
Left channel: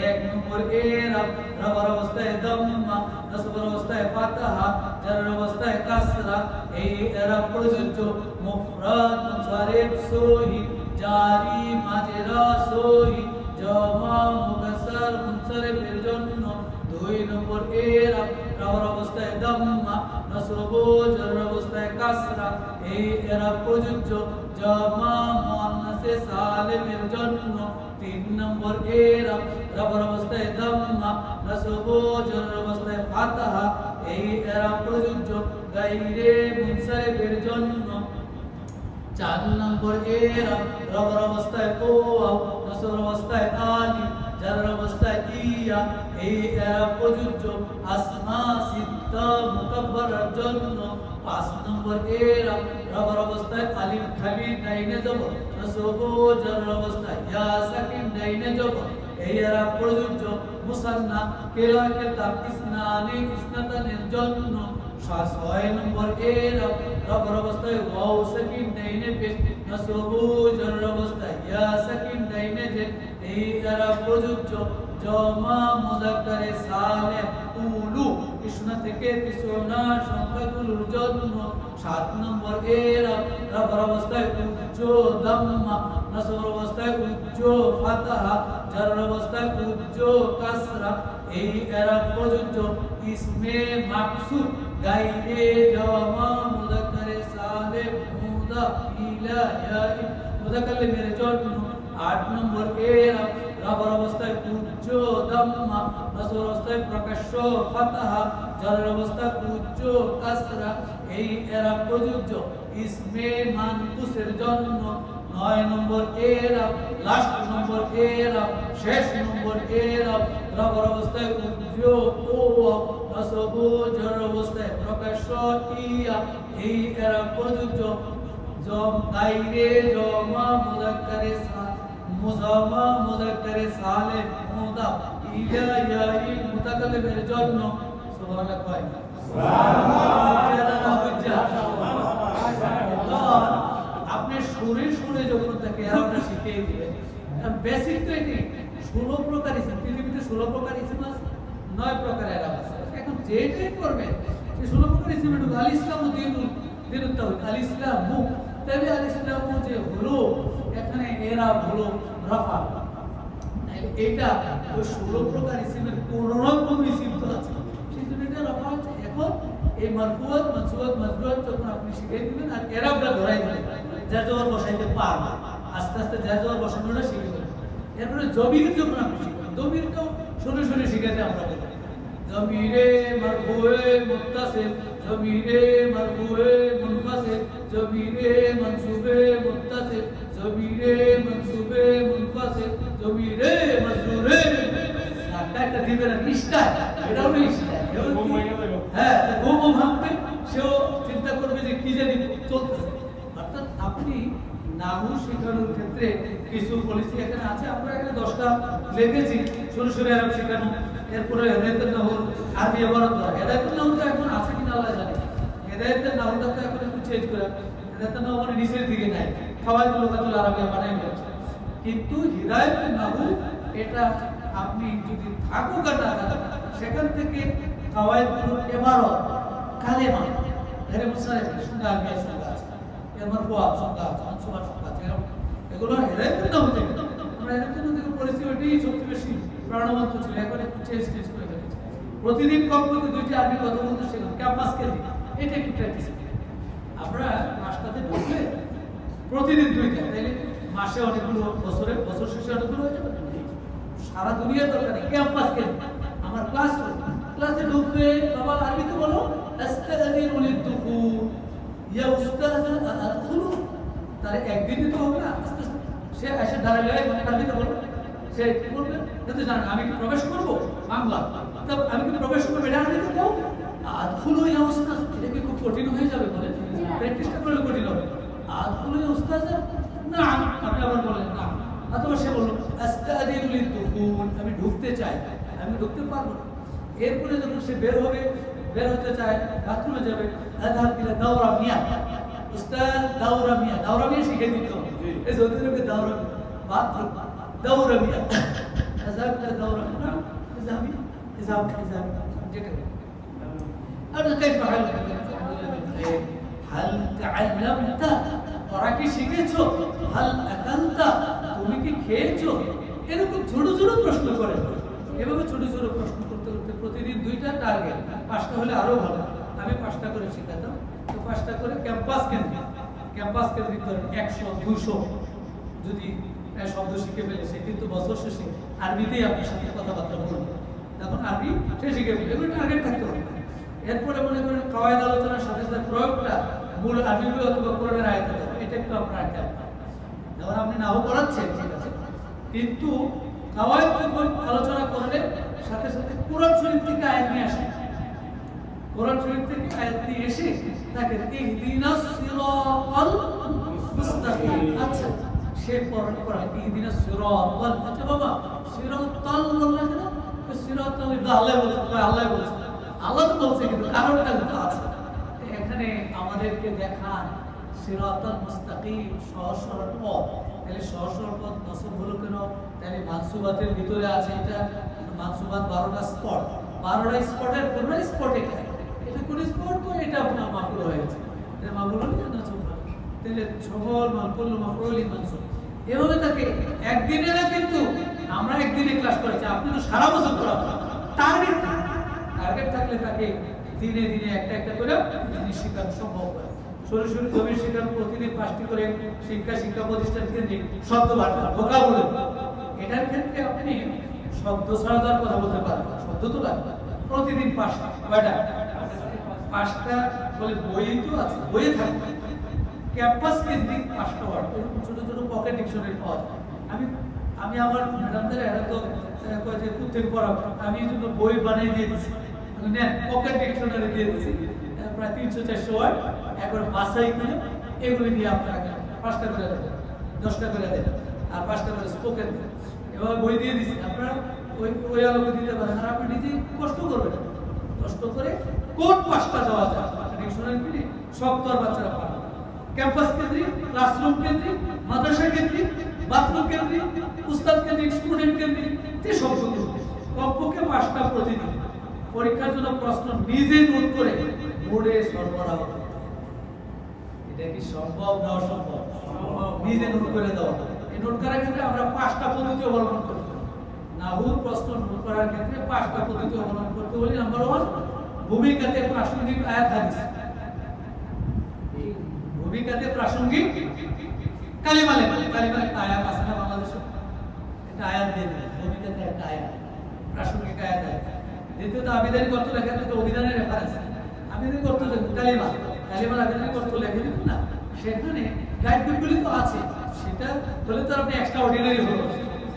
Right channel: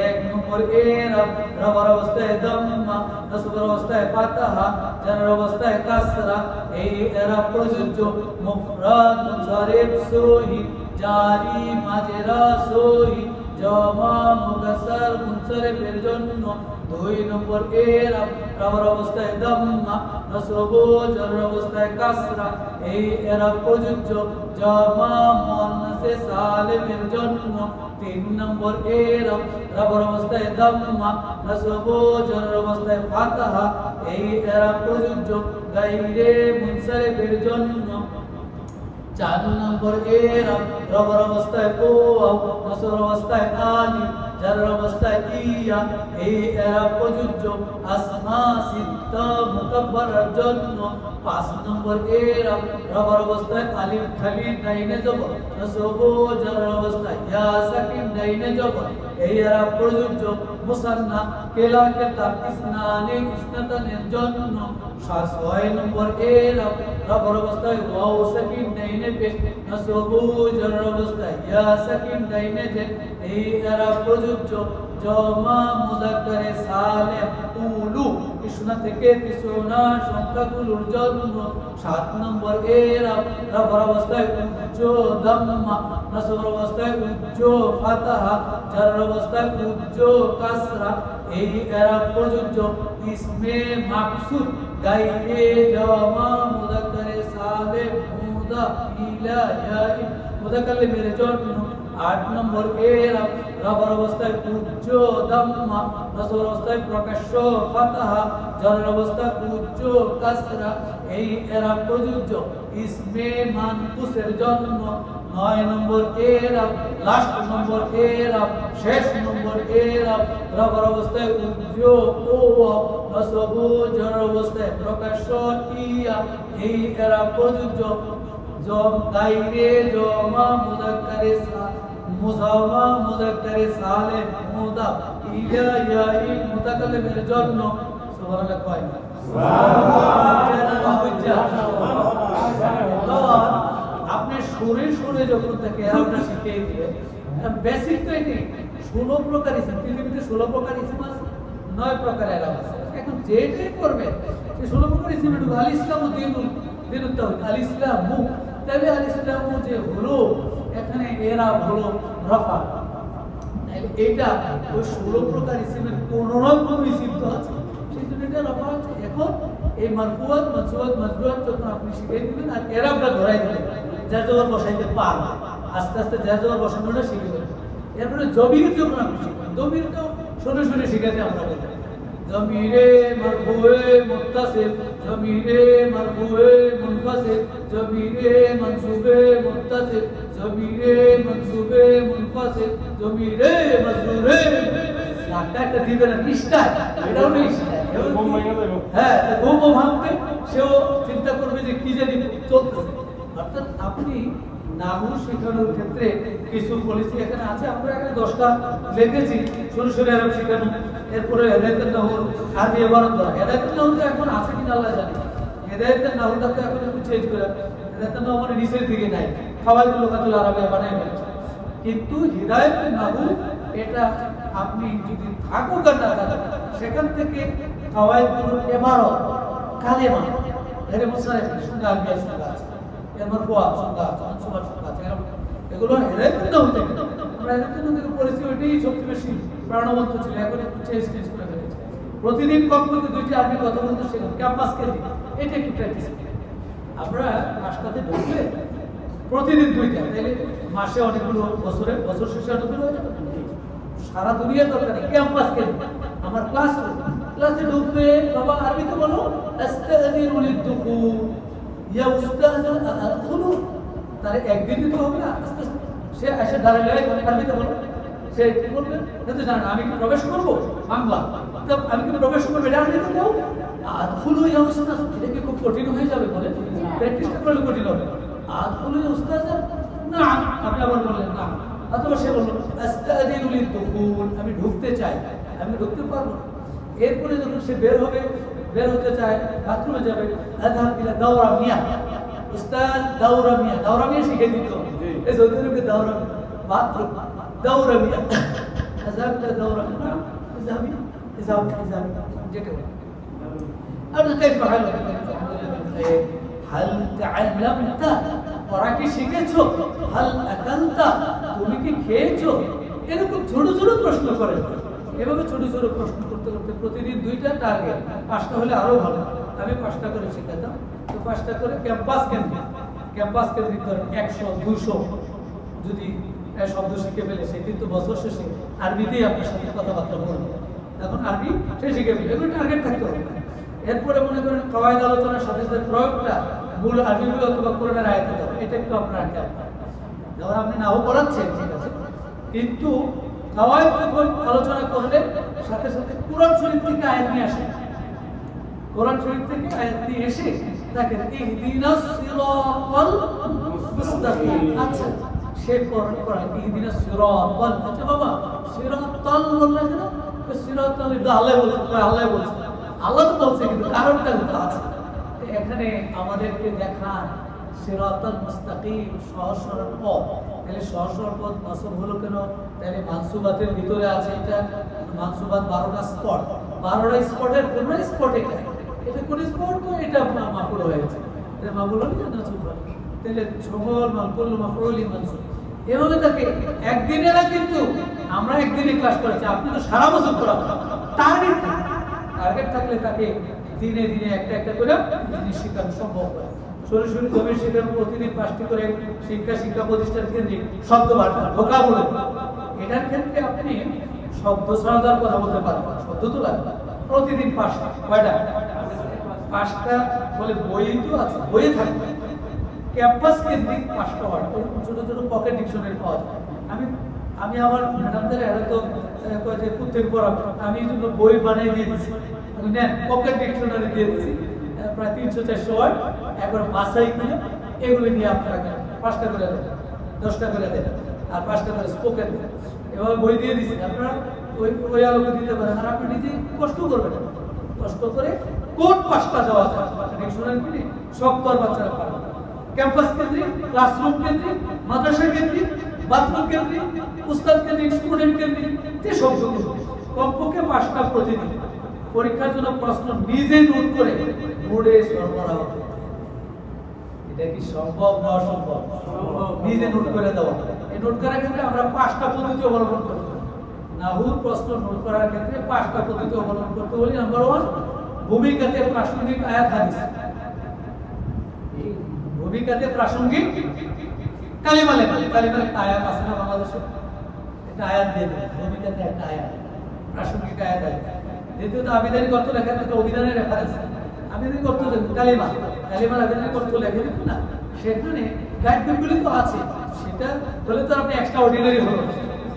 1 নম্বর এরাব, রবার অবস্থায় দাম্মা, নসবের অবস্থায় ফাতাহা, জারের অবস্থায় কাসরা। এই এরাব প্রযোজ্য মুফরাদ, মুনসারিফ, সহি, জারি, মাজরা, সহি, জামা, মুকাসসার, মুনসারিফের জন্য। 2 নম্বর এরাব, রবার অবস্থায় দাম্মা, নসব, জারের অবস্থায় কাসরা। এই এরাব প্রযোজ্য জামা, মুয়ান্নাসে সালিমের জন্য। 3 নম্বর এরাব, রবার অবস্থায় দাম্মা, নসব, জারের অবস্থায় ফাতাহা। এই এরাব প্রযোজ্য গায়রে মুনসারিফের জন্য। 4 নম্বর এরাব, রবার অবস্থায় ওয়াও, নসব অবস্থায় আলিফ, জারের অবস্থায় ইয়া। এই এরাব প্রযোজ্য আসমা সিত্তা মুকাব্বারার জন্য। 5 নম্বর এরাব, রবার অবস্থায় আলিফ খালি ডাইনে জবর, নসব, জারের অবস্থায় ইয়া সাকিন ডাইনে জবর। এই এরাব প্রযোজ্য মুসান্না, কেলা, কেতাব, ইসনানে, ইসনাতানের জন্য। 6 নম্বর এরাব, রবার অবস্থায় ওয়াও সাকিন ডাইনে পেশ, নসব, জারের অবস্থায় ইয়া সাকিন ডাইনে জের। এই এরাব প্রযোজ্য জামা মুযাক্কারে সালিম উলু, 20 থেকে 30 সংখ্যাগুলোর জন্য। 7 নম্বর এরাব, রবার অবস্থায় উচ্চ দাম্মা, নসবের অবস্থায় উচ্চ ফাতাহা, জারের অবস্থায় উচ্চ কাসরা। এই এরাব প্রযোজ্য ইসমে মাকসুদ গায়রে জামা মুযাক্কারে সালিম মুদাফ ইলা ইয়া মুতাকাল্লিমের জন্য। 8 নম্বর এরাব, রবার অবস্থায় উচ্চ দাম্মা, নসবের অবস্থায় প্রকাশ্য ফাতাহা, জারের অবস্থায় উচ্চ কাসরা। এই এরাব প্রযোজ্য ইসমে মানকুসের জন্য। 9 নম্বর এরাব, লাস্ট নম্বর এরাব, শেষ নম্বর এরাব, রবার অবস্থায় উচ্চ ওয়া, নসব, জারের অবস্থায় প্রকাশ্য ইয়া। এই এরাব প্রযোজ্য গায়রে জামা মুযাক্কারে মুজামা মুযাক্কারে সালিম মুদাফ ইলা ইয়া মুতাকাল্লিমের জন্য। সুবহানাল্লাহ কয় সুবহানাল্লাহ। আপনি সুরে যখন থেকে এরাবটা শিখিয়ে দিবেন, বেসিক তো এটাই। 16 প্রকার ইসিম, পৃথিবীতে 16 প্রকার ইসিম আছে, 9 প্রকার এরাব আছে। এখন যেটাই করবেন সেই 16 প্রকার ইসিমের আল ইসলামু দিনুল তাওহীদ, আল ইসলামু, তাহলে আল ইসলামু যে হলো এখানে এরাব হলো রফা, তাহলে এটা ওই 16 প্রকার ইসিমের কোন ইসিম তো আছে, সেই জন্য এটা রফা হচ্ছে। এখন এই মারফুয়াত, মানসুবাত, মাজরুরাত যখন আপনি শিখিয়ে দিবেন আর এরাবটা ধরাই দিবেন, যার জবর বসাইতে পারবে, আস্তে আস্তে যার জবর বসানোটা শিখে দেবেন। এরপরে জবির যখন আপনি শিখবেন, জবিরটাও শুনে শিখাতে আমরা বলি, জমিরে মারফুয়ে মুত্তাসিল, জমিরে মারফুয়ে মুনফাসিল, জমিরে মানসুবে মুত্তাসিল, জমিরে মানসুবে মুনফাসিল, জমিরে মাজরুরে। একটা দিবেন নিষ্ঠায়, এটাও নিষ্ঠায়। হ্যাঁ, ঘুমও ভাঙবে, সেও চিন্তা করবে যে কি জানি চলতেছে। অর্থাৎ আপনি নাহু শেখানোর ক্ষেত্রে কিছু পলিসি এখানে আছে। আমরা এখানে 10টা লিখেছি। সরাসরি আরব শেখানো, এরপরে হেদায়েতুন নাহু আরবি ইবারত দ্বারা। হেদায়েতুন নাহু এখন আছে কিনা আল্লাহ জানে। হেদায়েতুন নাহুটা তো এখন একটু চেঞ্জ করে, হেদায়েতুন নাহু মানে নিচের দিকে নাই, খাওয়াইতুল লুগাতুল আরবিয়া বানাই ফেলেছে। কিন্তু হিদায়াতুন নাহু এটা আপনি যদি থাকুক না থাকুক, সেখান থেকে খাওয়াইতুল ইবারত, কালেমা, এর মুসারিফ সংজ্ঞা আরবিয়া সংজ্ঞা আছে, এর মারফুআ সংজ্ঞা আছে, মানসুবা সংজ্ঞা আছে। এগুলো হেদায়েতুন নাহু থেকে আমরা হেদায়েতুন নাহু থেকে পড়েছি, ওইটাই সবচেয়ে বেশি প্রাণবন্ত ছিল। এখন একটু চেঞ্জ করে ফেলেছে। প্রতিদিন কমপক্ষে 2টি আরবি কথা বলতে শেখেন, ক্যাম্পাসকে দিন, এটা একটু প্র্যাকটিস করি। আমরা রাস্তাতে ঢুকলে প্রতিদিন 2টা, তাইলে মাসে অনেকগুলো, বছর শেষে অনেকগুলো হয়ে যাবে। সারা দুনিয়া দরকার নেই, ক্যাম্পাসকে দিন। আমার ক্লাসে ঢুকবে, বাবা আরবিতে বলো আস্তাযিনু লিদ-দুখুল, ইয়া উস্তায আদখুলু। তাহলে একদিনই তো হবে না, আস্তে আস্তে সে এসে দাঁড়ালে আরবিতে বলো, সে কি বলবে? তো জানেন আমি কি প্রবেশ করবো বাংলা, আমি কিন্তু প্রবেশ করবো, এটা আরবিতে বলো আদখুলু ইয়া উস্তায। এটা কি খুব কঠিন হয়ে যাবে? বলে প্র্যাকটিসটা করলে কঠিন হবে। আদখুলু ইয়া উস্তায, না আপনি আবার বললেন না। অথবা সে বলল আস্তাযিনু লিদ-দুখুল, আমি ঢুকতে চাই, আমি ঢুকতে পারবো না। এরপরে যখন সে বের হতে চায়, বাথরুমে যাবে, আযহাব ইলা দাওরা মিয়া, উস্তাদ দাওরা মিয়া শিখে দিত। এই যতটুকু দাওরা বাথরুম, দাওরা মিয়া, আযহাব ইলা দাওরা মিয়া, ইজাবি যেটা আর كيف حالك هل تعلمت, ওরা কি শিখেছো? হাল আকালতা, তুমি কি খেয়েছো? এরকম ছোট ছোট প্রশ্ন করে। এভাবে ছোট ছোট প্রশ্ন করতে করতে প্রতিদিন 2টা টার্গেট, 5টা হলে আরো ভালো। আমি 5টা করে শেখাতাম, তো 5টা করে ক্যাম্পাস কেন্দ্রিক ধরেন 100 200 যদি শব্দ শিখে ফেলে, সে কিন্তু বছর শেষে আরবিতেই আপনার সাথে কথাবার্তা বলবে, তখন আরবি সে শিখে ফেলে। এগুলো টার্গেট থাকতে হবে। এরপরে মনে করেন কাওয়ায়েদ আলোচনার সাথে সাথে প্রয়োগটা মূল আরবিগুলো অথবা কোরআনের আয়াতে দাও, এটা একটু আপনার খেয়াল। যখন আপনি নাও পড়াচ্ছেন ঠিক আছে, কিন্তু কাওয়ায়েদ যখন আলোচনা করলে সাথে সাথে কোরআন শরীফ থেকে আয়াত নিয়ে আসে, কোরআন শরীফ থেকে আয়াত নিয়ে এসে তাকে ইহদিনাস সিরাতাল মুস্তাকিম। আচ্ছা, সে পড়ায় ইহদিনাস সিরাতাল। আচ্ছা বাবা, সিরাতাল বললে কেন? সিরাতাল আল্লাহ বলছে, আল্লাহ তো বলছে, কিন্তু কারণটা তো আছে। এখানে আমাদেরকে দেখান সিরাতাল মুস্তাকিম, সহজ সরল পথ। তাহলে সহজ সরল পথ নসব হলো কেন? তাহলে মানসুবাতের ভিতরে আছে এটা, মানসুবাত 12টা স্পট, 12টা স্পটের কোন স্পট এটা কোন স্পট? তো এটা মাফুল হয়েছে, এটা মাফুল হলে না সুবহান। তাহলে সমল মানকুল মাফউলি মানসুব, এভাবে থাকে। একদিনে না, কিন্তু আমরা একদিনে ক্লাস করেছি, আপনি তো সারা বছর করাবেন। টার্গেট থাকলে তাকে দিনে দিনে একটা একটা করে জিনিস শেখানো সম্ভব হয়। সরাসরি জমির শেখানো, প্রতিদিন 5টি করে শিক্ষা প্রতিষ্ঠান কেন্দ্রিক শব্দ বার্তা ভোকাবুলারি। এটার ক্ষেত্রে আপনি শব্দ সরাদার কথা বলতে পারবেন, শব্দ তো লাগবে। প্রতিদিন 5টা, কয়টা? 5টা বলে বই তো আছে, বইয়ে থাকবে। ক্যাম্পাস কেন্দ্রিক 5টা ওয়ার্ড, ছোট ছোট পকেট ডিকশনারি পাওয়া যায়। আমি আমার ম্যাডামদের হয়তো যে প্রত্যেক পড়াবো, আমি এই জন্য বই বানিয়ে দিয়ে দিচ্ছি, নেন পকেট ডিকশনারি দিয়ে দিচ্ছি, প্রায় 300-400 ওয়ার্ড, একবার বাসাই করে এগুলো নিয়ে আপনারা 5টা করে দেন, 10টা করে দেন, আর 5টা করে স্পোকেন দেন। এভাবে বই দিয়ে দিচ্ছি, আপনারা ওই আলোকে দিতে পারেন। আর আপনি নিজে কষ্ট করবেন, কষ্ট করে কোড 5টা দেওয়া যায় ডিকশনারি কিনে সব তো আর বাচ্চারা পারবে। ক্যাম্পাস কেন্দ্রিক, ক্লাসরুম কেন্দ্রিক, মাদ্রাসা কেন্দ্রিক, বাথরুম কেন্দ্রিক, উস্তাদ কেন্দ্রিক, স্টুডেন্ট কেন্দ্রিক, যে শব্দগুলো কমপক্ষে 5টা প্রতিদিন। পরীক্ষার জন্য প্রশ্ন নিজে নোট করে বোর্ডে সরবরাহ করতে। এটা কি সম্ভব না অসম্ভব? নিজে নোট করে দেওয়া। এই নোট করার ক্ষেত্রে আমরা 5টা পদ্ধতি অবলম্বন করতে পারি। নাহুর প্রশ্ন নোট করার ক্ষেত্রে 5টা পদ্ধতি অবলম্বন করতে বলি। নাম্বার 1, ভূমিকাতে প্রাসঙ্গিক আয়াত হাদিস। ভূমিকাতে প্রাসঙ্গিক কালিমা লেখা, কালিমা আয়াত আছে না বাংলাদেশে, এটা আয়াত দিয়ে দেবে। ভূমিকাতে একটা আয়াত, প্রাসঙ্গিক আয়াত আছে। দ্বিতীয়ত আবেদন করতে লেখা থাকে অভিধানের রেফারেন্স, আবেদন করতে কালিমা, কালিমার আবেদন করতে লেখে দিন না, সেখানে গাইডবুকগুলি তো আছে, সেটা বলে তো আপনি এক্সট্রা অর্ডিনারি হলো।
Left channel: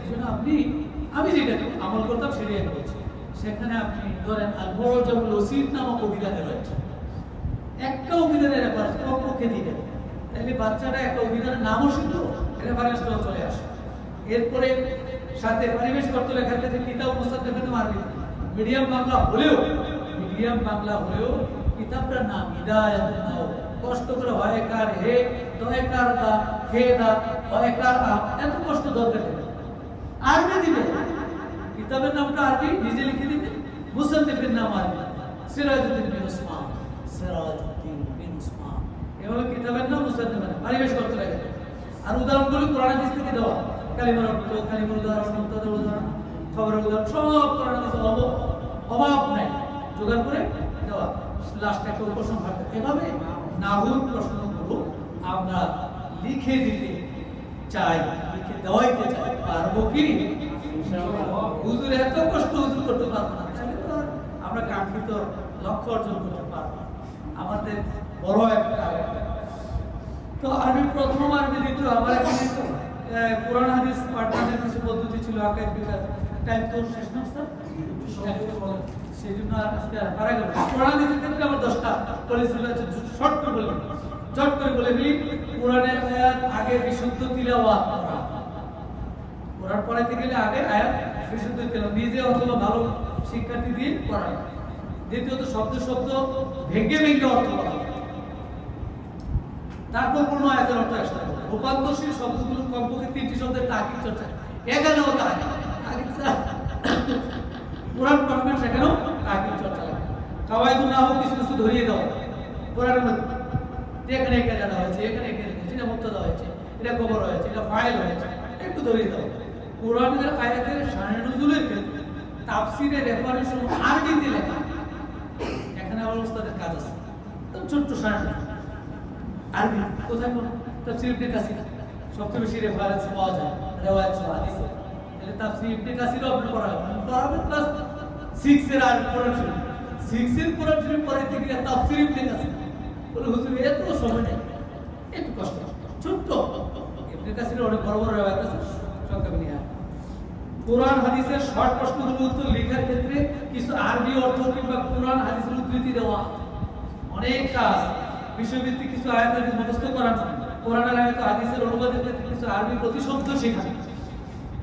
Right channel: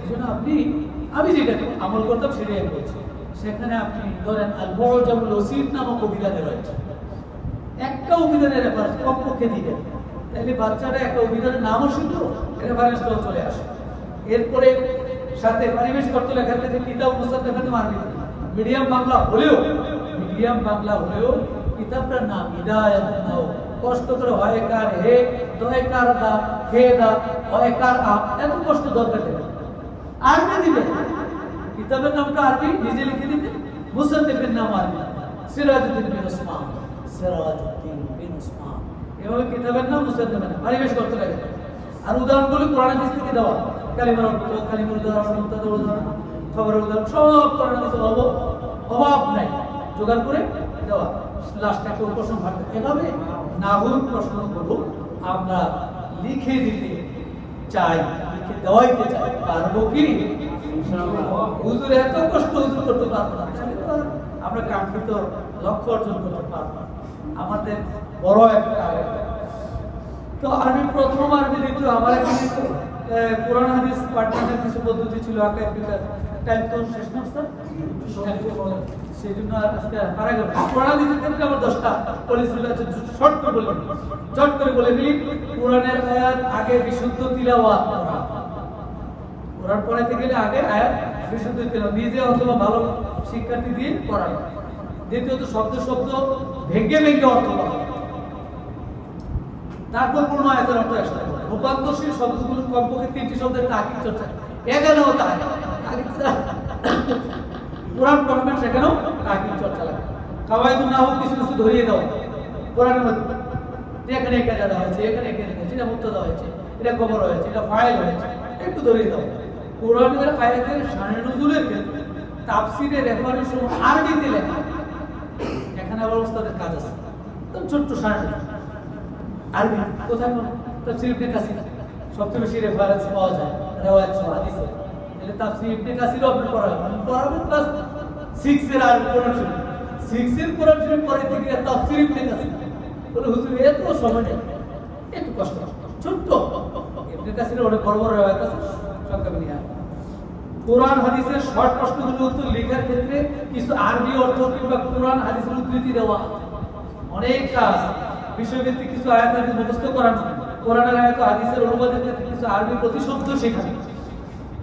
এই জন্য আমি যেটা আমল করতাম সেটাই আমি বলছি। সেখানে আপনি ধরেন আল মুআজামুল ওসিত নামক অভিধানে রয়েছে, একটা অভিধানের রেফারেন্স কমপক্ষে দিবেন, তাহলে বাচ্চাটা একটা অভিধানের নামও শিখলো, রেফারেন্সটাও চলে আসে। এরপরে সাথে পরিবেশ করতে লেখা থাকে কিতাব মুসাদ্দাকাত মারবি, মিডিয়াম বাংলা হলেও কিতাবটার নাম হিদায়াত নাও, কষ্ট করে হয় কার হে দয় কার দা হে দা হয় কার আ, এত কষ্ট দরকার নেই। আরবি দিবেন, কিতাবের নামটা আরবি নিজে লিখে দিবেন, মুসাদ্দিকের নাম আরবি, সিরাজউদ্দিন বিন উসমান, এভাবে কিতাবের নাম মুসাদ্দিকের নাম পরিবেশ করতে লাগে। আর উদাহরণগুলো কোরআন হাদিস থেকে দেওয়া, কালিমার অর্থ, কালিমার উদাহরণ, মুক্তাদার উদাহরণ, খবরের উদাহরণ, সব কোরআন হাদিসে অভাব নাই, জোগাড় করে দেওয়া। লাস্ট একটা প্রশ্ন থাকবে, এভাবে নাহুর প্রশ্নগুলো আমরা লিখে দিতে চাই, লিখে দেওয়াইতে চাই, পারবো কি? হুজুর এত কষ্ট হুজুর করতে পারবো না, তাহলে তো আমরা কাঙ্ক্ষিত লক্ষ্য অর্জন করতে পারবো না। আমাদের বড় একটা তো আরবি প্রথম, আরবি দ্বিতীয়, আমার এখানে কোরআন হাদিস পাঠদানের কিছু পদ্ধতি ছিল, আকাইদ বিকাশ টাইম তো শেষ না স্যার, সেই জন্য আজকে পারা গেল। কোরআন হাদিসের ক্ষেত্রে আমার 10টা পরিস্থিতি আছে, শর্ট করে বলে চট করে বলে ফেলি। কোরআনের আয়াত আগে বিশুদ্ধ তিলাওয়াত করা, কোরআন পড়াইতে গেলে আগে আয়াত বিশুদ্ধ তিলাওয়াত, নিজে অথবা ভালো শিক্ষার্থী দিয়ে পড়ানো। দ্বিতীয়ত শব্দ ভেঙে অর্থ করা, তারপর পূর্ণ আয়াতের অর্থ একসাথে বলা। রূপান্তরশীল শব্দগুলো কমপক্ষে 3টি শব্দের তাকিদ চর্চা, এখানেও তাকিদ, কোরআন পড়বেন সেখানেও তাকিদ চর্চা লাগে। কাওয়াইদুন নাহু কিছু ধরিয়ে দাও কোরআনের মধ্যে, এখানে এখানে দেওয়া হয়েছে, এখানে এখানে এটা মুবতাদা হয়েছে, এটা খবর হয়েছে, এটা ফাইল হয়েছে, একটু ধরিয়ে দাও। কোরআনের আয়াতের শানে নুজুলের ক্ষেত্রে তাফসীরের রেফারেন্স আরবিতে লেখা, এখানে আবার ওস্তাদের কাজ আছে, তো ছোট্ট শানে আরবি কোথায় পাবো? তাফসীর ইবনে কাসির সবচেয়ে বেশি রেফারেন্স পাওয়া যায় রিওয়ায়াত সহ হাদিসে। তাহলে তাফসীর ইবনে কাসিরও আপনি পড়াবেন ক্লাস 6 এর আর কোরআন শরীফ, 6 এর কোরআন শরীফ পড়াইতে গিয়ে তাফসীর ইবনে কাসির বলে হুজুর এত সময় নেই, একটু কষ্ট, ছোট্ট ইবনে কাসিরের অনেক বড় রিওয়ায়াত আছে, সংক্ষেপে নিয়ে কোরআন হাদিসের শর্ট প্রশ্নগুলো উত্তর লেখার ক্ষেত্রে কিছু আরবি অর্থ কিংবা কোরআন হাদিসের উদ্ধৃতি দেওয়া, অনেক কাজ বিষয়ভিত্তিক কিছু আয়াত হাদিস মুখস্থ করানো, কোরআনের আয়াত হাদিসের অনুবাদের ক্ষেত্রে কিছু আরবি প্রতিশব্দ শেখানো,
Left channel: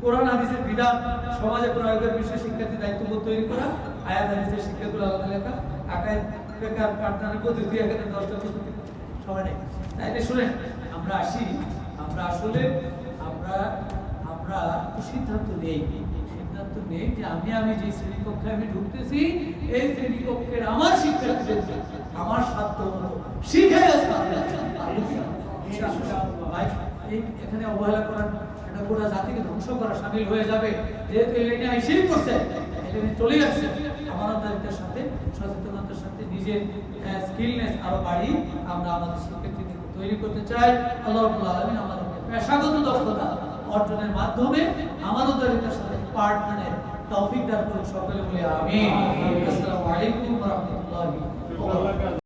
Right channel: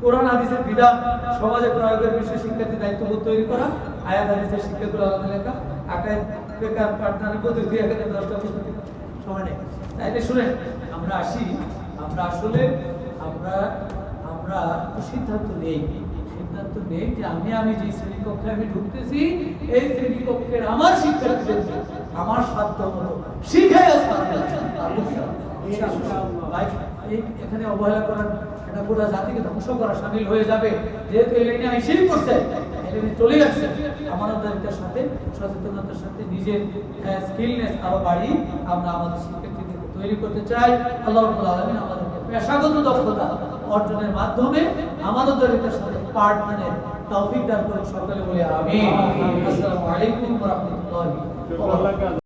কোরআন হাদিসের বিধান সমাজে প্রয়োগের বিষয়ে শিক্ষার্থী দায়িত্ববোধ তৈরি করা, আয়াত হাদিসের শিক্ষাগুলো আলাদা লেখা, আকাইদ ফিকহ পাঠদানের পদ্ধতি, এখানে 10টা পদ্ধতি সময় নেই। তাইলে শুনেন, আমরা আসি, আমরা আসলে আমরা সিদ্ধান্ত নেই যে আমি যে শ্রেণীকক্ষে আমি ঢুকতেছি, এই শ্রেণীকক্ষের আমার শিক্ষার্থীদেরকে আমার সাধ্য মতো শিখাই এখানে অবহেলা করার, এটা গোটা জাতিকে ধ্বংস করা সামিল হয়ে যাবে। যেহেতু এই লাইনে এসেই করছে, এই লাইনে চলে আসছে, আমানতদারিতার সাথে সচেতনতার সাথে নিজের স্কিলনেস আরো বাড়ি আমরা আমাদের শিক্ষার্থীদেরকে তৈরি করতে চাই। আল্লাহ রাব্বুল আলামিন আমাদেরকে পেশাগত দক্ষতা অর্জনের মাধ্যমে আমানতদারিতার সাথে পার্টনারের তৌফিক দান করুন, সকলে বলে আমিন। আসসালামু আলাইকুম ওয়া রাহমাতুল্লাহি ওয়া বারাকাতুহু।